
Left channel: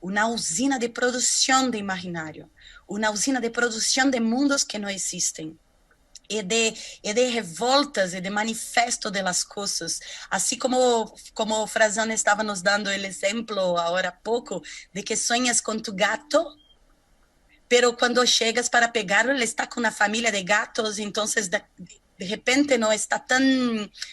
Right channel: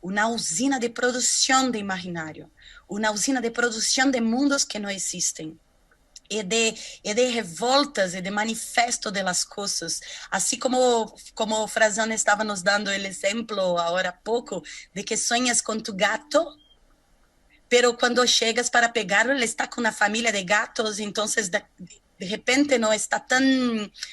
una usina de producción de imaginario, una usina de producción de mundos que no existen. E de revoltas e de manifesto de las cosas, assim como Frazan estava nos dando o exemplo agora há pouco, de que sonhas com tu gato, pero quando chegas para pegarlo, ele está com uma família de gatos, então de repente não está tão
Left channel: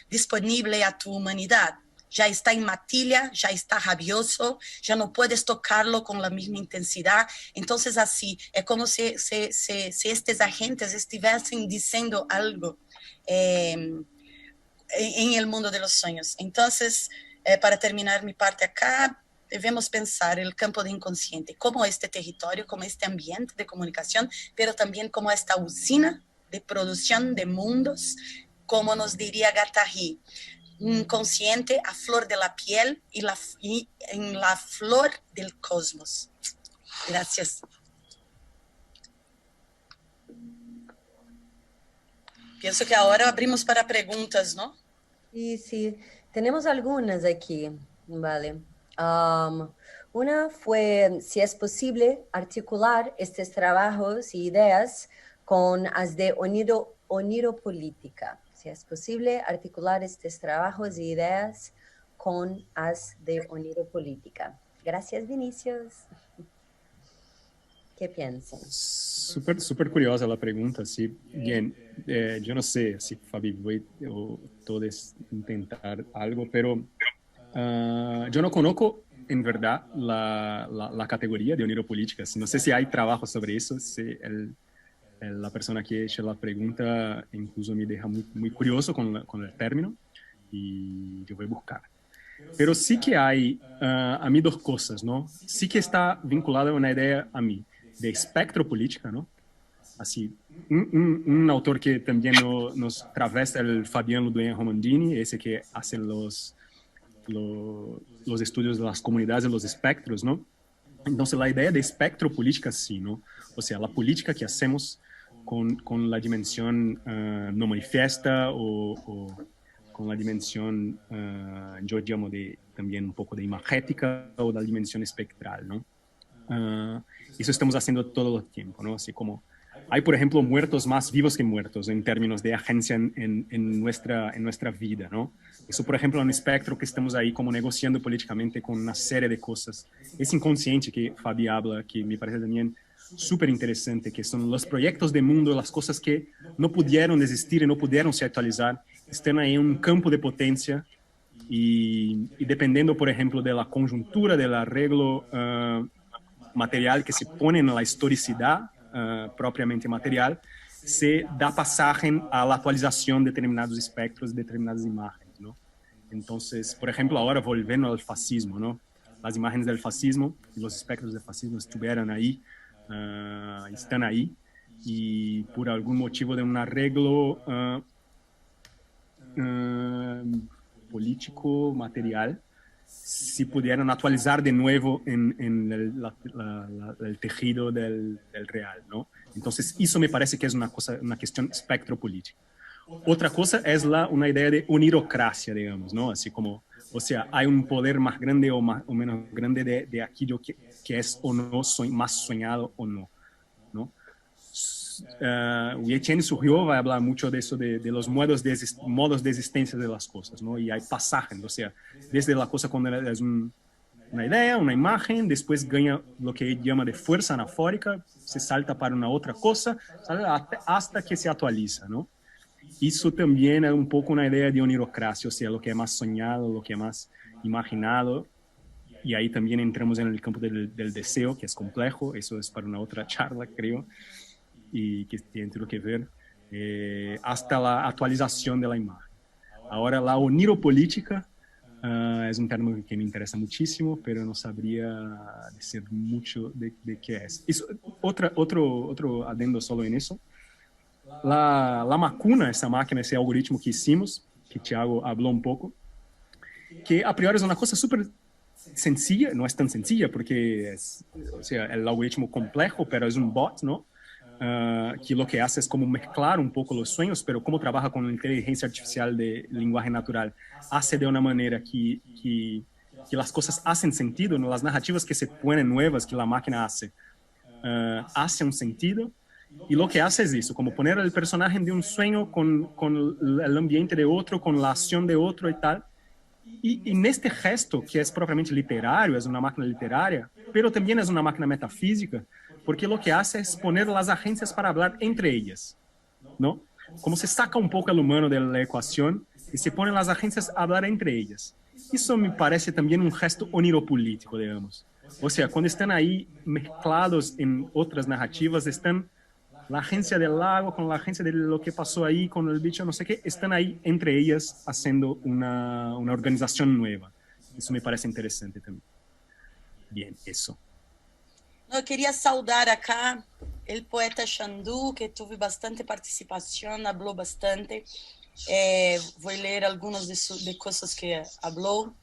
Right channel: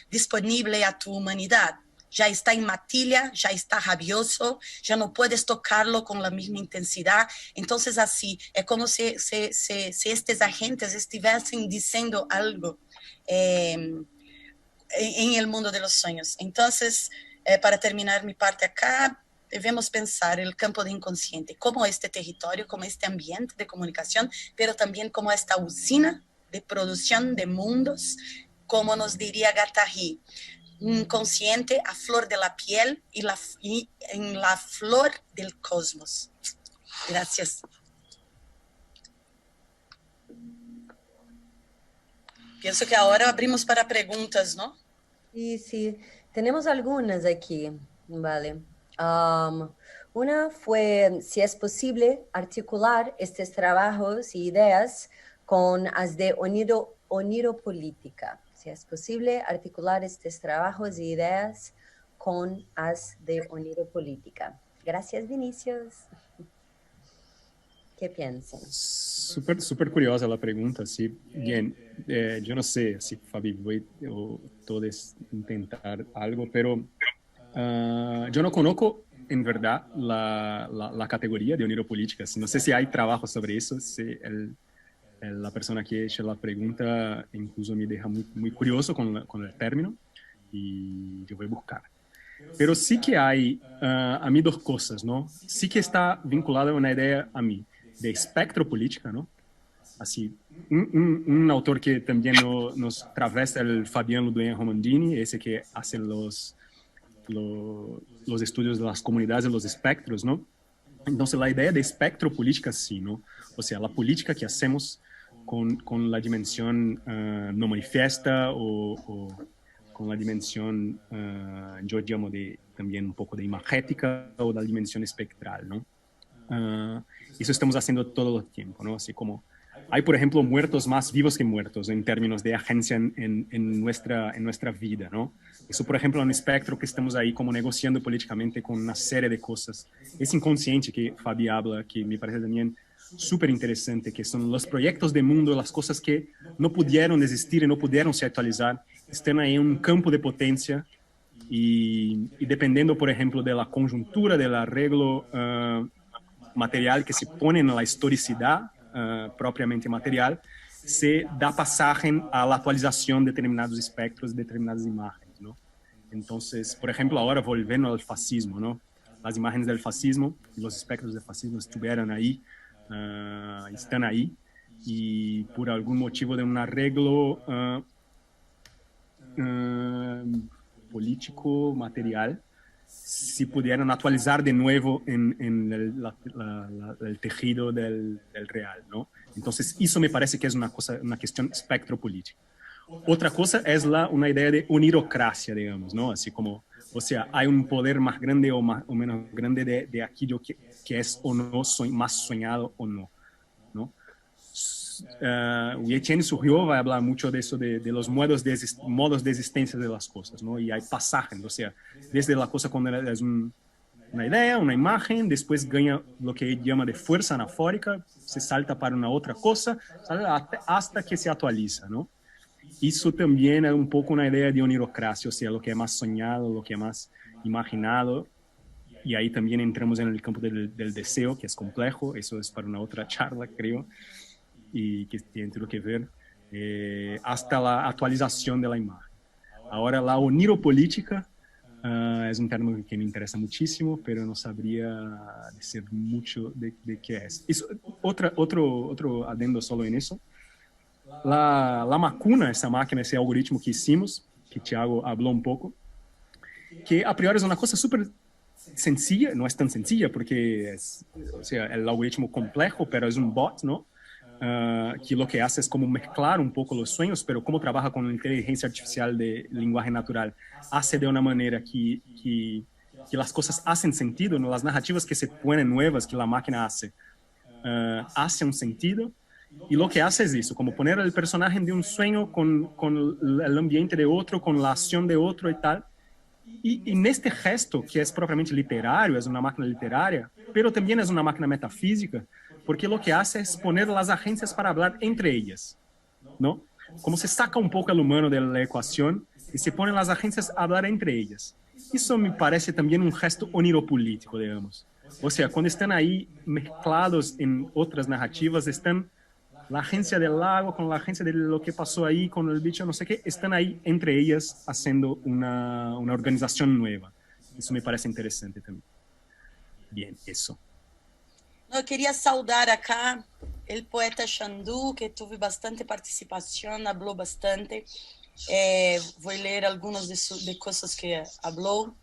disponível a tu humanidade. Já está em matilha, já está rabioso, já não puedes tocarlo com a mesma intensidade. Então, assim, é como se estes agentes estivessem dizendo algo em el mundo de los sueños. Então, para terminar minha parte acá, devemos pensar el campo de inconsciente como este territorio, como este ambiente de comunicación, pero también como esta usina de producción de mundos, como nos diría Guattari, inconsciente a flor de la piel y en la flor del cosmos. Gracias. Pienso que ahora abrimos para preguntas, ¿no? Sí, sí. Tenemos algunas aquí, vale. Una fue si es posible articular estos trabajos y ideas con las de oniropolítica. Si es posible articular estos trabajos y ideas con las de oniropolítica. Gracias, Vinicius. ¿Qué piensas? Súper curiosa la pregunta, sí. Bien, yo no sé si Fabi voy o todos intentar algo, pero yo no conozco en verdad la categoría de oniropolítica. No sé si hay trabajo sobre eso, si la persona que hizo la pregunta incluso me deja muy curioso con el término y yo voy a buscar. Pero sí que hay a mí dos cosas, ¿no? Sí que está vinculada a una idea a mí de espectropolítica, ¿no? Así, un autor que también nos travesa el Fabián Ludueña Romandini, ese que hace los estudios de las comunidades de los espectros, ¿no? Entonces, la idea de espectropolítica, sí, ¿no? O sea, la política que hacemos con la dimensión no manifiesta o con la dimensión, yo llamo también un poco de imagética o la dimensión espectral, ¿no? Eso estamos haciendo todo el tiempo, ¿no? Así como hay, por ejemplo, muertos más vivos que muertos en términos de agencia en nuestra vida, ¿no? Eso, por ejemplo, es un espectro que estamos ahí como negociando políticamente con una serie de cosas. Es inconsciente que Fabi habla, que me parece también súper interesante, que son los proyectos de mundo, las cosas que no pudieron existir y no pudieron se actualizar, están ahí en un campo de potencia y dependiendo, por ejemplo, de la conjuntura, del arreglo material que se pone en la historicidad propiamente material, se da pasaje a la actualización de determinados espectros, determinadas imágenes, ¿no? Entonces, por ejemplo, ahora volviendo al fascismo, ¿no? Las imágenes del fascismo, los espectros del fascismo estuvieron ahí, están ahí, y por algún motivo de un arreglo político, material, si pudieran actualizar de nuevo en el tejido del real, ¿no? Entonces, eso me parece que es una cuestión espectropolítica. Otra cosa es una idea de unirocracia, digamos, ¿no? Así como, o sea, hay un poder más grande o menos grande de aquello que es o no más soñado o no, ¿no? Etienne Surriot va a hablar mucho de eso, de los modos de existencia de las cosas, ¿no? Y hay pasajes, o sea, desde la cosa cuando es una idea, una imagen, después gana lo que él llama de fuerza anafórica, se salta para una otra cosa, hasta que se actualiza, ¿no? Eso también es un poco una idea de onirocracia, o sea, lo que es más soñado, lo que es más imaginado, y ahí también entramos en el campo del deseo, que es complejo, eso es para una otra charla, creo, y que tiene todo que ver, hasta la actualización de la imagen. Ahora, la oniropolítica es un término que me interesa muchísimo, pero no sabría decir mucho de qué es. Otro adendo solo en eso. la Macuna, essa máquina, esse algoritmo que hicimos, que Thiago falou um pouco, que a priori é uma coisa super sencilla, no es tan sencilla porque es, o sea, el algoritmo complejo, pero es un bot, ¿no? Que lo que hace es como mezclar un poco los sueños, pero como trabaja con inteligencia artificial de lenguaje natural, hace de una manera que las cosas hacen sentido, ¿no? Las narrativas que se ponen nuevas, que la máquina hace, hace un sentido. Y lo que hace es eso, como poner el personaje de un sueño con el ambiente de otro, con la acción de otro y tal. Y neste gesto, que é propriamente literário, é uma máquina literária, pero também é uma máquina metafísica, porque o que hace é poner as agências para falar entre elas, não? Como se saca um pouco o humano da equação e se põe as agências a falar entre elas. Isso me parece também um gesto oniropolítico, digamos. Ou seja, quando estão aí mesclados em outras narrativas, estão la agencia del lago con la agencia de lo que pasó ahí con el bicho, no sé qué, están ahí entre ellas haciendo una organización nueva. Eso me parece interesante también. Bien, eso. Eu queria saudar acá o poeta Xandu, que teve bastante participação, falou bastante. Vou ler algumas de coisas que falou.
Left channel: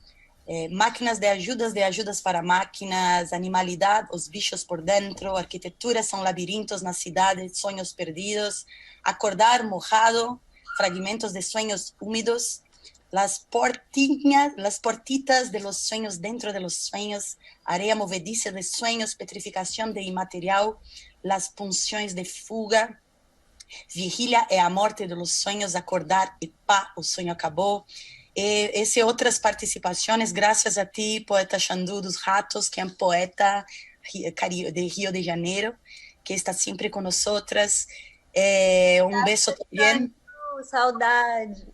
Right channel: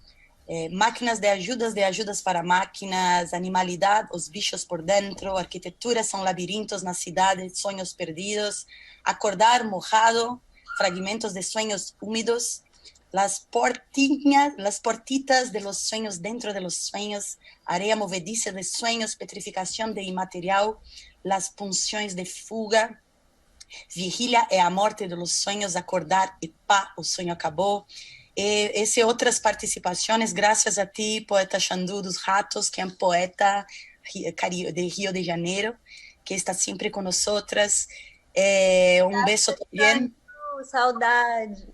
Máquinas de ajudas para máquinas, animalidade, os bichos por dentro, arquitetura são labirintos na cidade, sonhos perdidos, acordar mojado, fragmentos de sueños húmedos, las portitas de los sueños dentro de los sueños, areia movediza de sueños, petrificação de imaterial, las punções de fuga, vigília é a morte de los sueños, acordar e pá, o sonho acabou. Esse outras participações, graças a ti, poeta Xandu dos Ratos, que é um poeta de Rio de Janeiro, que está sempre com nós outras. Um beijo também. Saudade.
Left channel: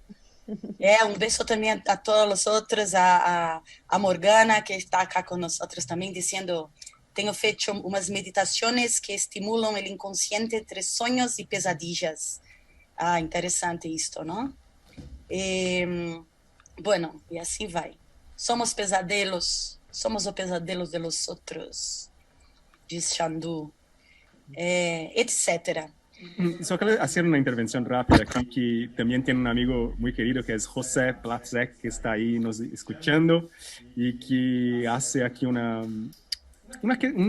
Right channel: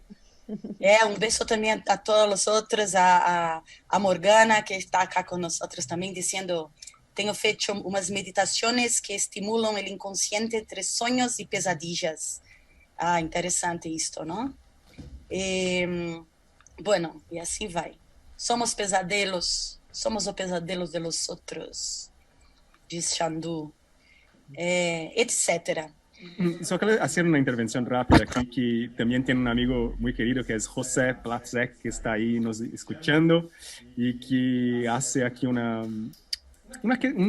Um beijo também a todas as outras, a Morgana, que está aqui com nós outras também, dizendo: tenho feito umas meditações que estimulam o inconsciente entre sonhos e pesadillas. Interessante isto, não? Bueno, e assim vai. Somos o pesadelo de los outros, diz Xandu, etc. Só quero fazer uma intervenção rápida aqui, que também tem um amigo muito querido que é José Platzek, que está aí nos escutando e que hace aqui um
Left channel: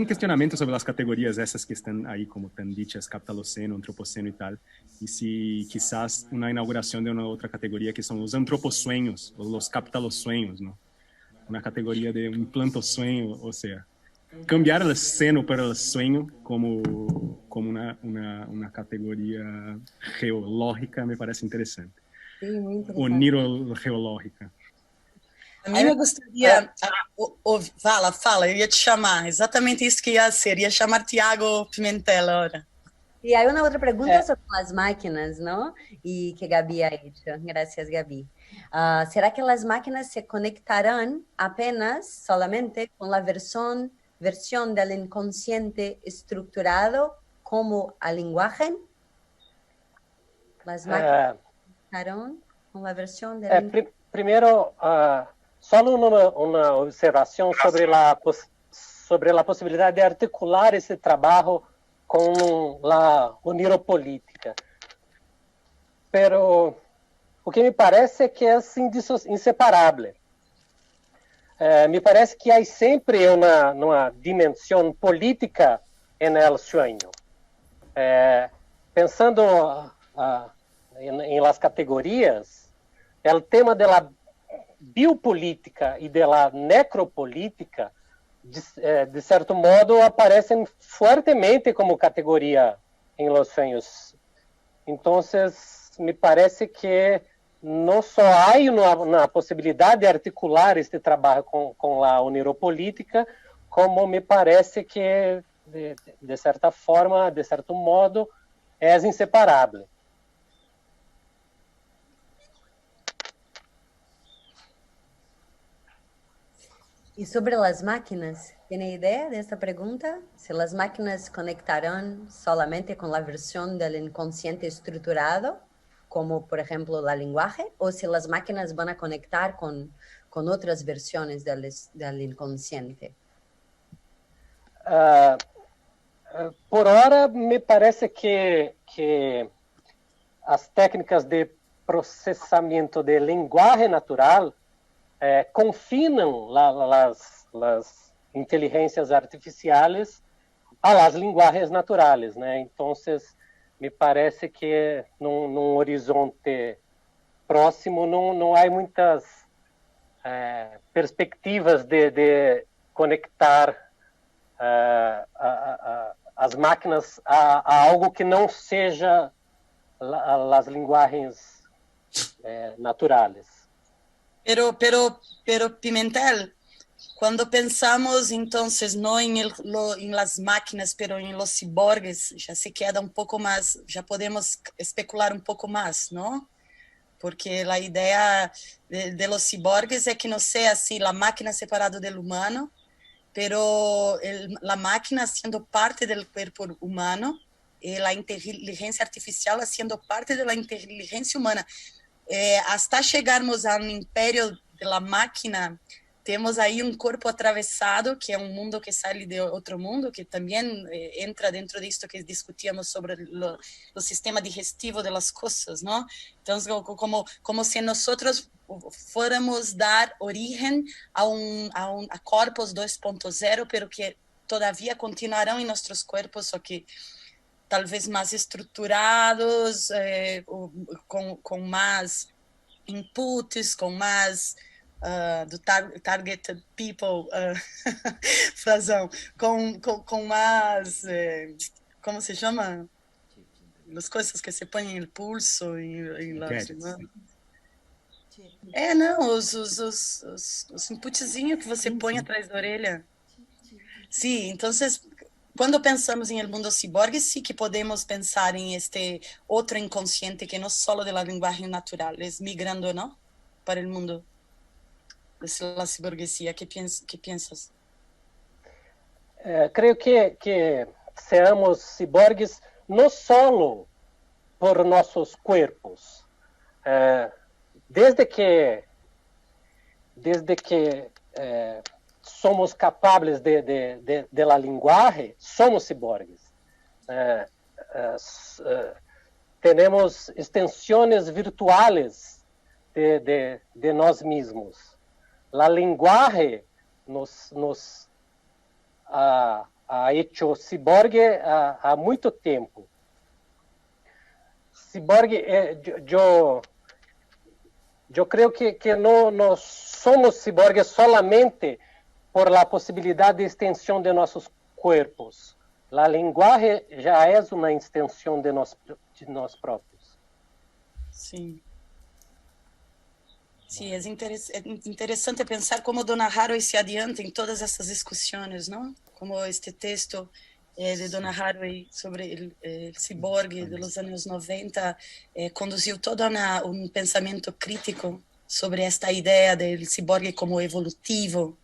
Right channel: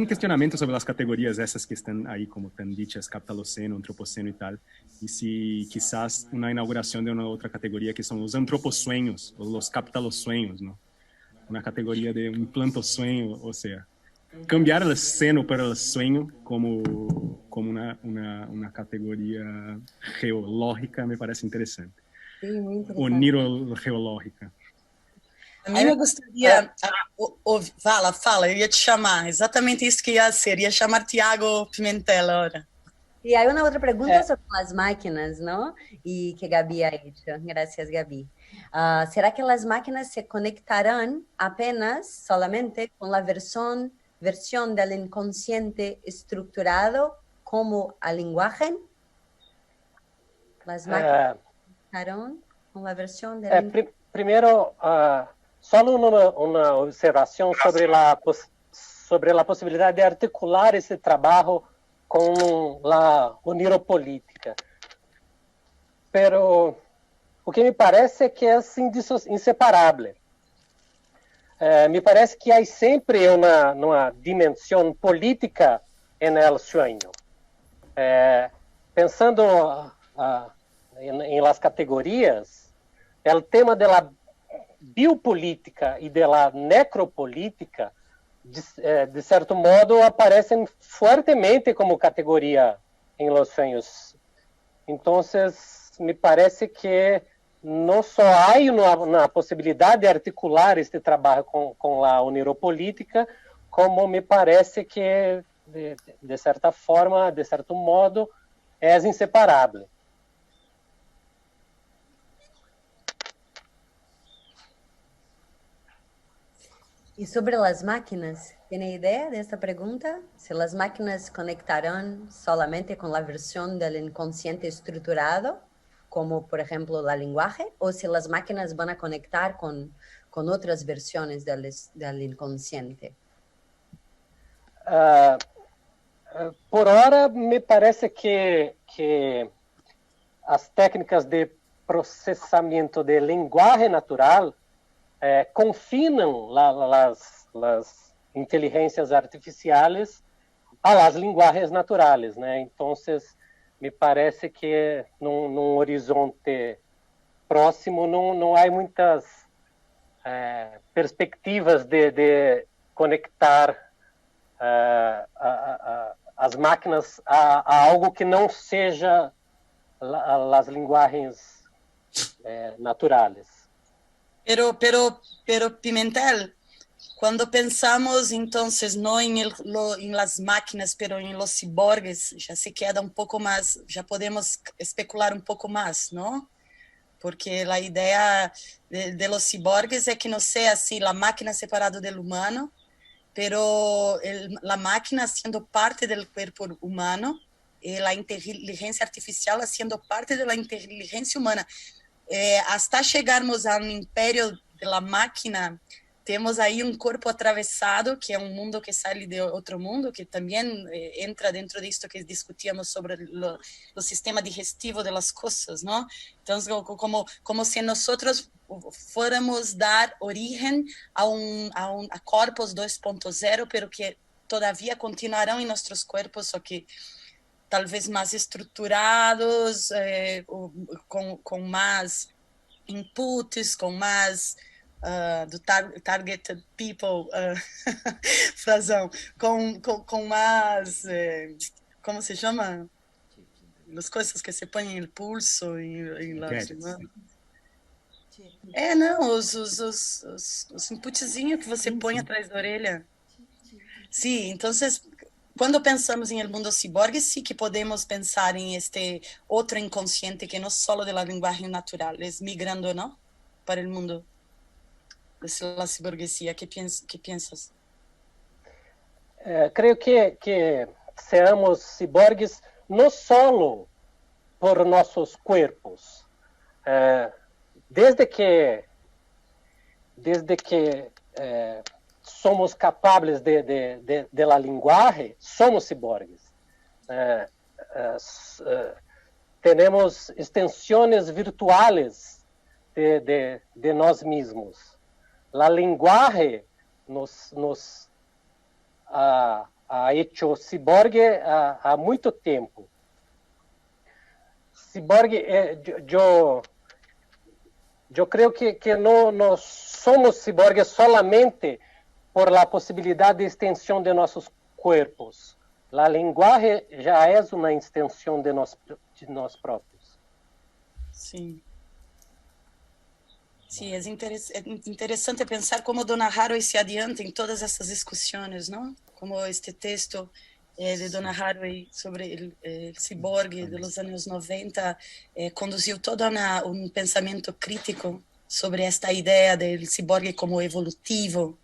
questionamento sobre as categorias essas que estão aí, como estão ditas, capitaloceno, antropoceno e tal, e se quizás uma inauguração de uma outra categoria que são os antroposueños, ou os capitalocsueños, não? Uma categoria de um plantosueño, ou seja, cambiar o seno para o sueño como uma categoria geológica me parece interessante. Sim, muito interessante. Onirogeológica. A mim me gostaria... Fala, eu ia te chamar. Exatamente isso que ia ser. Ia chamar Tiago Pimentel agora. E aí uma outra pergunta sobre as máquinas, não? E que Gabi ha hecho. Gracias, Gabi. ¿Será que las máquinas se conectarán apenas, solamente, con la versión del inconsciente estructurado como al lenguaje? Las máquinas conectarán con la versión del... Primero, solo uma observação sobre a possibilidade de articular esse trabalho com a oniropolítica. Pero o que me parece é que é inseparável. Me parece que há sempre uma dimensão política no sonho. Pensando em las categorias, o tema da biopolítica e da necropolítica, de certo modo, aparecem fortemente como categoria em los sonhos. Então, me parece que não só há uma possibilidade de articular este trabalho com a oniropolítica, como me parece que, de certa forma, de certo modo, é inseparável. E sobre as máquinas, tem ideia desta pergunta? Se as máquinas conectarão solamente com a versão do inconsciente estruturado, como, por exemplo, da linguagem, ou se as máquinas vão conectar com outras versões do inconsciente? Por hora, me parece que as técnicas de processamento de linguagem natural confinam as inteligências artificiais a las linguagens naturales, né? Então, me parece que num horizonte próximo não há muitas perspectivas de conectar as máquinas a algo que não seja as linguagens naturales. Pero Pimentel, cuando pensamos entonces no en las máquinas, pero en los ciborgues, ya se queda un poco más, ya podemos especular un poco más, ¿no? Porque la idea de los ciborgues es que no sea así la máquina separada del humano, pero la máquina siendo parte del cuerpo humano y la inteligencia artificial siendo parte de la inteligencia humana. Hasta chegarmos ao império da máquina, temos aí um corpo atravessado, que é um mundo que sai de outro mundo, que também entra dentro disto que discutíamos sobre o sistema digestivo das coisas, não? Então, como se nós fôramos dar origem a corpos 2.0, pero que todavia continuarão em nossos corpos, só que talvez mais estruturados, com mais inputs, com mais do targeted people, Frazão, com mais, como se chama? As coisas que se põem no pulso não, os inputzinhos que você põe atrás da orelha. Sim, então quando pensamos em el mundo ciborgue, sí que podemos pensar en este otro inconsciente que no solo de la lenguaje natural, es migrando, ¿no? Para el mundo de la ciborguesía. ¿Qué piensas? Creo que seamos ciborgues no solo por nossos cuerpos. Desde que somos capazes de la linguagem, somos ciborgues. Temos extensões virtuais de nós mesmos. A linguagem nos ha hecho ciborgue há muito tempo. Ciborgue, eu creio que não somos ciborgues solamente por la posibilidad de extensión de nuestros cuerpos. La lenguaje ya es una extensión de nós propios. Sí. Sí, es interesante pensar cómo Donna Haraway se adianta en todas estas discusiones, ¿no? Como este texto de Donna Haraway sobre el ciborgue de los años 90 conduciu todo un pensamiento crítico sobre esta idea del ciborgue como evolutivo.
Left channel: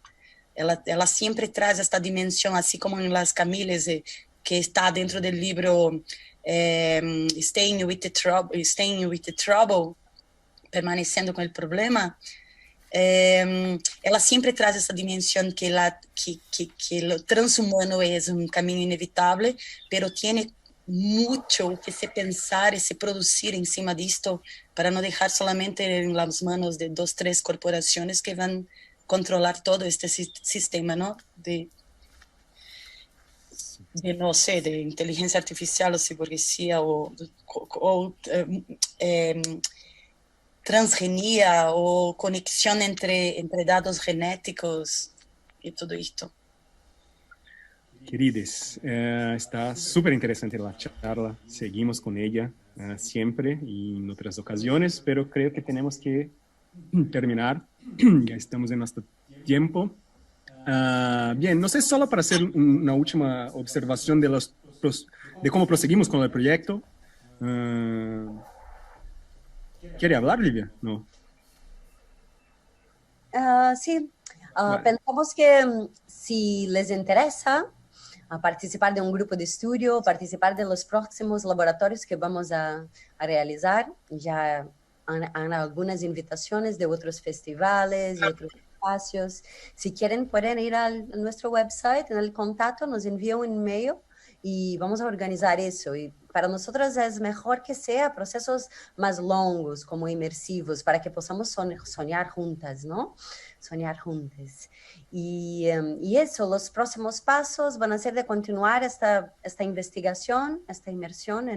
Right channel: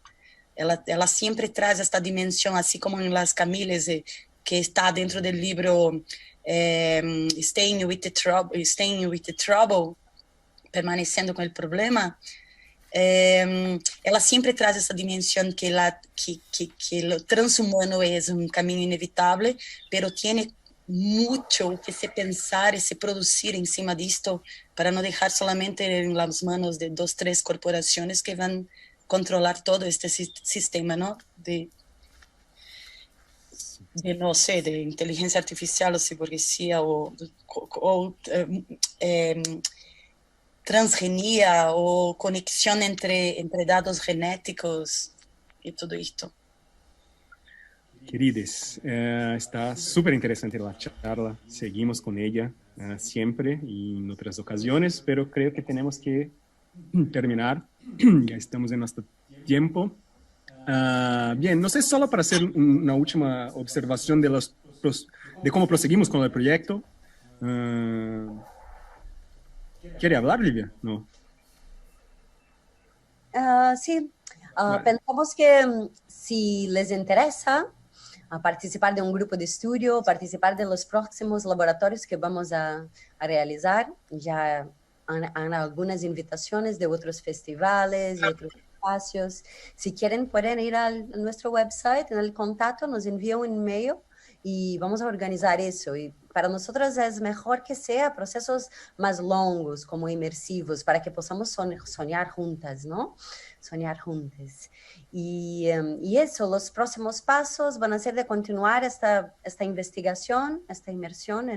Ela sempre traz esta dimensão, assim como em Las Camilles, que está dentro do livro Staying with the Trouble, permanecendo com o problema. Ela sempre traz essa dimensão que o transhumano é caminho inevitável, pero tiene muito que se pensar e se produzir em cima disto para não deixar solamente em las manos de 2, 3 corporações que vão controlar todo este sistema, ¿no? De no sé, de inteligencia artificial o ciborguesía o transgenia o conexión entre datos genéticos y todo esto. Queridos, está súper interesante la charla. Seguimos con ella siempre y en otras ocasiones, pero creo que tenemos que terminar. Ya estamos en nuestro tiempo. Bien, no sé, solo para hacer una última observación de cómo proseguimos con el proyecto. ¿Quiere hablar, Livia? No. Sí, pensamos que si les interesa participar de un grupo de estudio, participar de los próximos laboratorios que vamos a realizar, ya han algunas invitaciones de otros festivales y otros espacios. Si quieren, pueden ir a nuestro website, en el contacto, nos envían un email y vamos a organizar eso. Y para nosotros es mejor que sea procesos más longos, como inmersivos, para que podamos soñar juntas, ¿no? Soñar juntas. Y eso, los próximos pasos van a ser de continuar esta investigación, esta inmersión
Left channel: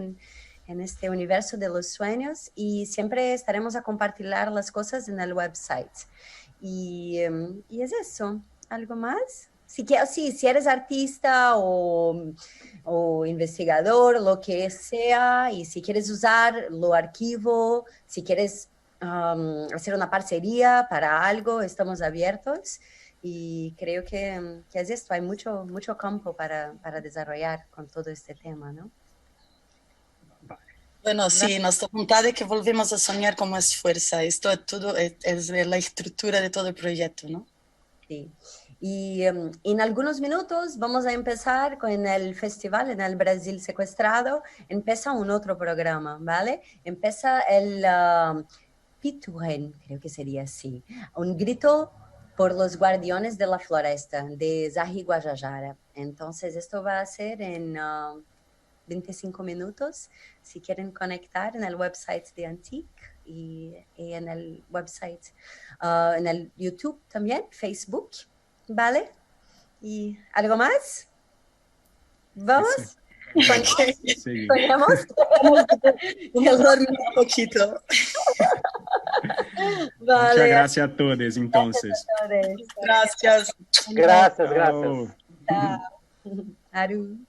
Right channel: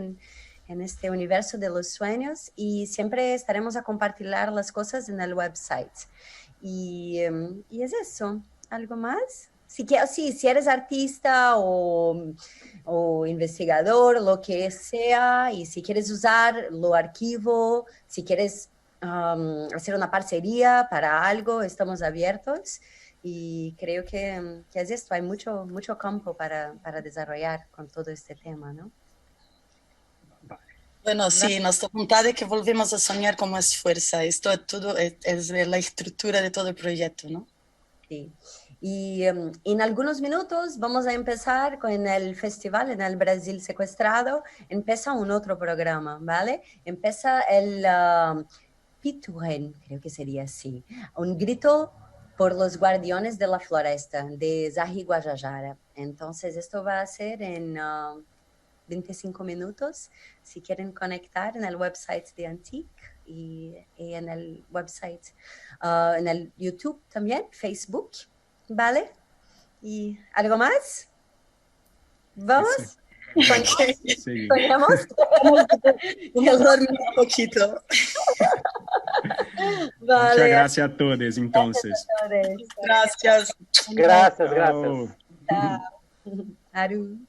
en este universo de los sueños, y siempre estaremos a compartir las cosas en el website. Y es eso. ¿Algo más? Si eres artista o investigador, lo que sea, y si quieres usar lo archivo, si quieres hacer una parcería para algo, estamos abiertos. Y creo que es esto, hay mucho campo para desarrollar con todo este tema, ¿no? Bueno, sí, nuestra voluntad es que volvemos a soñar con más fuerza. Esto es todo, es la estructura de todo el proyecto, ¿no? Sí. Y en algunos minutos vamos a empezar con el festival en el Brasil Secuestrado. Empieza un otro programa, ¿vale? Empieza el Pituren, creo que sería así. Un grito por los guardianes de la floresta, de Zahi Guajajara. Entonces, esto va a ser en 25 minutos. Si quieren conectar en el website de Antique y en el website, en el YouTube también, Facebook, ¿vale? ¿Y algo más? ¿Vamos? Sí. ¿Soñamos? Un poquito. Vale. Muchas gracias a todos, entonces. Gracias. Gracias, gracias. Chao. Aru.